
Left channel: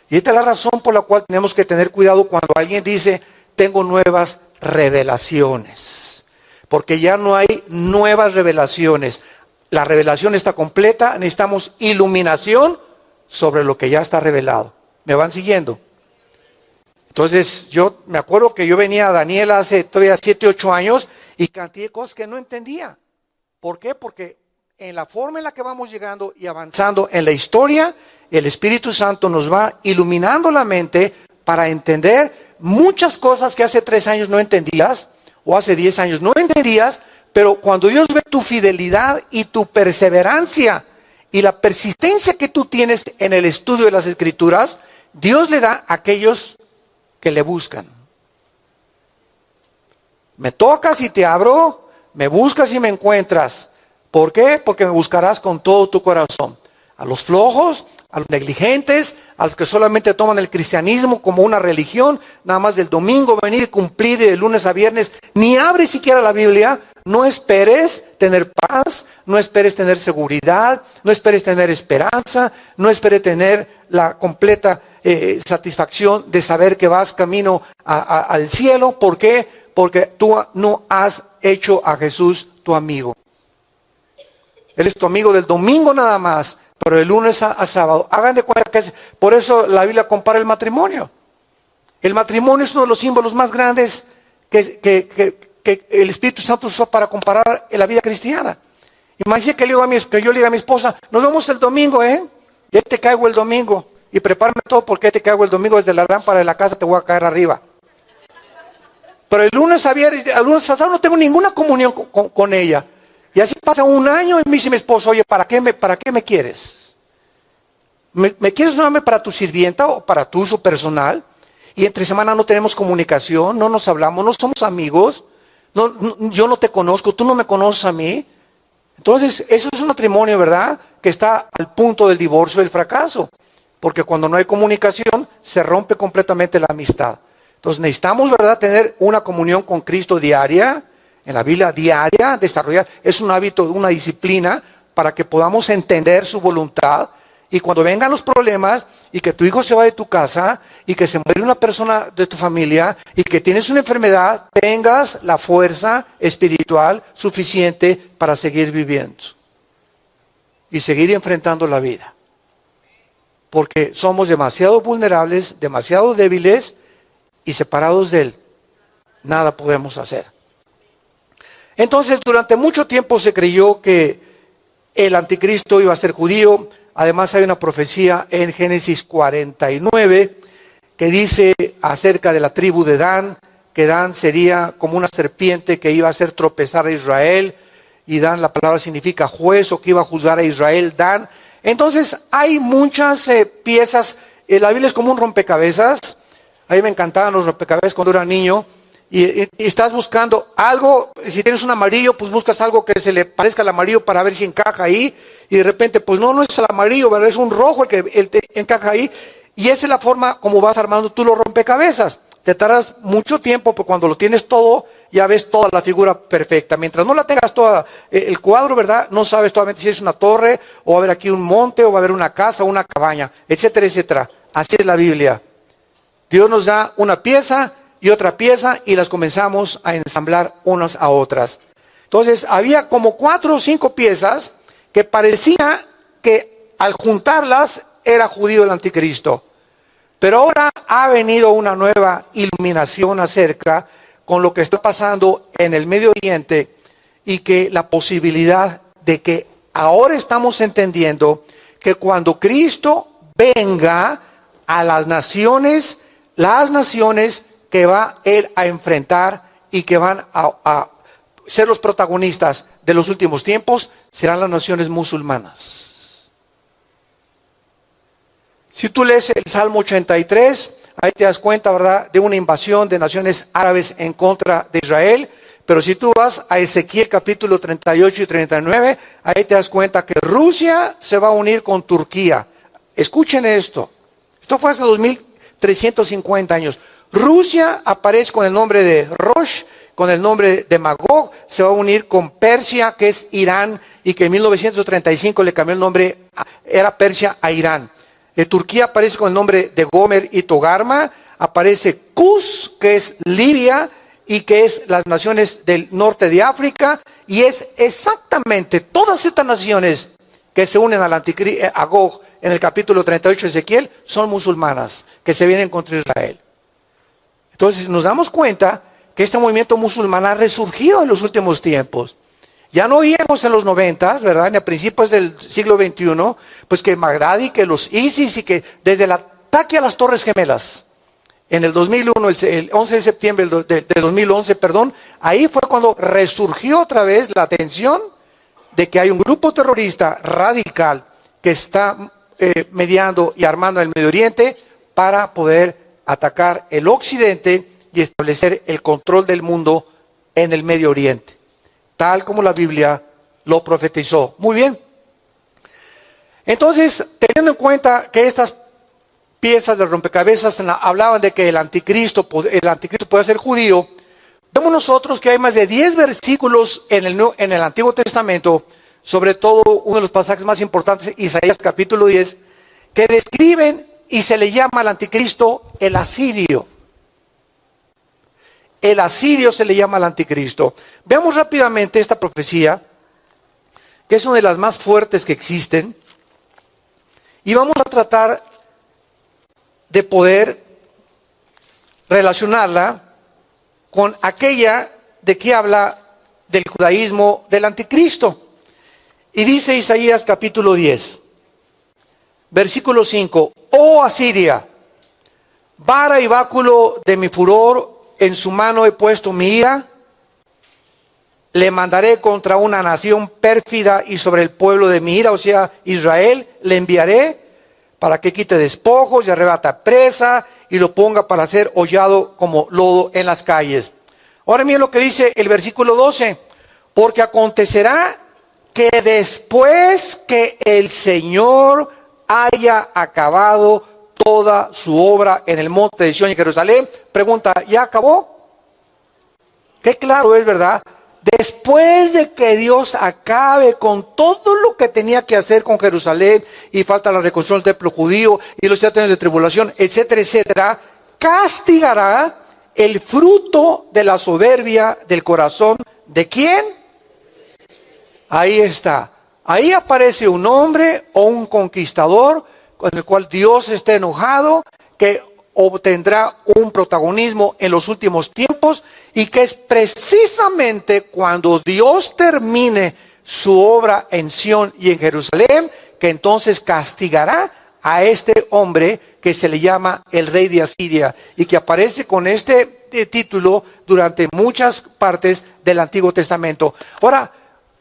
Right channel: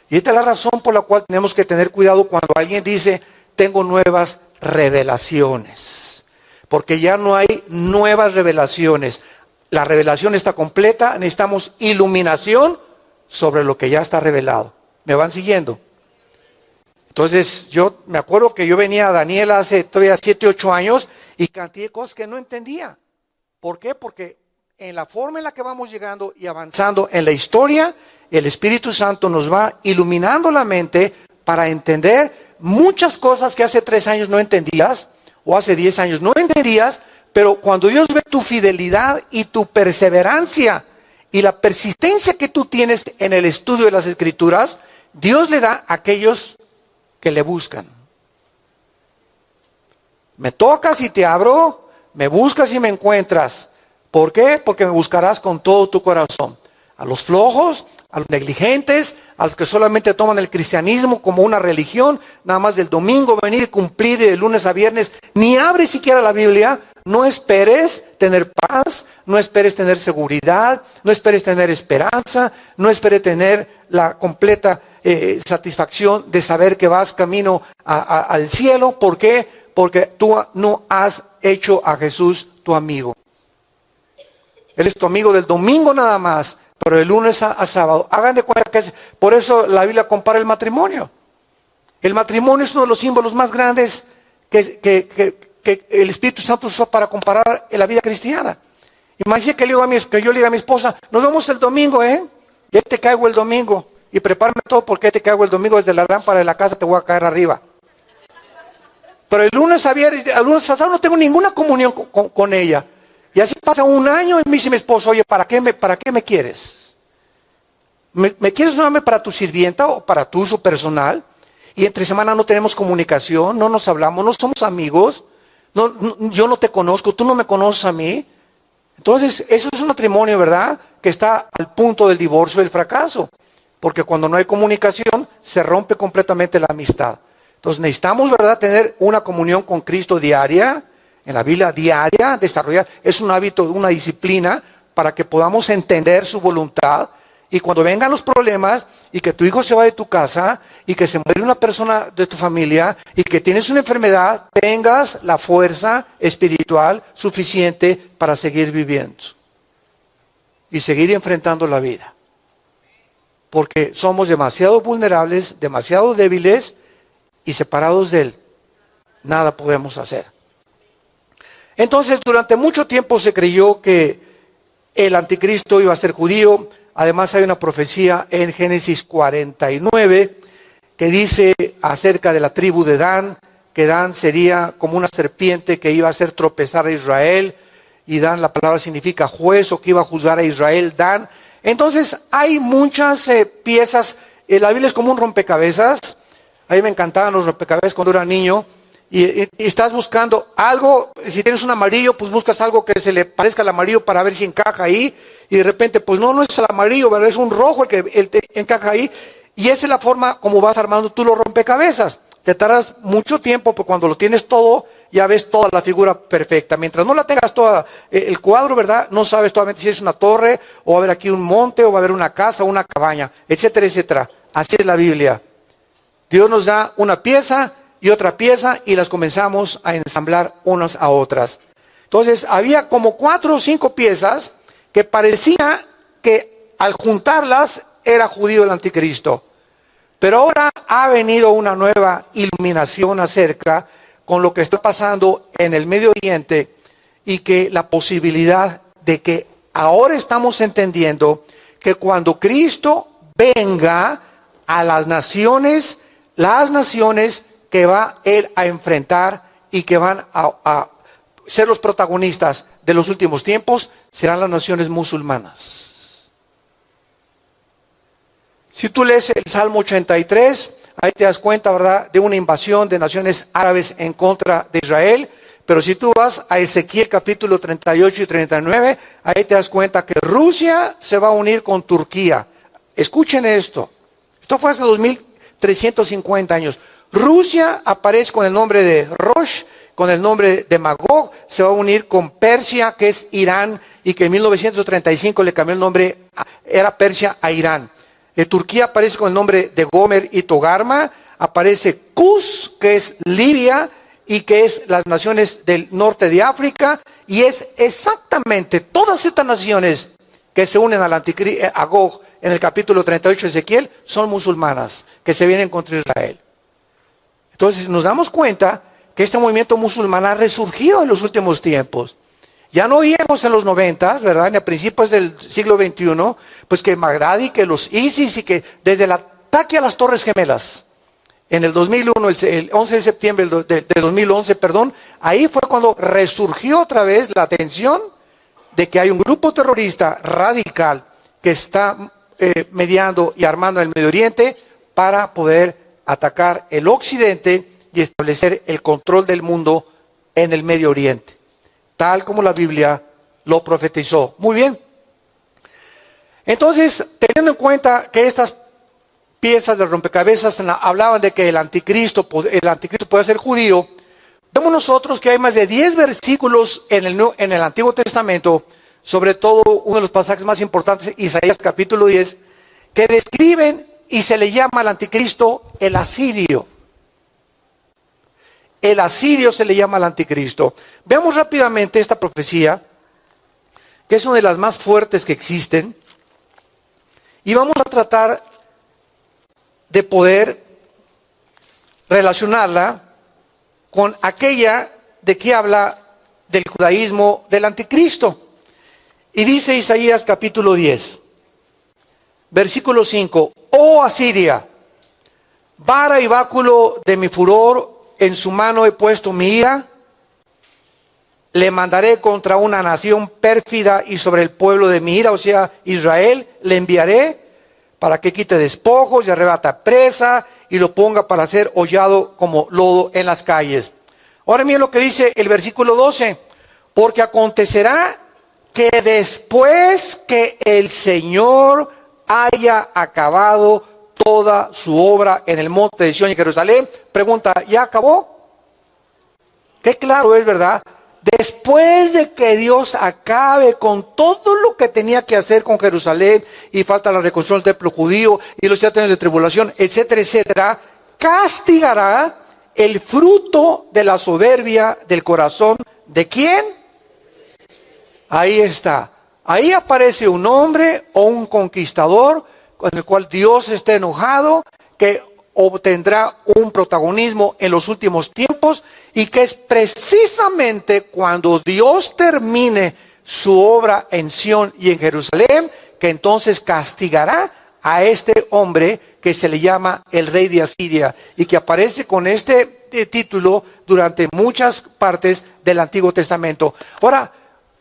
Y esta es la razón por la cual tenemos que tener cuidado cuando alguien dice, tengo nuevas revelaciones. Porque ya no hay nuevas revelaciones. La revelación está completa, necesitamos iluminación sobre lo que ya está revelado. ¿Me van siguiendo? Entonces yo me acuerdo que yo venía a Daniel hace todavía 7, 8 años y cantidad de cosas que no entendía. ¿Por qué? Porque en la forma en la que vamos llegando y avanzando en la historia, el Espíritu Santo nos va iluminando la mente para entender muchas cosas que hace 3 años no entendías o hace 10 años no entendías, pero cuando Dios ve tu fidelidad y tu perseverancia y la persistencia que tú tienes en el estudio de las Escrituras, Dios le da a aquellos que le buscan. Me tocas y te abro, me buscas y me encuentras. ¿Por qué? Porque me buscarás con todo tu corazón. A los flojos, a los negligentes, a los que solamente toman el cristianismo como una religión, nada más del domingo venir y cumplir de lunes a viernes, ni abre siquiera la Biblia. No esperes tener paz, no esperes tener seguridad, no esperes tener esperanza, no esperes tener la completa satisfacción de saber que vas camino al cielo. ¿Por qué? Porque tú no has hecho a Jesús tu amigo. Él es tu amigo del domingo nada más, pero de lunes a sábado. Hagan de cuenta que por eso la Biblia compara el matrimonio. El matrimonio es uno de los símbolos más grandes que el Espíritu Santo usó para comparar la vida cristiana. Imagínate que yo le diga a mi esposa, nos vemos el domingo, y ahí te caigo el domingo. Y prepárame todo porque ahí te caigo el domingo, desde la lámpara de la casa te voy a caer arriba. Pero el lunes a viernes, el lunes a sábado no tengo ninguna comunión con ella. Y así pasa un año y me dice mi esposo, oye, ¿para qué me quieres? ¿Me quieres solamente para tu sirvienta o para tu uso personal? y entre semana no tenemos comunicación, no nos hablamos, no somos amigos, yo no te conozco, tú no me conoces a mí. Entonces, eso es un matrimonio, ¿verdad?, que está al punto del divorcio y del fracaso. Porque cuando no hay comunicación, se rompe completamente la amistad. Entonces, necesitamos, ¿verdad?, tener una comunión con Cristo diaria, en la Biblia diaria, desarrollar. Es un hábito, una disciplina, para que podamos entender su voluntad. Y cuando vengan los problemas, y que tu hijo se va de tu casa, y que se muere una persona de tu familia, y que tienes una enfermedad, tengas la fuerza espiritual suficiente para seguir viviendo. Y seguir enfrentando la vida. Porque somos demasiado vulnerables, demasiado débiles, y separados de Él, nada podemos hacer. Entonces, durante mucho tiempo se creyó que el anticristo iba a ser judío. Además, hay una profecía en Génesis 49 que dice acerca de la tribu de Dan, que Dan sería como una serpiente que iba a hacer tropezar a Israel, y Dan, la palabra significa juez, o que iba a juzgar a Israel, Dan. Entonces, hay muchas piezas. La Biblia es como un rompecabezas. A mí me encantaban los rompecabezas cuando era niño. Y estás buscando algo. Si tienes un amarillo, pues buscas algo que se le parezca al amarillo para ver si encaja ahí. Y de repente, pues no es el amarillo, ¿verdad?, es un rojo el que te encaja ahí. Y esa es la forma como vas armando tú los rompecabezas. Te tardas mucho tiempo, pero cuando lo tienes todo, ya ves toda la figura perfecta. Mientras no la tengas toda, el cuadro, ¿verdad?, no sabes todavía si es una torre, o va a haber aquí un monte, o va a haber una casa, o una cabaña, etcétera, etcétera. Así es la Biblia. Dios nos da una pieza y otra pieza, y las comenzamos a ensamblar unas a otras. Entonces, había como 4 o 5 piezas que parecía que al juntarlas era judío el anticristo. Pero ahora ha venido una nueva iluminación acerca con lo que está pasando en el Medio Oriente, y que la posibilidad de que ahora estamos entendiendo que cuando Cristo venga a las naciones que va Él a enfrentar y que van a ser los protagonistas de los últimos tiempos, serán las naciones musulmanas. Si tú lees el Salmo 83, ahí te das cuenta, ¿verdad?, de una invasión de naciones árabes en contra de Israel. Pero si tú vas a Ezequiel capítulo 38 y 39, ahí te das cuenta que Rusia se va a unir con Turquía. Escuchen esto. Esto fue hace 2350 años. Rusia aparece con el nombre de Rosh, con el nombre de Magog, se va a unir con Persia, que es Irán, y que en 1935 le cambió el nombre, era Persia a Irán. Turquía aparece con el nombre de Gomer y Togarma, aparece Cus, que es Libia, y que es las naciones del norte de África, y es exactamente todas estas naciones que se unen al anticristo, a Gog, en el capítulo 38 de Ezequiel, son musulmanas, que se vienen contra Israel. Entonces nos damos cuenta que este movimiento musulmán ha resurgido en los últimos tiempos. Ya no oíamos en los 90, ¿verdad?, ni a principios del siglo XXI, pues que Bagdadi, que los ISIS, y que desde el ataque a las Torres Gemelas, en el 2001, el 11 de septiembre del 2011, ahí fue cuando resurgió otra vez la atención de que hay un grupo terrorista radical que está mediando y armando el Medio Oriente para poder atacar el Occidente y establecer el control del mundo en el Medio Oriente, tal como la Biblia lo profetizó. Muy bien. Entonces, teniendo en cuenta que estas piezas del rompecabezas hablaban de que el anticristo puede ser judío, vemos nosotros que hay más de 10 versículos en el Antiguo Testamento, sobre todo uno de los pasajes más importantes, Isaías capítulo 10, que describen y se le llama al anticristo el asirio. El asirio se le llama al anticristo. Veamos rápidamente esta profecía, que es una de las más fuertes que existen, y vamos a tratar de poder relacionarla con aquella de que habla del judaísmo del anticristo. Y dice Isaías capítulo 10, versículo 5, oh Asiria, vara y báculo de mi furor, en su mano he puesto mi ira, le mandaré contra una nación pérfida y sobre el pueblo de mi ira, o sea, Israel, le enviaré para que quite despojos y arrebata presa y lo ponga para ser hollado como lodo en las calles. Ahora miren lo que dice el versículo 12. Porque acontecerá que después que el Señor haya acabado toda su obra en el monte de Sión y Jerusalén, pregunta, ¿ya acabó? Qué claro es, ¿verdad? Después de que Dios acabe con todo lo que tenía que hacer con Jerusalén, y falta la reconstrucción del templo judío y los 7 años de tribulación, etcétera, etcétera, castigará el fruto de la soberbia del corazón. ¿De quién? Ahí está. Ahí aparece un hombre o un conquistador con el cual Dios está enojado, que obtendrá un protagonismo en los últimos tiempos, y que es precisamente cuando Dios termine su obra en Sión y en Jerusalén, que entonces castigará a este hombre que se le llama el rey de Asiria, y que aparece con este título durante muchas partes del Antiguo Testamento. Ahora,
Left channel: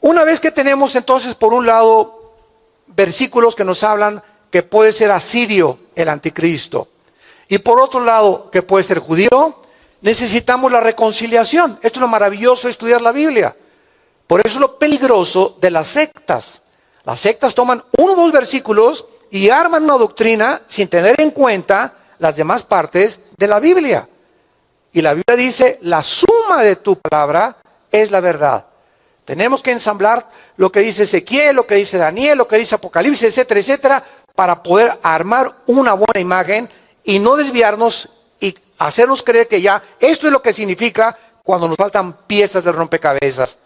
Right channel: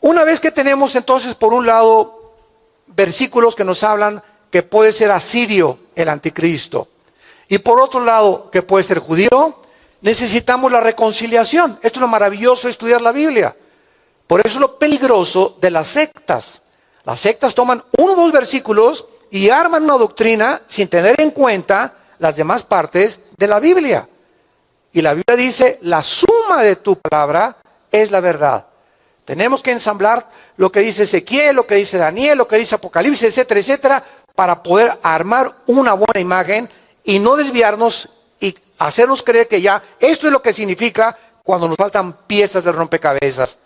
una vez que tenemos entonces por un lado versículos que nos hablan que puede ser asirio el anticristo, y por otro lado que puede ser judío, necesitamos la reconciliación. Esto es lo maravilloso de estudiar la Biblia. Por eso es lo peligroso de las sectas. Las sectas toman 1 o 2 versículos y arman una doctrina sin tener en cuenta las demás partes de la Biblia. Y la Biblia dice, la suma de tu palabra es la verdad. Tenemos que ensamblar lo que dice Ezequiel, lo que dice Daniel, lo que dice Apocalipsis, etcétera, etcétera, para poder armar una buena imagen y no desviarnos y hacernos creer que ya esto es lo que significa cuando nos faltan piezas del rompecabezas.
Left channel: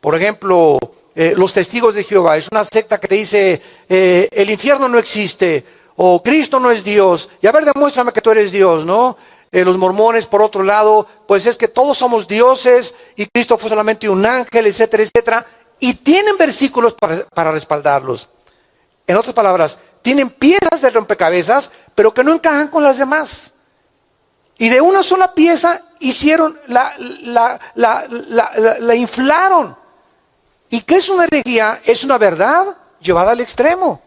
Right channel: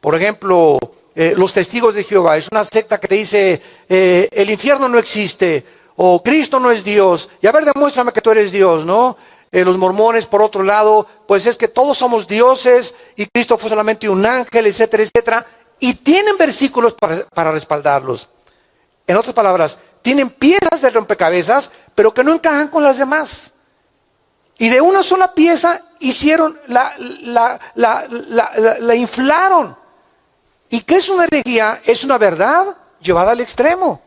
Por ejemplo, los testigos de Jehová es una secta que te dice el infierno no existe, o Cristo no es Dios, y a ver, demuéstrame que tú eres Dios, ¿no? Los mormones, por otro lado, pues es que todos somos dioses y Cristo fue solamente un ángel, etcétera, etcétera, y tienen versículos para respaldarlos. En otras palabras, tienen piezas de rompecabezas, pero que no encajan con las demás. Y de una sola pieza hicieron, la inflaron. ¿Y qué es una herejía? Es una verdad llevada al extremo.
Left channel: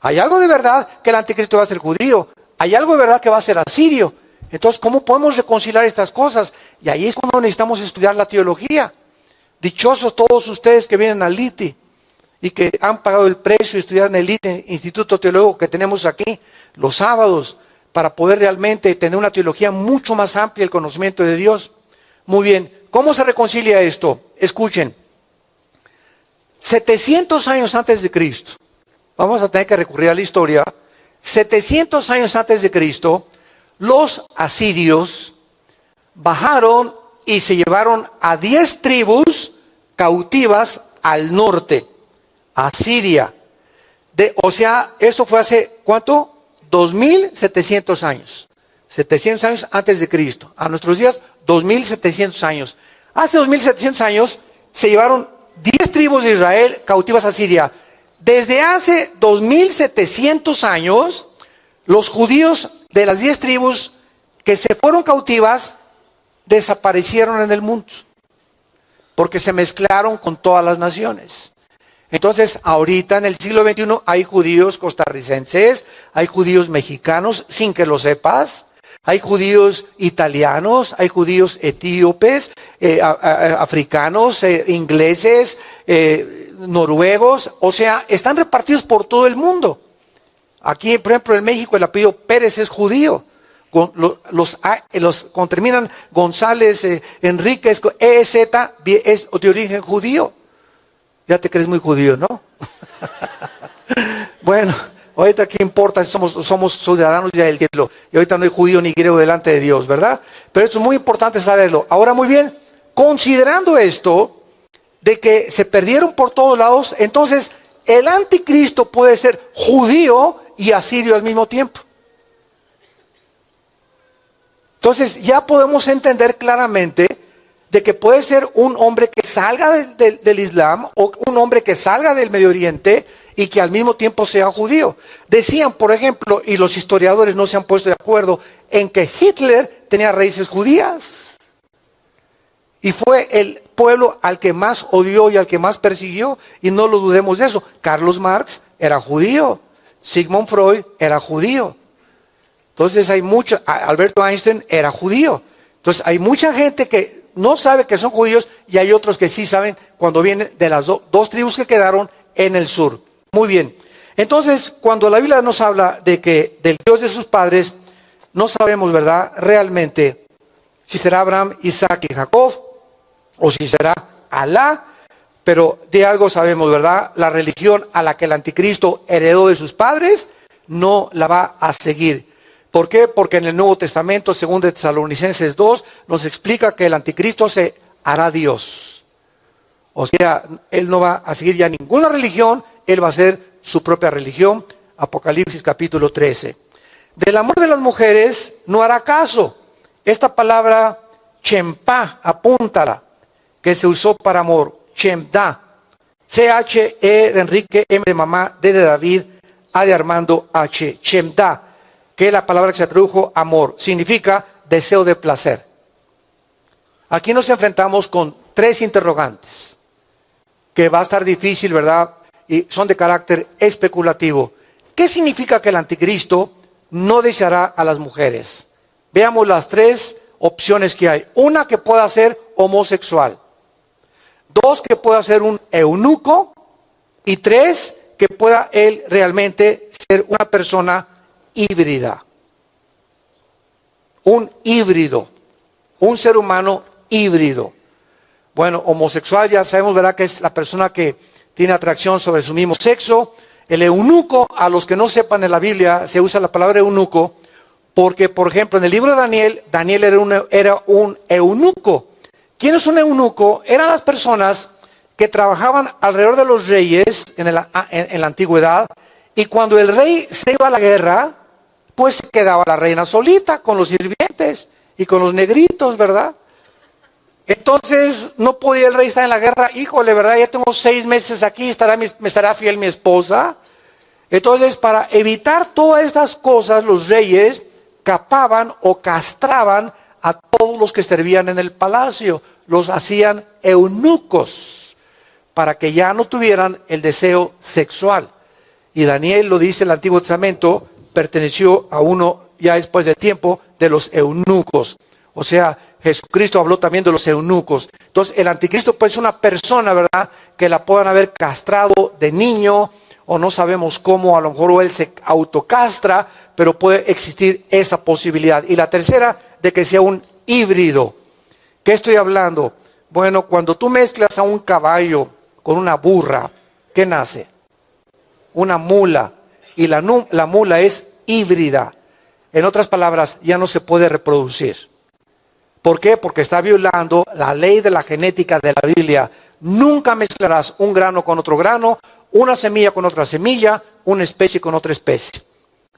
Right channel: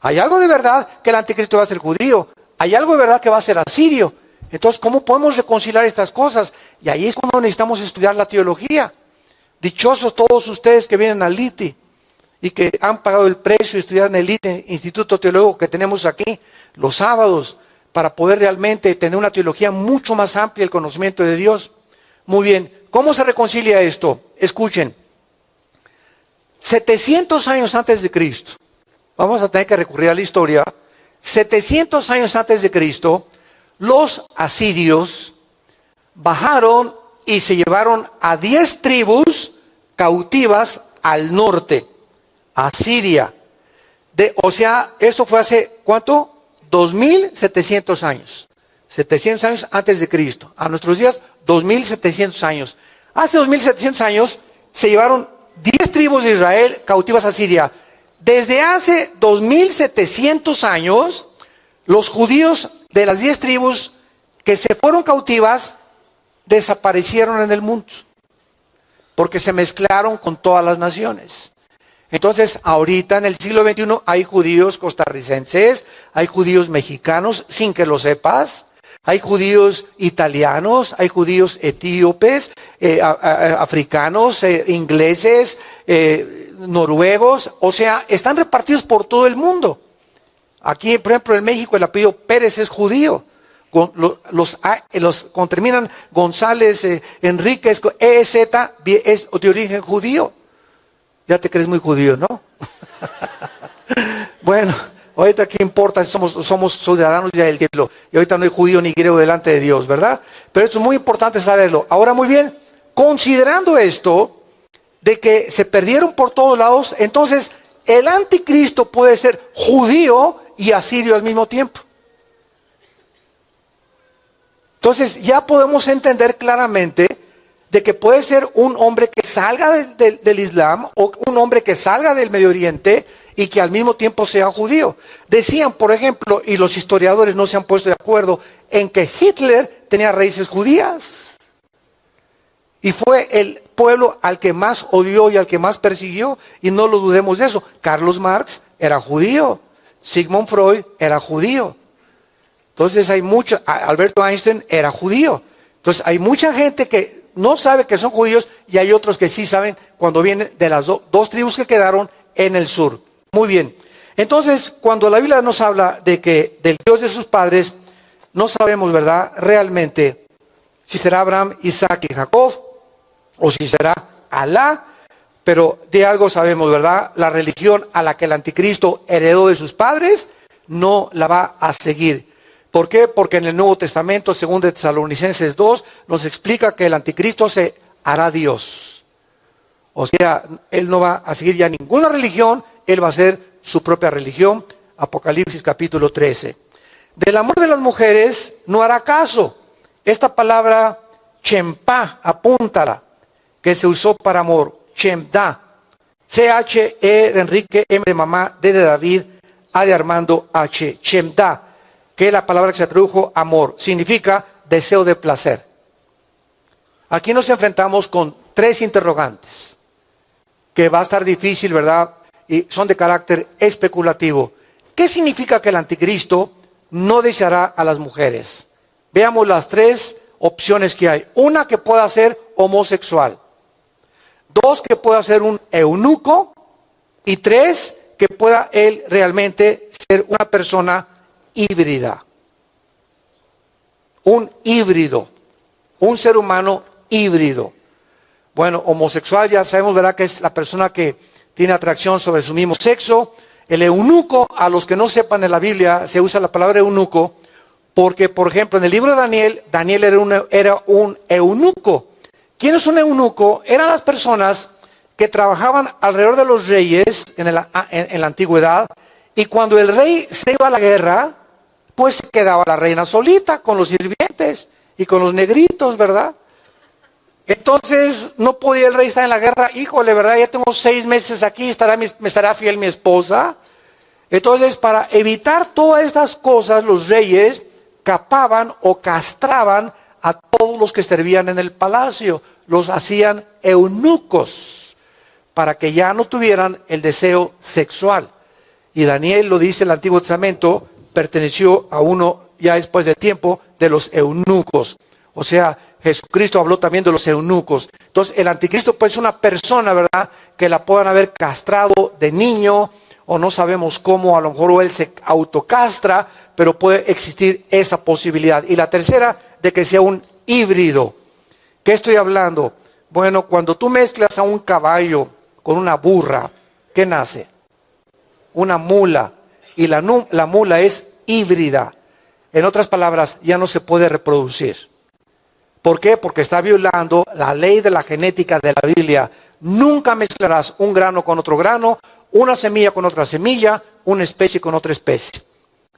Hay algo de verdad que el anticristo va a ser judío. Hay algo de verdad que va a ser asirio. Entonces, ¿cómo podemos reconciliar estas cosas? Y ahí es cuando necesitamos estudiar la teología. Dichosos todos ustedes que vienen al LITI y que han pagado el precio de estudiar en el LITI, Instituto Teológico que tenemos aquí, los sábados, para poder realmente tener una teología mucho más amplia, el conocimiento de Dios. Muy bien, ¿cómo se reconcilia esto? Escuchen, 700 años antes de Cristo, vamos a tener que recurrir a la historia, 700 años antes de Cristo, los asirios bajaron y se llevaron a 10 tribus cautivas al norte, a Siria. O sea, eso fue hace, ¿cuánto? 2700 años. 700 años antes de Cristo. A nuestros días, 2700 años. Hace 2700 años se llevaron 10 tribus de Israel cautivas a Siria. Desde hace 2700 años, los judíos de las 10 tribus que se fueron cautivas desaparecieron en el mundo, porque se mezclaron con todas las naciones. Entonces, ahorita en el siglo XXI hay judíos costarricenses, hay judíos mexicanos, sin que lo sepas, hay judíos italianos, hay judíos etíopes, africanos, ingleses, noruegos, o sea, están repartidos por todo el mundo. Aquí, por ejemplo, en México el apellido Pérez es judío. Cuando terminan González, Enríquez, EZ, es de origen judío. Ya te crees muy judío, ¿no? Bueno, ahorita qué importa si somos ciudadanos ya del cielo. Y ahorita no hay judío ni griego delante de Dios, ¿verdad? Pero esto es muy importante saberlo. Ahora, muy bien, considerando esto, de que se perdieron por todos lados, entonces el anticristo puede ser judío y asirio al mismo tiempo. Entonces ya podemos entender claramente de que puede ser un hombre que salga del Islam o un hombre que salga del Medio Oriente y que al mismo tiempo sea judío. Decían, por ejemplo, y los historiadores no se han puesto de acuerdo, en que Hitler tenía raíces judías. Y fue el pueblo al que más odió y al que más persiguió, y no lo dudemos de eso. Carlos Marx era judío, Sigmund Freud era judío. Entonces Alberto Einstein era judío. Entonces hay mucha gente que no sabe que son judíos y hay otros que sí saben cuando vienen de las dos tribus que quedaron en el sur. Muy bien. Entonces, cuando la Biblia nos habla de que del Dios de sus padres, no sabemos, ¿verdad?, realmente si será Abraham, Isaac y Jacob o si será Alá, pero de algo sabemos, ¿verdad? La religión a la que el anticristo heredó de sus padres no la va a seguir. ¿Por qué? Porque en el Nuevo Testamento, según de Tesalonicenses 2, nos explica que el anticristo se hará Dios. O sea, él no va a seguir ya ninguna religión, él va a hacer su propia religión. Apocalipsis capítulo 13. Del amor de las mujeres no hará caso. Esta palabra chempá, apúntala, que se usó para amor, chemda, C-H-E de Enrique, M de mamá, D de David, A de Armando, H, chemda, que es la palabra que se tradujo amor, significa deseo de placer. Aquí nos enfrentamos con tres interrogantes, que va a estar difícil, ¿verdad? Y son de carácter especulativo. ¿Qué significa que el anticristo no deseará a las mujeres? Veamos las tres opciones que hay. Una, que pueda ser homosexual. Dos, que pueda ser un eunuco. Y tres, que pueda él realmente ser una persona híbrida. Un híbrido. Un ser humano híbrido. Bueno, homosexual ya sabemos, ¿verdad?, que es la persona que tiene atracción sobre su mismo sexo. El eunuco, a los que no sepan, en la Biblia se usa la palabra eunuco porque, por ejemplo, en el libro de Daniel, Daniel era un eunuco. ¿Quién es un eunuco? Eran las personas que trabajaban alrededor de los reyes en la antigüedad, y cuando el rey se iba a la guerra, pues se quedaba la reina solita con los sirvientes y con los negritos, ¿verdad? Entonces no podía el rey estar en la guerra. Híjole, ¿verdad? Ya tengo 6 meses aquí, me estará fiel mi esposa. Entonces, para evitar todas estas cosas, los reyes capaban o castraban a todos los que servían en el palacio. Los hacían eunucos para que ya no tuvieran el deseo sexual. Y Daniel, lo dice el Antiguo Testamento, perteneció a uno ya después de tiempo de los eunucos. O sea, Jesucristo habló también de los eunucos. Entonces, el anticristo pues es una persona, ¿verdad?, que la puedan haber castrado de niño, o no sabemos cómo, a lo mejor él se autocastra, pero puede existir esa posibilidad. Y la tercera, de que sea un híbrido. ¿Qué estoy hablando? Bueno, cuando tú mezclas a un caballo con una burra, ¿qué nace? Una mula. Y la mula es híbrida. En otras palabras, ya no se puede reproducir. ¿Por qué? Porque está violando la ley de la genética de la Biblia. Nunca mezclarás un grano con otro grano, una semilla con otra semilla, una especie con otra especie.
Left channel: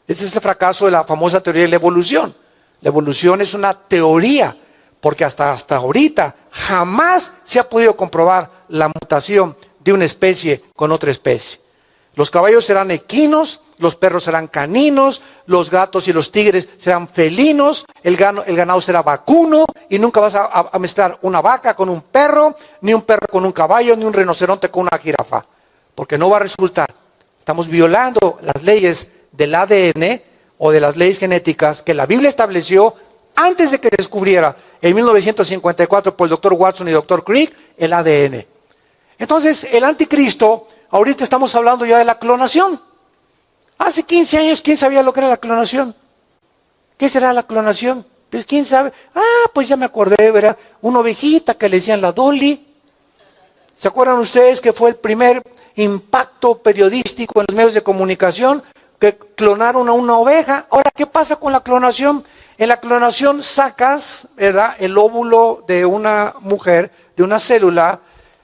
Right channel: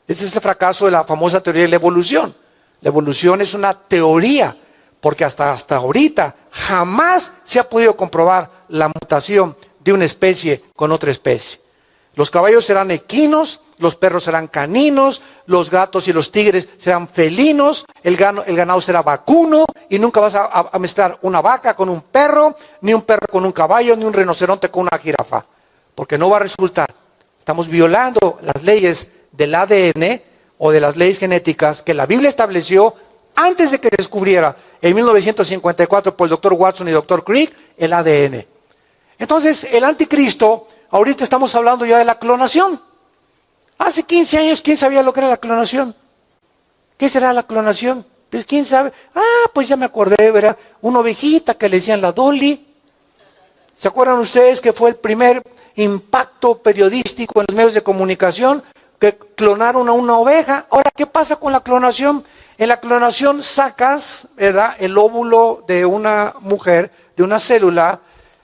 Ese es el fracaso de la famosa teoría de la evolución. La evolución es una teoría, porque hasta ahorita jamás se ha podido comprobar la mutación de una especie con otra especie. Los caballos serán equinos, los perros serán caninos, los gatos y los tigres serán felinos, el ganado será vacuno, y nunca vas a mezclar una vaca con un perro, ni un perro con un caballo, ni un rinoceronte con una jirafa, porque no va a resultar. Estamos violando las leyes del ADN o de las leyes genéticas que la Biblia estableció antes de que se descubriera en 1954 por el doctor Watson y el doctor Crick el ADN. Entonces, el anticristo, ahorita estamos hablando ya de la clonación. Hace 15 años, ¿quién sabía lo que era la clonación? ¿Qué será la clonación? Pues quién sabe. Pues ya me acordé, ¿verdad? Una ovejita que le decían la Dolly. ¿Se acuerdan ustedes que fue el primer impacto periodístico en los medios de comunicación? Que clonaron a una oveja. Ahora, ¿qué pasa con la clonación? En la clonación sacas, ¿verdad?, el óvulo de una mujer, de una célula,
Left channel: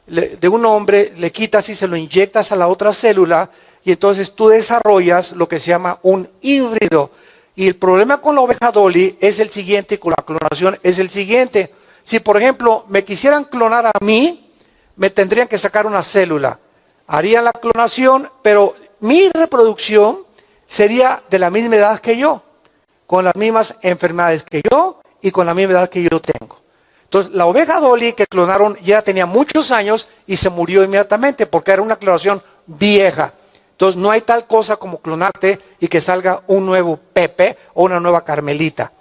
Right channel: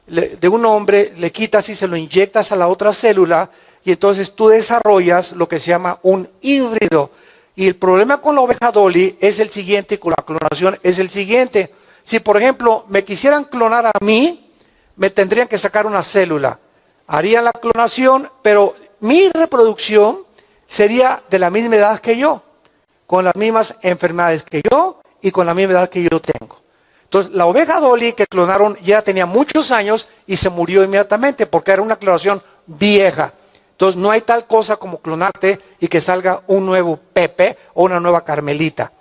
de un hombre, le quitas y se lo inyectas a la otra célula, y entonces tú desarrollas lo que se llama un híbrido. Y el problema con la oveja Dolly es el siguiente, y con la clonación es el siguiente. Si, por ejemplo, me quisieran clonar a mí, me tendrían que sacar una célula. Harían la clonación, pero mi reproducción sería de la misma edad que yo, con las mismas enfermedades que yo y con la misma edad que yo tengo. Entonces, la oveja Dolly que clonaron ya tenía muchos años y se murió inmediatamente porque era una clonación vieja. Entonces no hay tal cosa como clonarte y que salga un nuevo Pepe o una nueva Carmelita.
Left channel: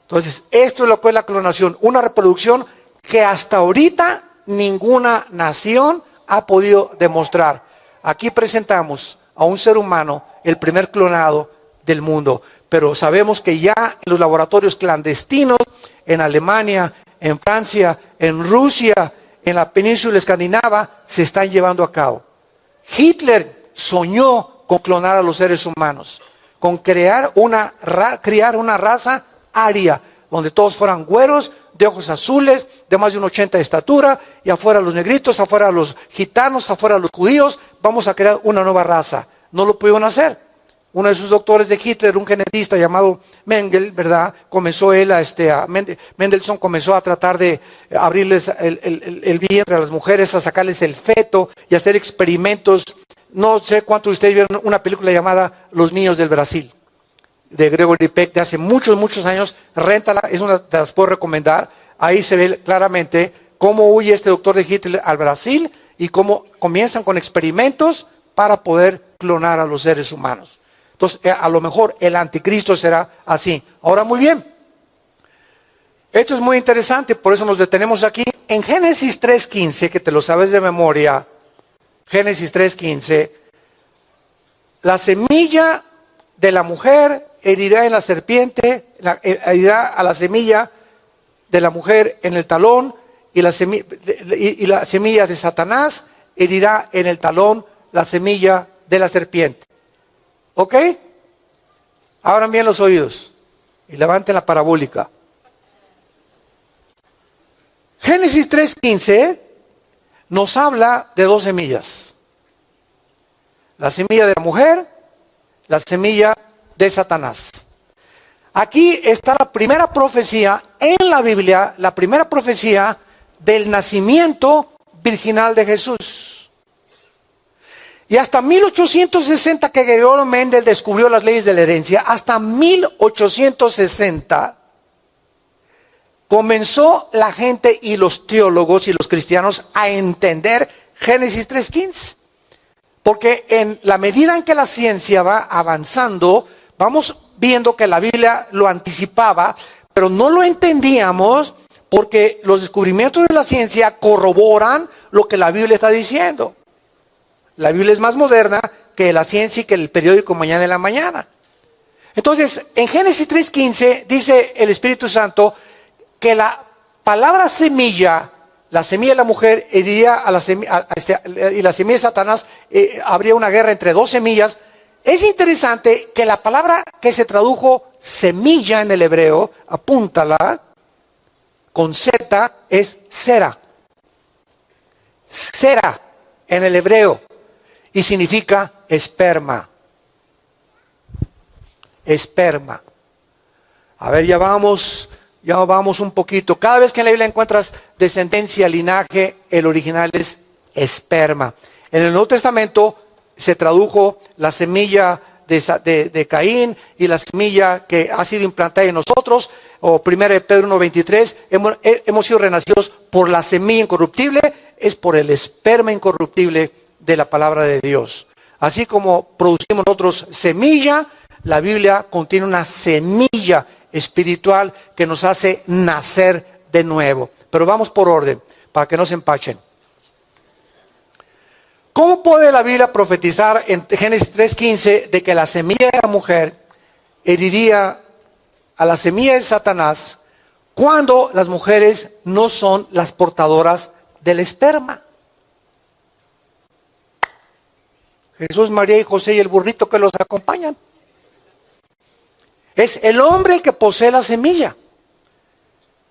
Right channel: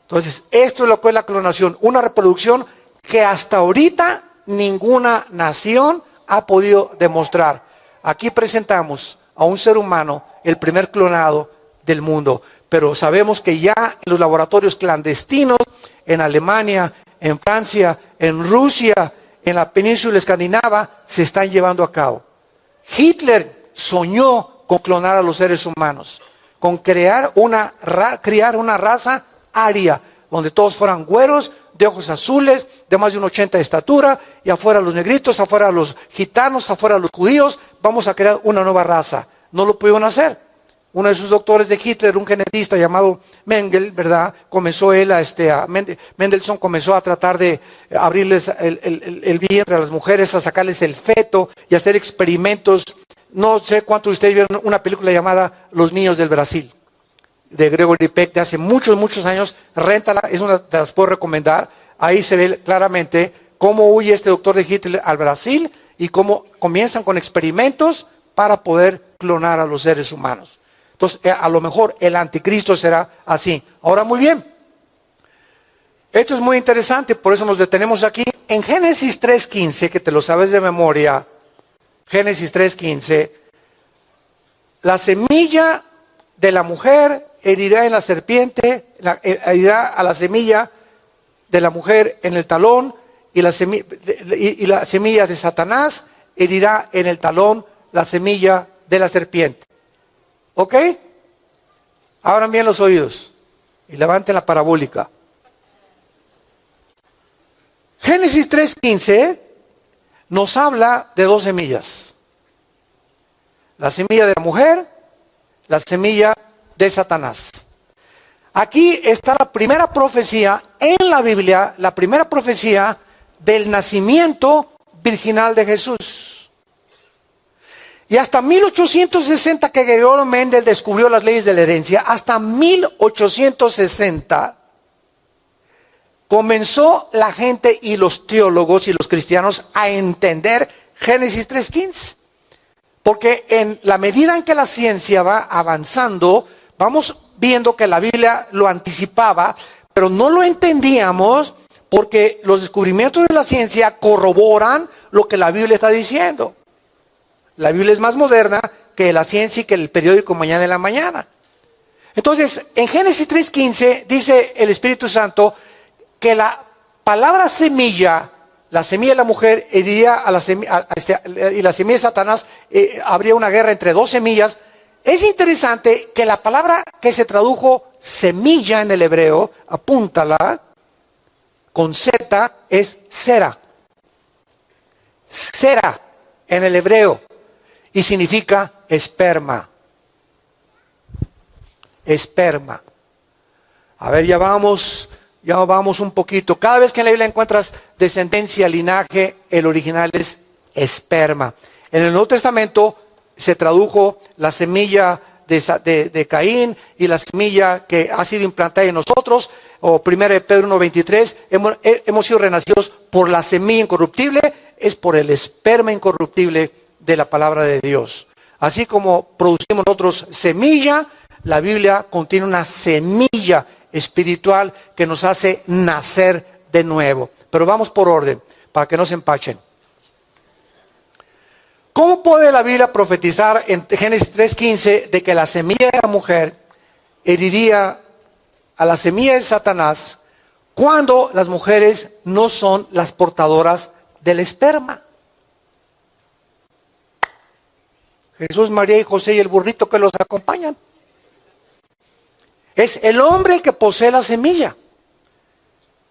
Entonces esto es lo que es la clonación, una reproducción que hasta ahorita ninguna nación ha podido demostrar. Aquí presentamos a un ser humano, el primer clonado del mundo, pero sabemos que ya en los laboratorios clandestinos, en Alemania, en Francia, en Rusia, en la península escandinava, se están llevando a cabo. Hitler soñó con clonar a los seres humanos, con criar una raza aria, donde todos fueran güeros, de ojos azules, de más de 1,80 de estatura, y afuera los negritos, afuera los gitanos, afuera los judíos. Vamos a crear una nueva raza. No lo pudieron hacer. Uno de sus doctores de Hitler, un genetista llamado Mengel, ¿verdad? Mendelssohn comenzó a tratar de abrirles el vientre a las mujeres, a sacarles el feto y hacer experimentos. No sé cuántos de ustedes vieron una película llamada Los Niños del Brasil, de Gregory Peck, de hace muchos, muchos años. Réntala, es una, te las puedo recomendar. Ahí se ve claramente cómo huye este doctor de Hitler al Brasil y cómo comienzan con experimentos para poder clonar a los seres humanos. Entonces, a lo mejor el anticristo será así. Ahora, muy bien. Esto es muy interesante, por eso nos detenemos aquí. En Génesis 3:15, que te lo sabes de memoria, Génesis 3:15, la semilla de la mujer herirá en la serpiente, herirá a la semilla de la mujer en el talón, y la semilla de Satanás herirá en el talón la semilla de la serpiente. ¿Ok? Abran bien los oídos y levanten la parabólica. Génesis 3:15 nos habla de dos semillas. La semilla de la mujer, la semilla de Satanás. Aquí está la primera profecía en la Biblia, la primera profecía del nacimiento virginal de Jesús. Y hasta 1860 que Gregorio Mendel descubrió las leyes de la herencia, hasta 1860 comenzó la gente y los teólogos y los cristianos a entender Génesis 3:15. Porque en la medida en que la ciencia va avanzando, vamos viendo que la Biblia lo anticipaba, pero no lo entendíamos porque los descubrimientos de la ciencia corroboran lo que la Biblia está diciendo. La Biblia es más moderna que la ciencia y que el periódico Mañana en la Mañana. Entonces, en Génesis 3:15 dice el Espíritu Santo que la palabra semilla, la semilla de la mujer heriría a la semilla, y la semilla de Satanás, habría una guerra entre dos semillas. Es interesante que la palabra que se tradujo semilla en el hebreo, apúntala, con Z, es sera. Sera en el hebreo. Y significa esperma. Esperma. A ver, ya vamos un poquito. Cada vez que en la Biblia encuentras descendencia, linaje, el original es esperma. En el Nuevo Testamento se tradujo la semilla de Caín y la semilla que ha sido implantada en nosotros, o 1 Pedro 1:23, hemos sido renacidos por la semilla incorruptible, es por el esperma incorruptible de la palabra de Dios. Así como producimos nosotros semilla, la Biblia contiene una semilla espiritual que nos hace nacer de nuevo. Pero vamos por orden, para que no se empachen. ¿Cómo puede la Biblia profetizar en Génesis 3:15 de que la semilla de la mujer heriría a la semilla de Satanás cuando las mujeres no son las portadoras del esperma? Jesús, María y José y el burrito que los acompañan. Es el hombre el que posee la semilla.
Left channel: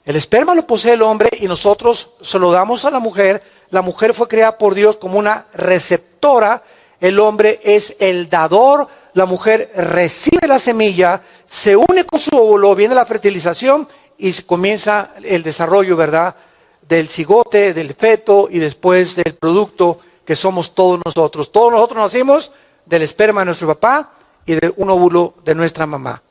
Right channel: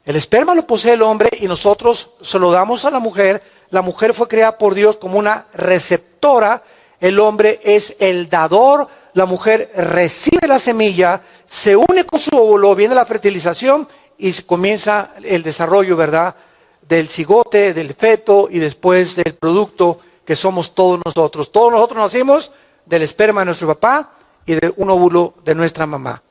El esperma lo posee el hombre y nosotros se lo damos a la mujer. La mujer fue creada por Dios como una receptora. El hombre es el dador. La mujer recibe la semilla, se une con su óvulo, viene la fertilización y comienza el desarrollo, ¿verdad? Del cigote, del feto y después del producto que somos todos nosotros. Todos nosotros nacimos del esperma de nuestro papá y de un óvulo de nuestra mamá.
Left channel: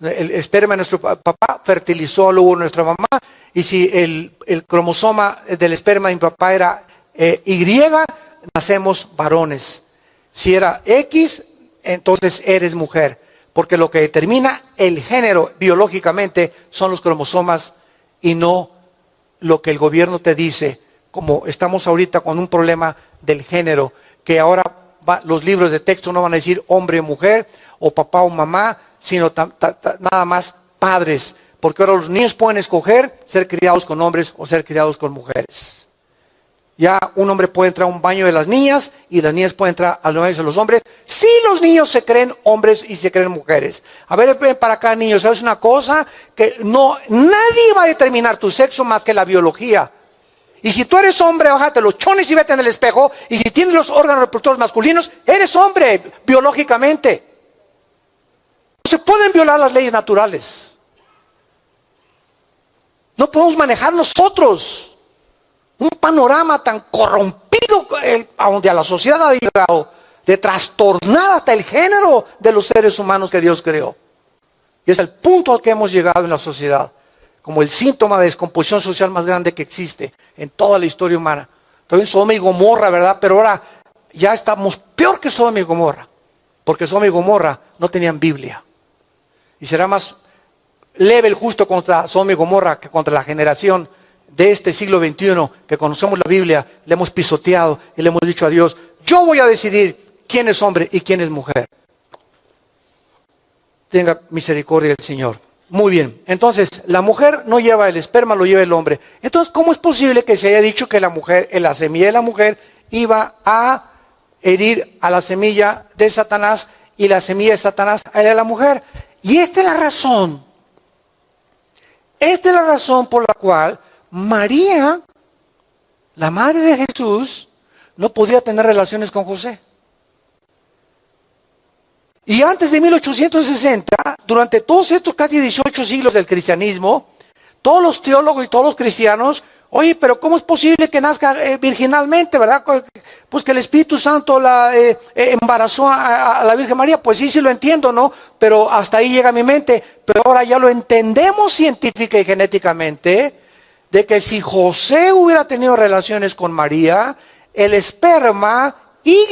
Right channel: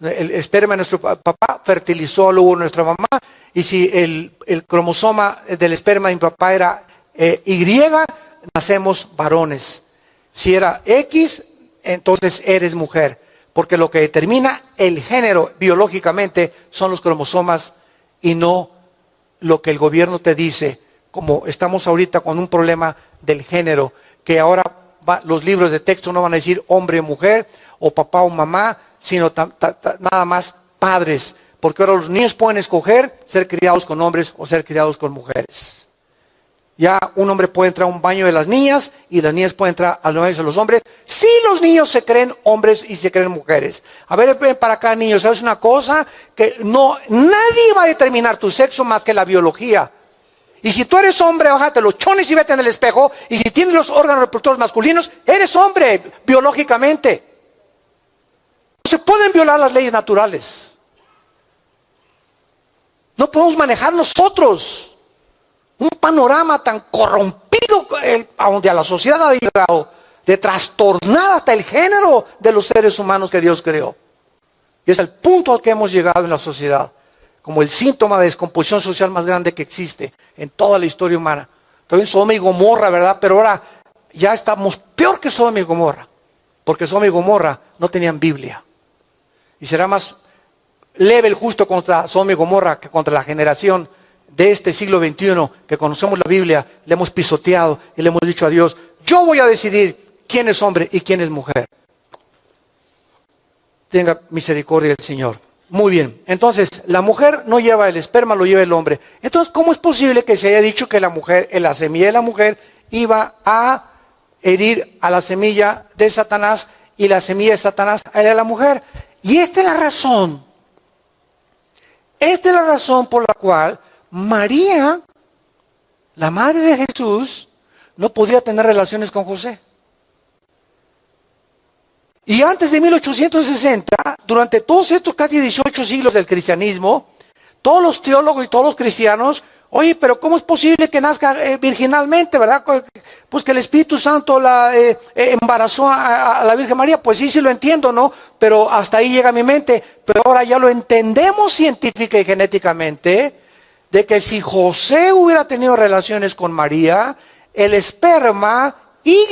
El esperma de nuestro papá fertilizó al óvulo de nuestra mamá, y si el cromosoma del esperma de mi papá era Y, nacemos varones. Si era X, entonces eres mujer. Porque lo que determina el género biológicamente son los cromosomas y no lo que el gobierno te dice. Como estamos ahorita con un problema del género, que ahora los libros de texto no van a decir hombre o mujer, o papá o mamá, sino nada más padres. Porque ahora los niños pueden escoger ser criados con hombres o ser criados con mujeres. Ya un hombre puede entrar a un baño de las niñas y las niñas pueden entrar a los baños de los hombres. Si los niños se creen hombres y se creen mujeres. A ver, ven para acá, niños. ¿Sabes una cosa? Que nadie va a determinar tu sexo más que la biología. Y si tú eres hombre, bájate los chones y vete en el espejo. Y si tienes los órganos reproductores masculinos, eres hombre biológicamente. No se pueden violar las leyes naturales. No podemos manejar nosotros un panorama tan corrompido a donde a la sociedad ha llegado, de trastornar hasta el género de los seres humanos que Dios creó. Y es el punto al que hemos llegado en la sociedad, como el síntoma de descomposición social más grande que existe en toda la historia humana. Todavía Sodoma y Gomorra, ¿verdad? Pero ahora ya estamos peor que Sodoma y Gomorra, porque Sodoma y Gomorra no tenían Biblia. Y será más leve el justo contra Sodoma y Gomorra que contra la generación de este siglo XXI, que conocemos la Biblia, le hemos pisoteado y le hemos dicho a Dios, yo voy a decidir quién es hombre y quién es mujer. Tenga misericordia el Señor. Muy bien, entonces la mujer no lleva el esperma, lo lleva el hombre. Entonces, ¿cómo es posible que se haya dicho que la mujer, la semilla de la mujer iba a herir a la semilla de Satanás y la semilla de Satanás a la mujer? Y esta es la razón. Esta es la razón por la cual María, la madre de Jesús, no podía tener relaciones con José. Y antes de 1860, durante todos estos casi 18 siglos del cristianismo, todos los teólogos y todos los cristianos, oye, pero ¿cómo es posible que nazca virginalmente, verdad? Pues que el Espíritu Santo la embarazó a la Virgen María. Pues sí, sí lo entiendo, ¿no? Pero hasta ahí llega mi mente. Pero ahora ya lo entendemos científica y genéticamente, de que si José hubiera tenido relaciones con María, el esperma Y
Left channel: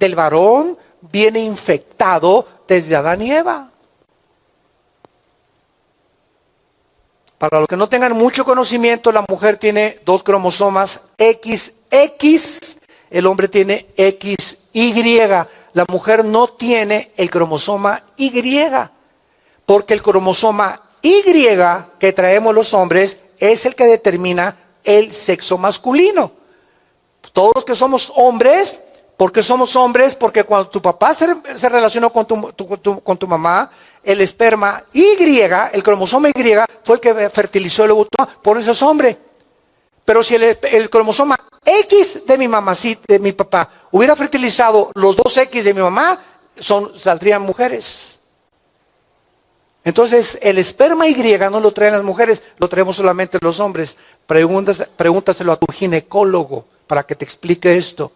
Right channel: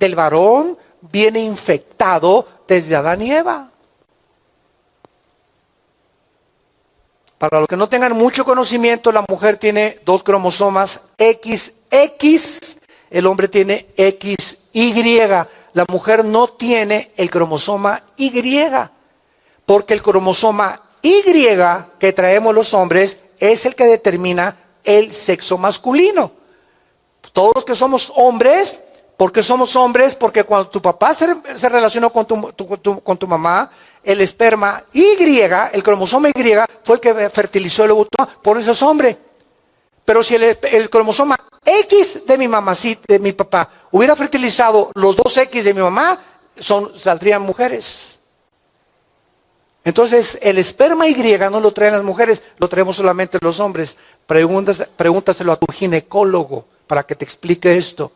del varón viene infectado desde Adán y Eva. Para los que no tengan mucho conocimiento, la mujer tiene 2 cromosomas XX, el hombre tiene XY. La mujer no tiene el cromosoma Y, porque el cromosoma Y que traemos los hombres es el que determina el sexo masculino. Todos los que somos hombres, ¿por qué somos hombres? Porque cuando tu papá se relacionó con tu mamá, el esperma Y, el cromosoma Y, fue el que fertilizó el óvulo, por eso es hombre. Pero si el cromosoma X de mi mamá, sí, de mi papá, hubiera fertilizado los 2 X de mi mamá, saldrían mujeres. Entonces, el esperma Y no lo traen las mujeres, lo traemos solamente los hombres. Pregúntaselo a tu ginecólogo para que te explique esto.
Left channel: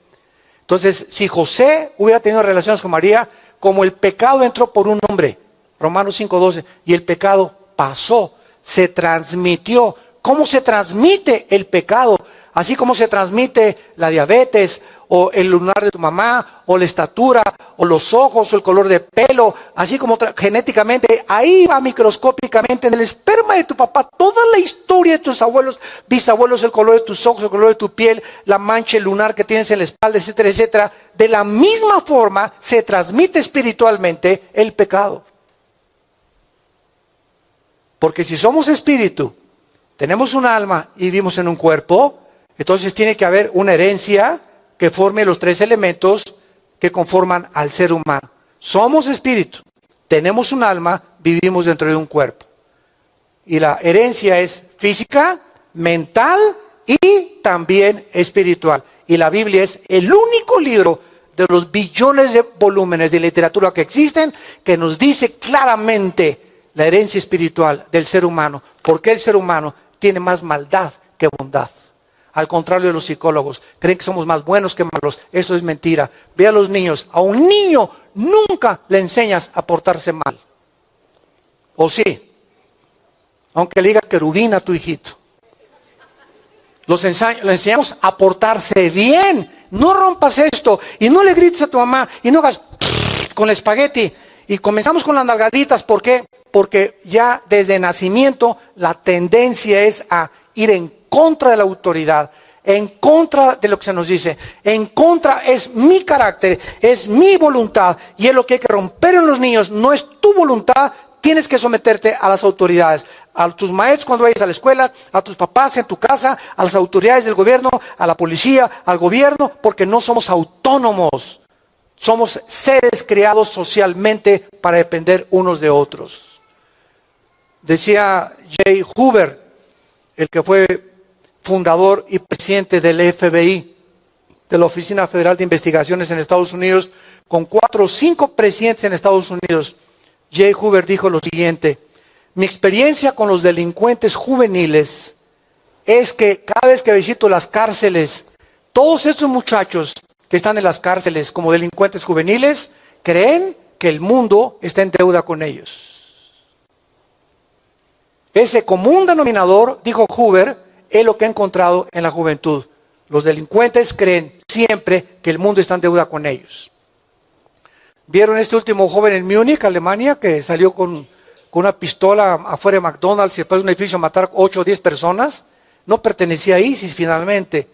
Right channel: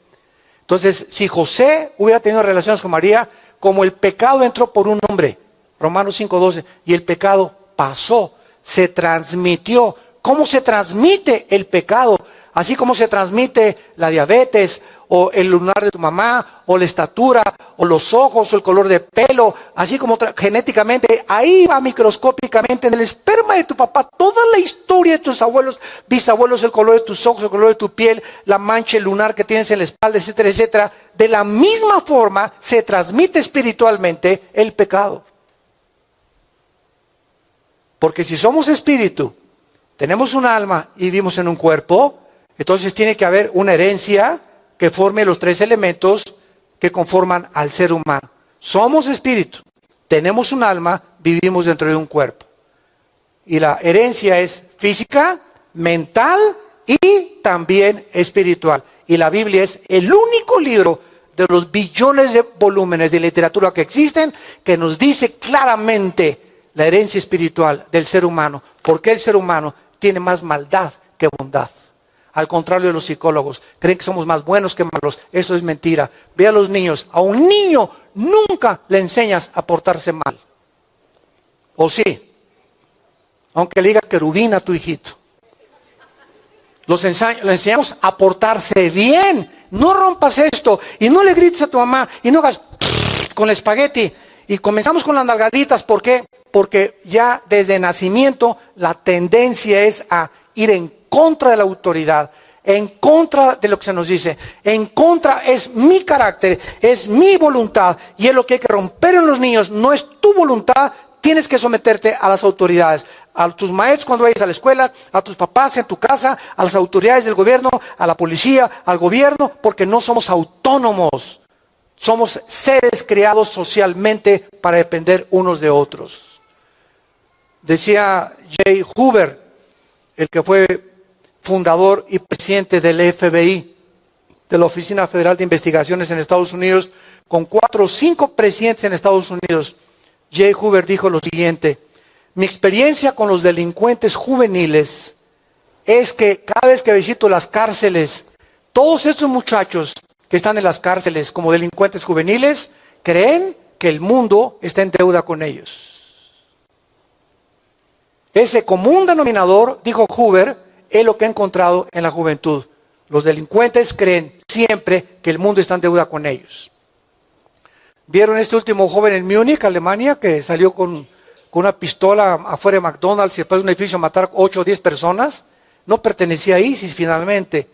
Entonces, si José hubiera tenido relaciones con María, como el pecado entró por un hombre, Romanos 5:12, y el pecado pasó, se transmitió. ¿Cómo se transmite el pecado? Así como se transmite la diabetes, o el lunar de tu mamá, o la estatura, o los ojos, o el color de pelo, así como genéticamente, ahí va microscópicamente en el esperma de tu papá, toda la historia de tus abuelos, bisabuelos, el color de tus ojos, el color de tu piel, la mancha, el lunar que tienes en la espalda, etcétera, etcétera. De la misma forma se transmite espiritualmente el pecado. Porque si somos espíritu, tenemos un alma y vivimos en un cuerpo, entonces tiene que haber una herencia que forme los 3 elementos que conforman al ser humano. Somos espíritu, tenemos un alma, vivimos dentro de un cuerpo. Y la herencia es física, mental y también espiritual. Y la Biblia es el único libro de los billones de volúmenes de literatura que existen que nos dice claramente la herencia espiritual del ser humano. Porque el ser humano tiene más maldad que bondad. Al contrario de los psicólogos, creen que somos más buenos que malos. Eso es mentira. Ve a los niños. A un niño nunca le enseñas a portarse mal. ¿O sí? Aunque le digas querubín a tu hijito. Le enseñamos a portarse bien. no rompas esto, y no le grites a tu mamá, y no hagas con el espagueti. Y comenzamos con las nalgaditas, ¿por qué? Porque ya desde nacimiento la tendencia es a ir en contra de la autoridad, en contra de lo que se nos dice, en contra es mi carácter, es mi voluntad, y es lo que hay que romper en los niños, no es tu voluntad. Tienes que someterte a las autoridades, a tus maestros cuando vayas a la escuela, a tus papás en tu casa, a las autoridades del gobierno, a la policía, al gobierno, porque no somos autónomos. Somos seres creados socialmente para depender unos de otros. Decía J. Hoover, el que fue fundador y presidente del FBI, de la Oficina Federal de Investigaciones en Estados Unidos, con 4 o 5 presidentes en Estados Unidos. J. Hoover dijo lo siguiente: mi experiencia con los delincuentes juveniles es que cada vez que visito las cárceles, todos estos muchachos que están en las cárceles como delincuentes juveniles creen que el mundo está en deuda con ellos. Ese común denominador, dijo Hoover, es lo que he encontrado en la juventud. Los delincuentes creen siempre que el mundo está en deuda con ellos. ¿Vieron este último joven en Múnich, Alemania, que salió con una pistola afuera de McDonald's y después de un edificio a matar 8 o 10 personas? No pertenecía a ISIS finalmente,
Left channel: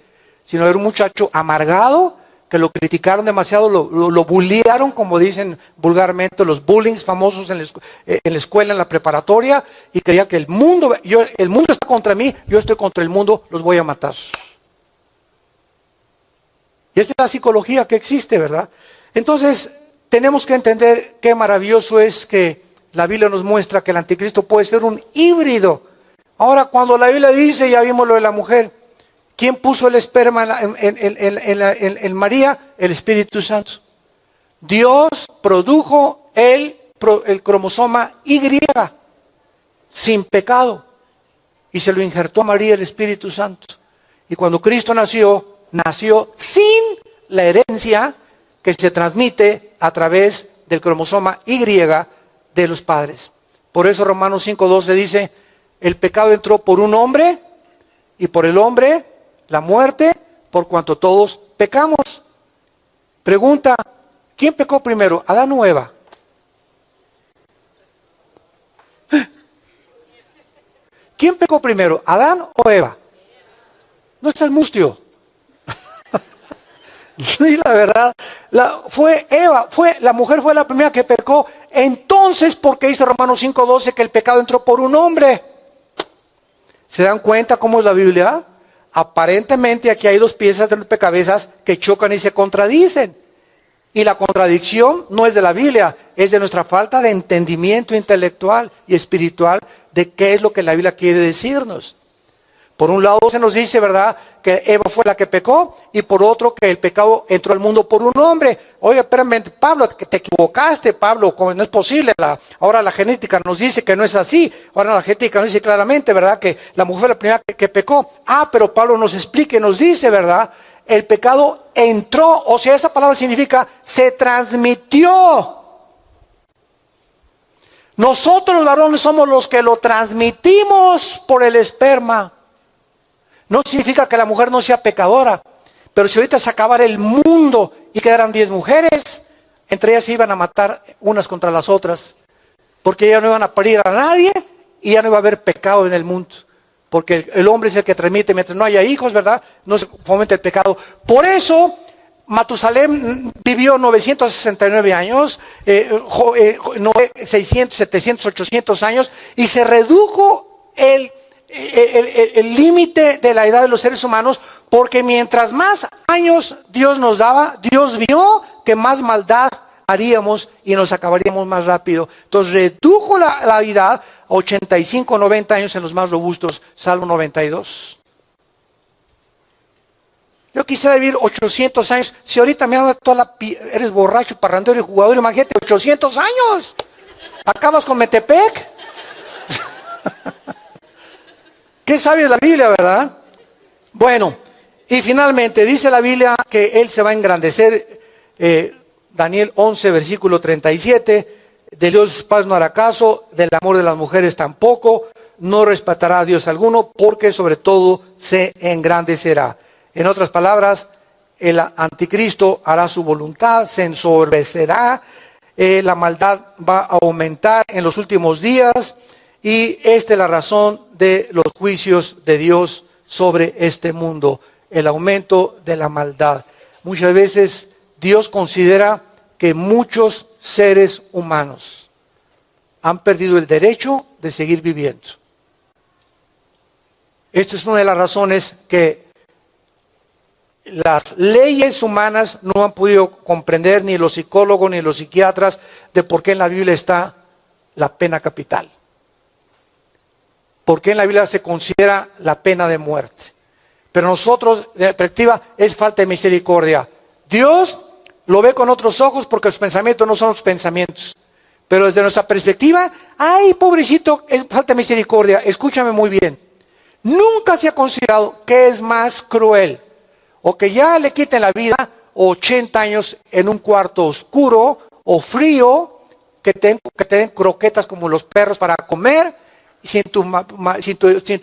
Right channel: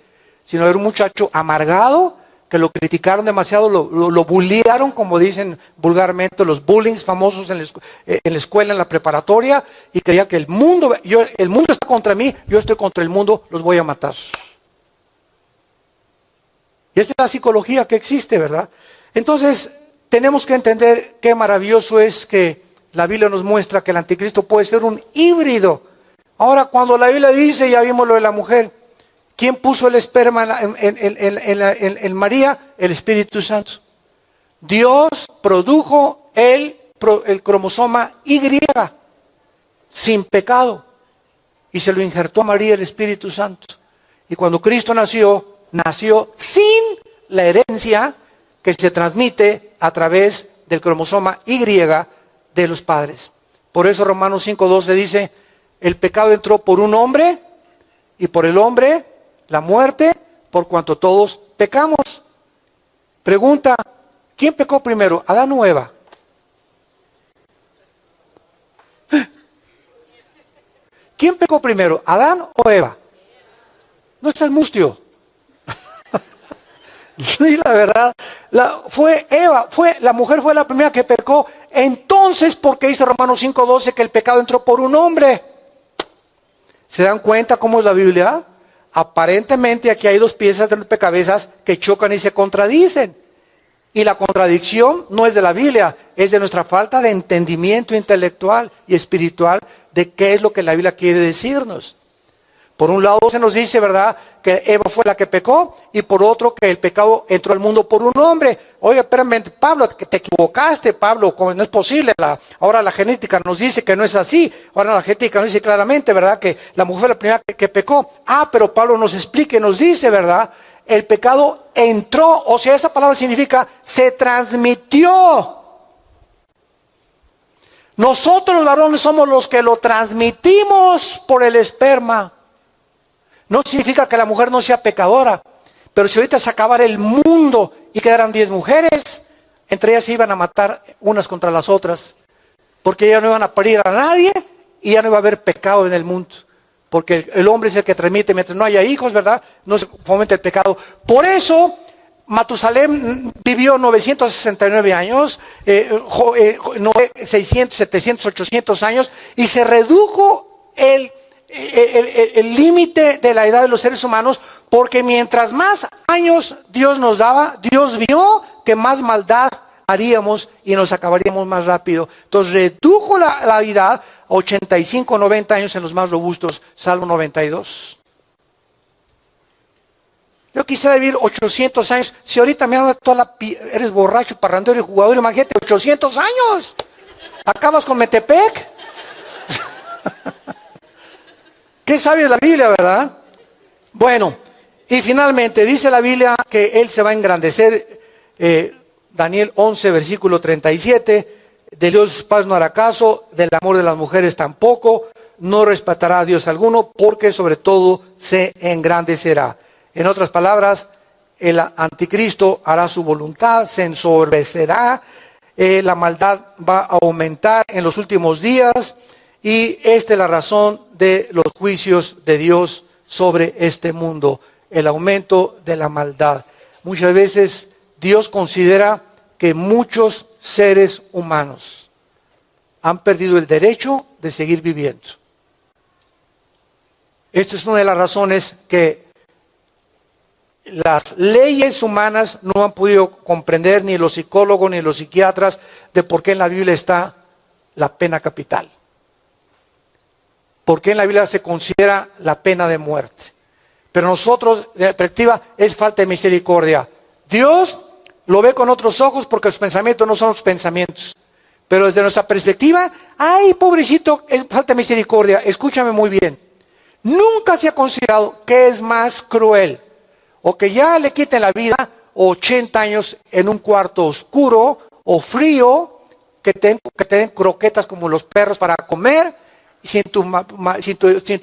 sino era un muchacho amargado que lo criticaron demasiado, lo bullearon, como dicen vulgarmente, los bullings famosos en la escuela, en la preparatoria, y creía que el mundo está contra mí, yo estoy contra el mundo, los voy a matar. Y esta es la psicología que existe, ¿verdad? Entonces, tenemos que entender qué maravilloso es que la Biblia nos muestra que el anticristo puede ser un híbrido. Ahora, cuando la Biblia dice, ya vimos lo de la mujer, ¿quién puso el esperma en María? El Espíritu Santo. Dios produjo el cromosoma Y sin pecado y se lo injertó a María el Espíritu Santo. Y cuando Cristo nació sin la herencia que se transmite a través del cromosoma Y de los padres. Por eso Romanos 5:12 dice, el pecado entró por un hombre y por el hombre la muerte, por cuanto todos pecamos. Pregunta, ¿quién pecó primero, Adán o Eva? ¿Quién pecó primero, Adán o Eva? No es el mustio. Sí, la verdad, fue Eva, la mujer fue la primera que pecó. Entonces, ¿por qué dice Romanos 5:12 que el pecado entró por un hombre? ¿Se dan cuenta cómo es la Biblia? Aparentemente aquí hay 2 piezas de rompecabezas que chocan y se contradicen. Y la contradicción no es de la Biblia, es de nuestra falta de entendimiento intelectual y espiritual de qué es lo que la Biblia quiere decirnos. Por un lado se nos dice, ¿verdad?, que Eva fue la que pecó, y por otro que el pecado entró al mundo por un hombre. Oye, espérame, Pablo, que te equivocaste, Pablo, no es posible. Ahora la genética nos dice que no es así. Ahora la genética nos dice claramente, ¿verdad?, que la mujer fue la primera que pecó. Pero Pablo nos explica y nos dice, ¿verdad?, el pecado entró, o sea, esa palabra significa se transmitió. Nosotros los varones somos los que lo transmitimos por el esperma. No significa que la mujer no sea pecadora, pero si ahorita se acabara el mundo y quedaran 10 mujeres, entre ellas se iban a matar unas contra las otras, porque ya no iban a parir a nadie y ya no iba a haber pecado en el mundo, porque el hombre es el que transmite. Mientras no haya hijos, ¿verdad?, no se fomenta el pecado. Por eso Matusalén vivió 969 años, Noé 600, 700, 800 años, y se redujo el límite de la edad de los seres humanos, porque mientras más años Dios nos daba, Dios vio que más maldad haríamos y nos acabaríamos más rápido. Entonces redujo la edad a 85, 90 años en los más robustos. Salmo 92. Yo quisiera vivir 800 años. Si ahorita me dan eres borracho, parrandero y jugador, imagínate, 800 años. Acabas con Metepec. ¿Qué sabe la Biblia, verdad? Bueno, y finalmente dice la Biblia que Él se va a engrandecer. Daniel 11, versículo 37. De Dios paz no hará caso, del amor de las mujeres tampoco, no respetará a Dios alguno, porque sobre todo se engrandecerá. En otras palabras, el anticristo hará su voluntad, se ensoberbecerá, la maldad va a aumentar en los últimos días, y esta es la razón de los juicios de Dios sobre este mundo, el aumento de la maldad. Muchas veces Dios considera que muchos seres humanos han perdido el derecho de seguir viviendo. Esta es una de las razones que las leyes humanas no han podido comprender, ni los psicólogos ni los psiquiatras, de por qué en la Biblia está la pena capital. ¿Por qué en la Biblia se considera la pena de muerte? Pero nosotros, de perspectiva, es falta de misericordia. Dios lo ve con otros ojos porque los pensamientos no son los pensamientos. Pero desde nuestra perspectiva, ay, pobrecito, es falta de misericordia. Escúchame muy bien. Nunca se ha considerado que es más cruel, o que ya le quiten la vida 80 años en un cuarto oscuro o frío, que te den croquetas como los perros para comer, sin tu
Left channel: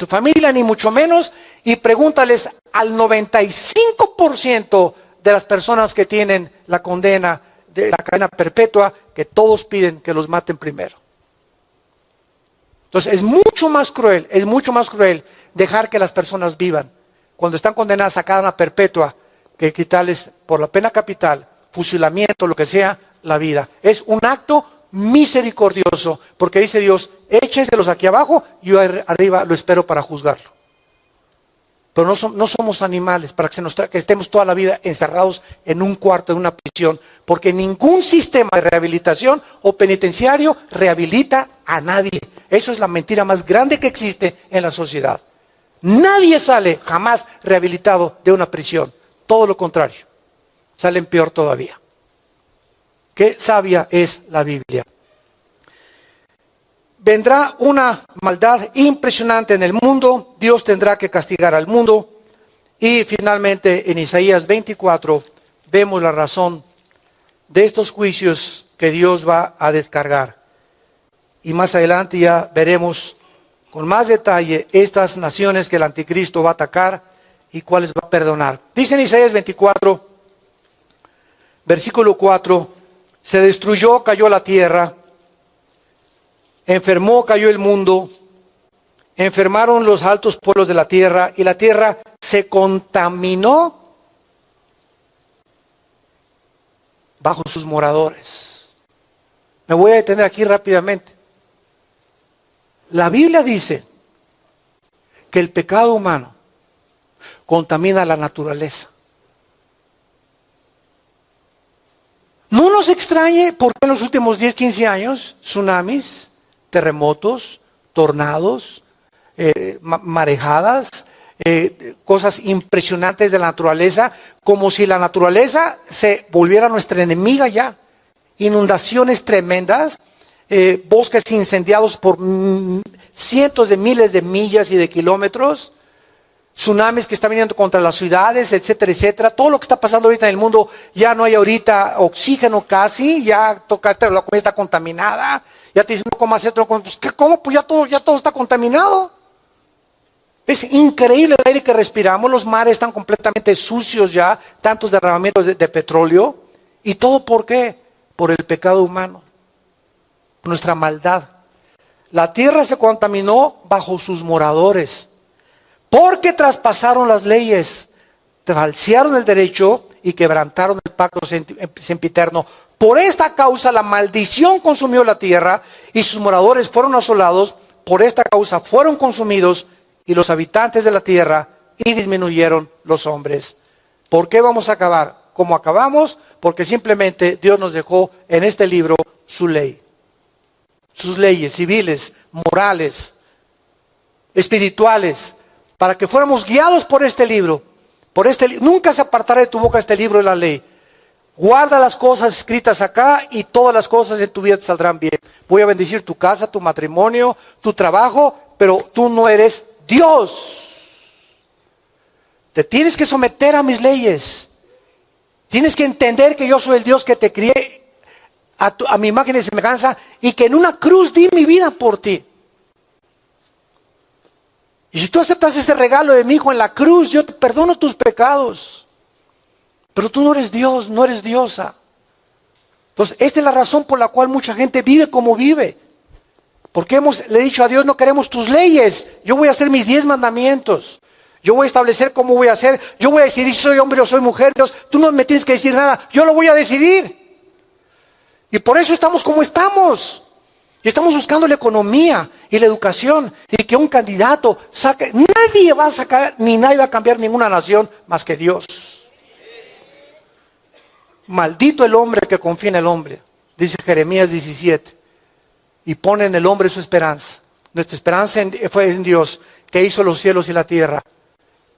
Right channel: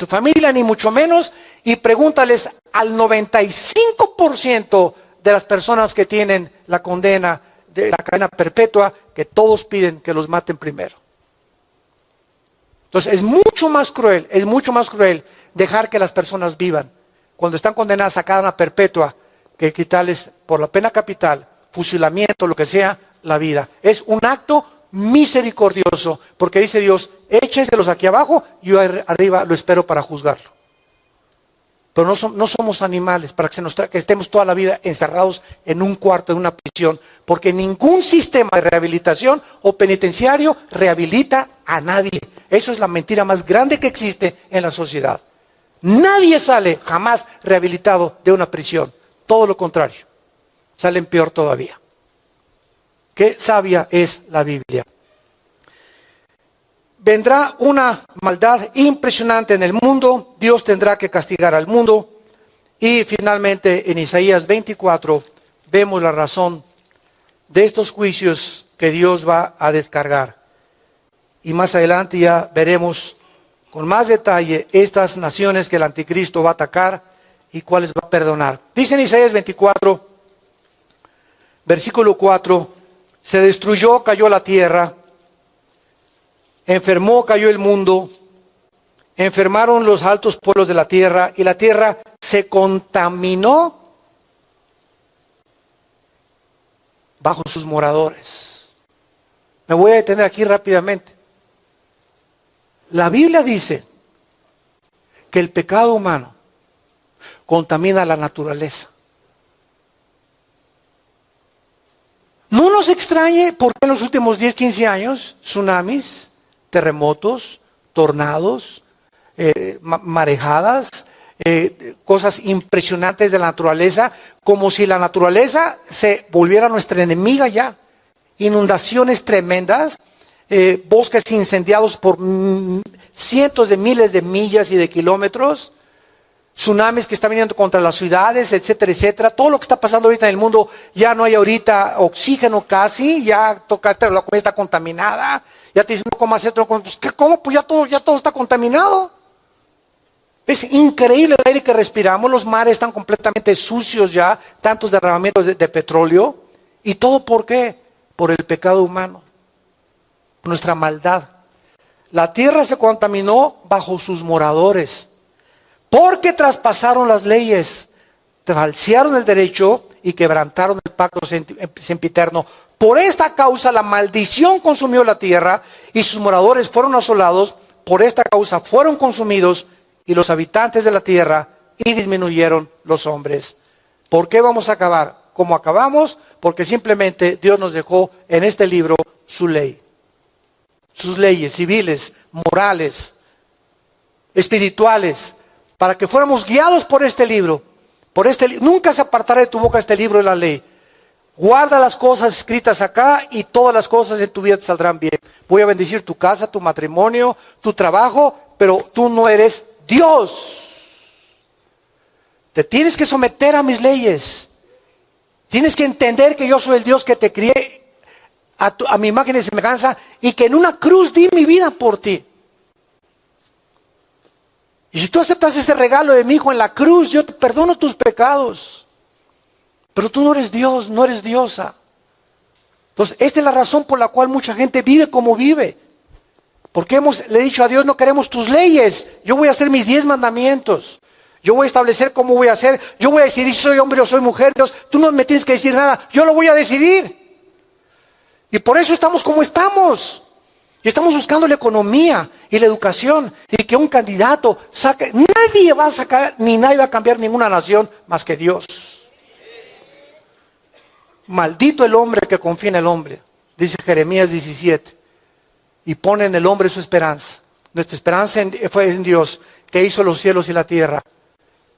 familia, ni mucho menos, y pregúntales al 95% de las personas que tienen la condena de la cadena perpetua, que todos piden que los maten primero. Entonces es mucho más cruel dejar que las personas vivan cuando están condenadas a cadena perpetua, que quitarles por la pena capital, fusilamiento, lo que sea, la vida. Es un acto misericordioso, porque dice Dios, échenselos aquí abajo, yo arriba lo espero para juzgarlo. Pero no somos animales para que estemos toda la vida encerrados en un cuarto, en una prisión, porque ningún sistema de rehabilitación o penitenciario rehabilita a nadie. Eso es la mentira más grande que existe en la sociedad. Nadie sale jamás rehabilitado de una prisión, todo lo contrario, salen peor todavía. Qué sabia es la Biblia. Vendrá una maldad impresionante en el mundo, Dios tendrá que castigar al mundo, y finalmente en Isaías 24 vemos la razón de estos juicios que Dios va a descargar. Y más adelante ya veremos con más detalle estas naciones que el anticristo va a atacar y cuáles va a perdonar. Dice en Isaías 24, versículo 4, se destruyó, cayó la tierra, enfermó, cayó el mundo, enfermaron los altos pueblos de la tierra, y la tierra se contaminó bajo sus moradores. Me voy a detener aquí rápidamente. La Biblia dice que el pecado humano contamina la naturaleza. No nos extrañe porque en los últimos 10, 15 años, tsunamis, terremotos, tornados, marejadas, cosas impresionantes de la naturaleza, como si la naturaleza se volviera nuestra enemiga ya. Inundaciones tremendas, bosques incendiados por cientos de miles de millas y de kilómetros, tsunamis que están viniendo contra las ciudades, etcétera, etcétera. Todo lo que está pasando ahorita en el mundo, ya no hay ahorita oxígeno casi, ya tocaste, la comida está contaminada, ya te dicen no comas esto, pues, ¿cómo? Pues ya todo está contaminado. Es increíble el aire que respiramos, los mares están completamente sucios ya, tantos derramamientos de petróleo, y todo ¿por qué? Por el pecado humano, nuestra maldad. La tierra se contaminó bajo sus moradores, porque traspasaron las leyes, falsearon el derecho y quebrantaron el pacto sempiterno. Por esta causa la maldición consumió la tierra y sus moradores fueron asolados. Por esta causa fueron consumidos y los habitantes de la tierra, y disminuyeron los hombres. ¿Por qué vamos a acabar como acabamos? Porque simplemente Dios nos dejó en este libro su ley. Sus leyes civiles, morales, espirituales, para que fuéramos guiados por este libro. Nunca se apartará de tu boca este libro de la ley. Guarda las cosas escritas acá y todas las cosas en tu vida te saldrán bien. Voy a bendecir tu casa, tu matrimonio, tu trabajo, pero tú no eres Dios. Te tienes que someter a mis leyes. Tienes que entender que yo soy el Dios que te crié a mi imagen y semejanza, y que en una cruz di mi vida por ti. Y si tú aceptas ese regalo de mi hijo en la cruz, yo te perdono tus pecados. Pero tú no eres Dios, no eres diosa. Entonces, esta es la razón por la cual mucha gente vive como vive. Porque le he dicho a Dios, no queremos tus leyes. Yo voy a hacer mis 10 mandamientos. Yo voy a establecer cómo voy a hacer. Yo voy a decidir si soy hombre o soy mujer. Dios, tú no me tienes que decir nada. Yo lo voy a decidir. Y por eso estamos como estamos. Y estamos buscando la economía y la educación. Y que un candidato saque. Nadie va a sacar, ni nadie va a cambiar ninguna nación más que Dios. Maldito el hombre que confía en el hombre, dice Jeremías 17. Y pone en el hombre su esperanza. Nuestra esperanza fue en Dios, que hizo los cielos y la tierra.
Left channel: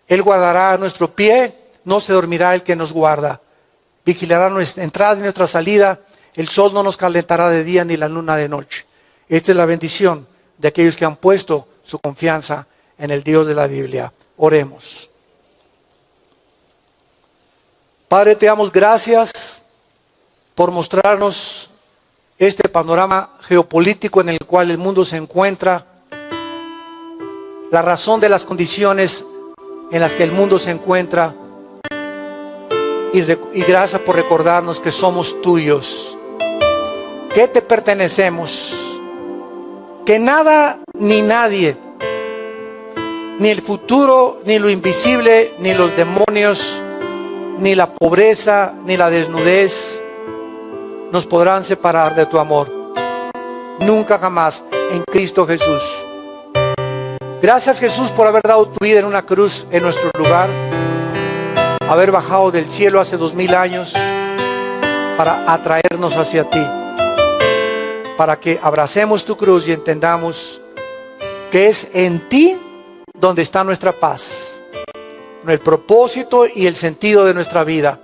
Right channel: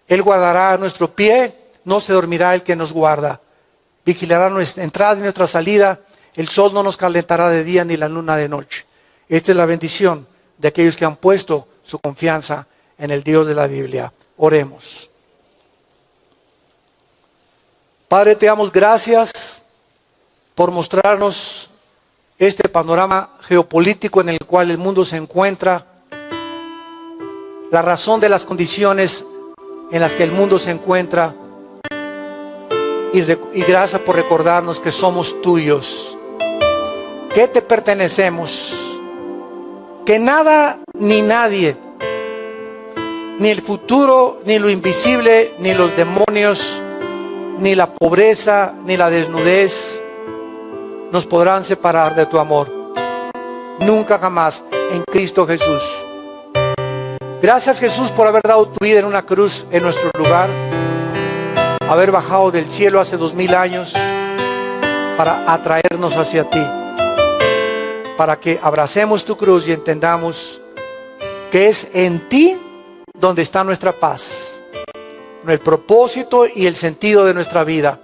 Él guardará nuestro pie, no se dormirá el que nos guarda. Vigilará nuestra entrada y nuestra salida. El sol no nos calentará de día ni la luna de noche. Esta es la bendición de aquellos que han puesto su confianza en el Dios de la Biblia. Oremos. Padre, te damos gracias por mostrarnos este panorama geopolítico en el cual el mundo se encuentra, la razón de las condiciones en las que el mundo se encuentra, y gracias por recordarnos que somos tuyos, que te pertenecemos, que nada ni nadie, ni el futuro, ni lo invisible, ni los demonios, ni la pobreza, ni la desnudez nos podrán separar de tu amor. Nunca jamás, en Cristo Jesús. Gracias, Jesús, por haber dado tu vida en una cruz en nuestro lugar, haber bajado del cielo hace 2000 años para atraernos hacia ti, para que abracemos tu cruz y entendamos que es en ti donde está nuestra paz, el propósito y el sentido de nuestra vida.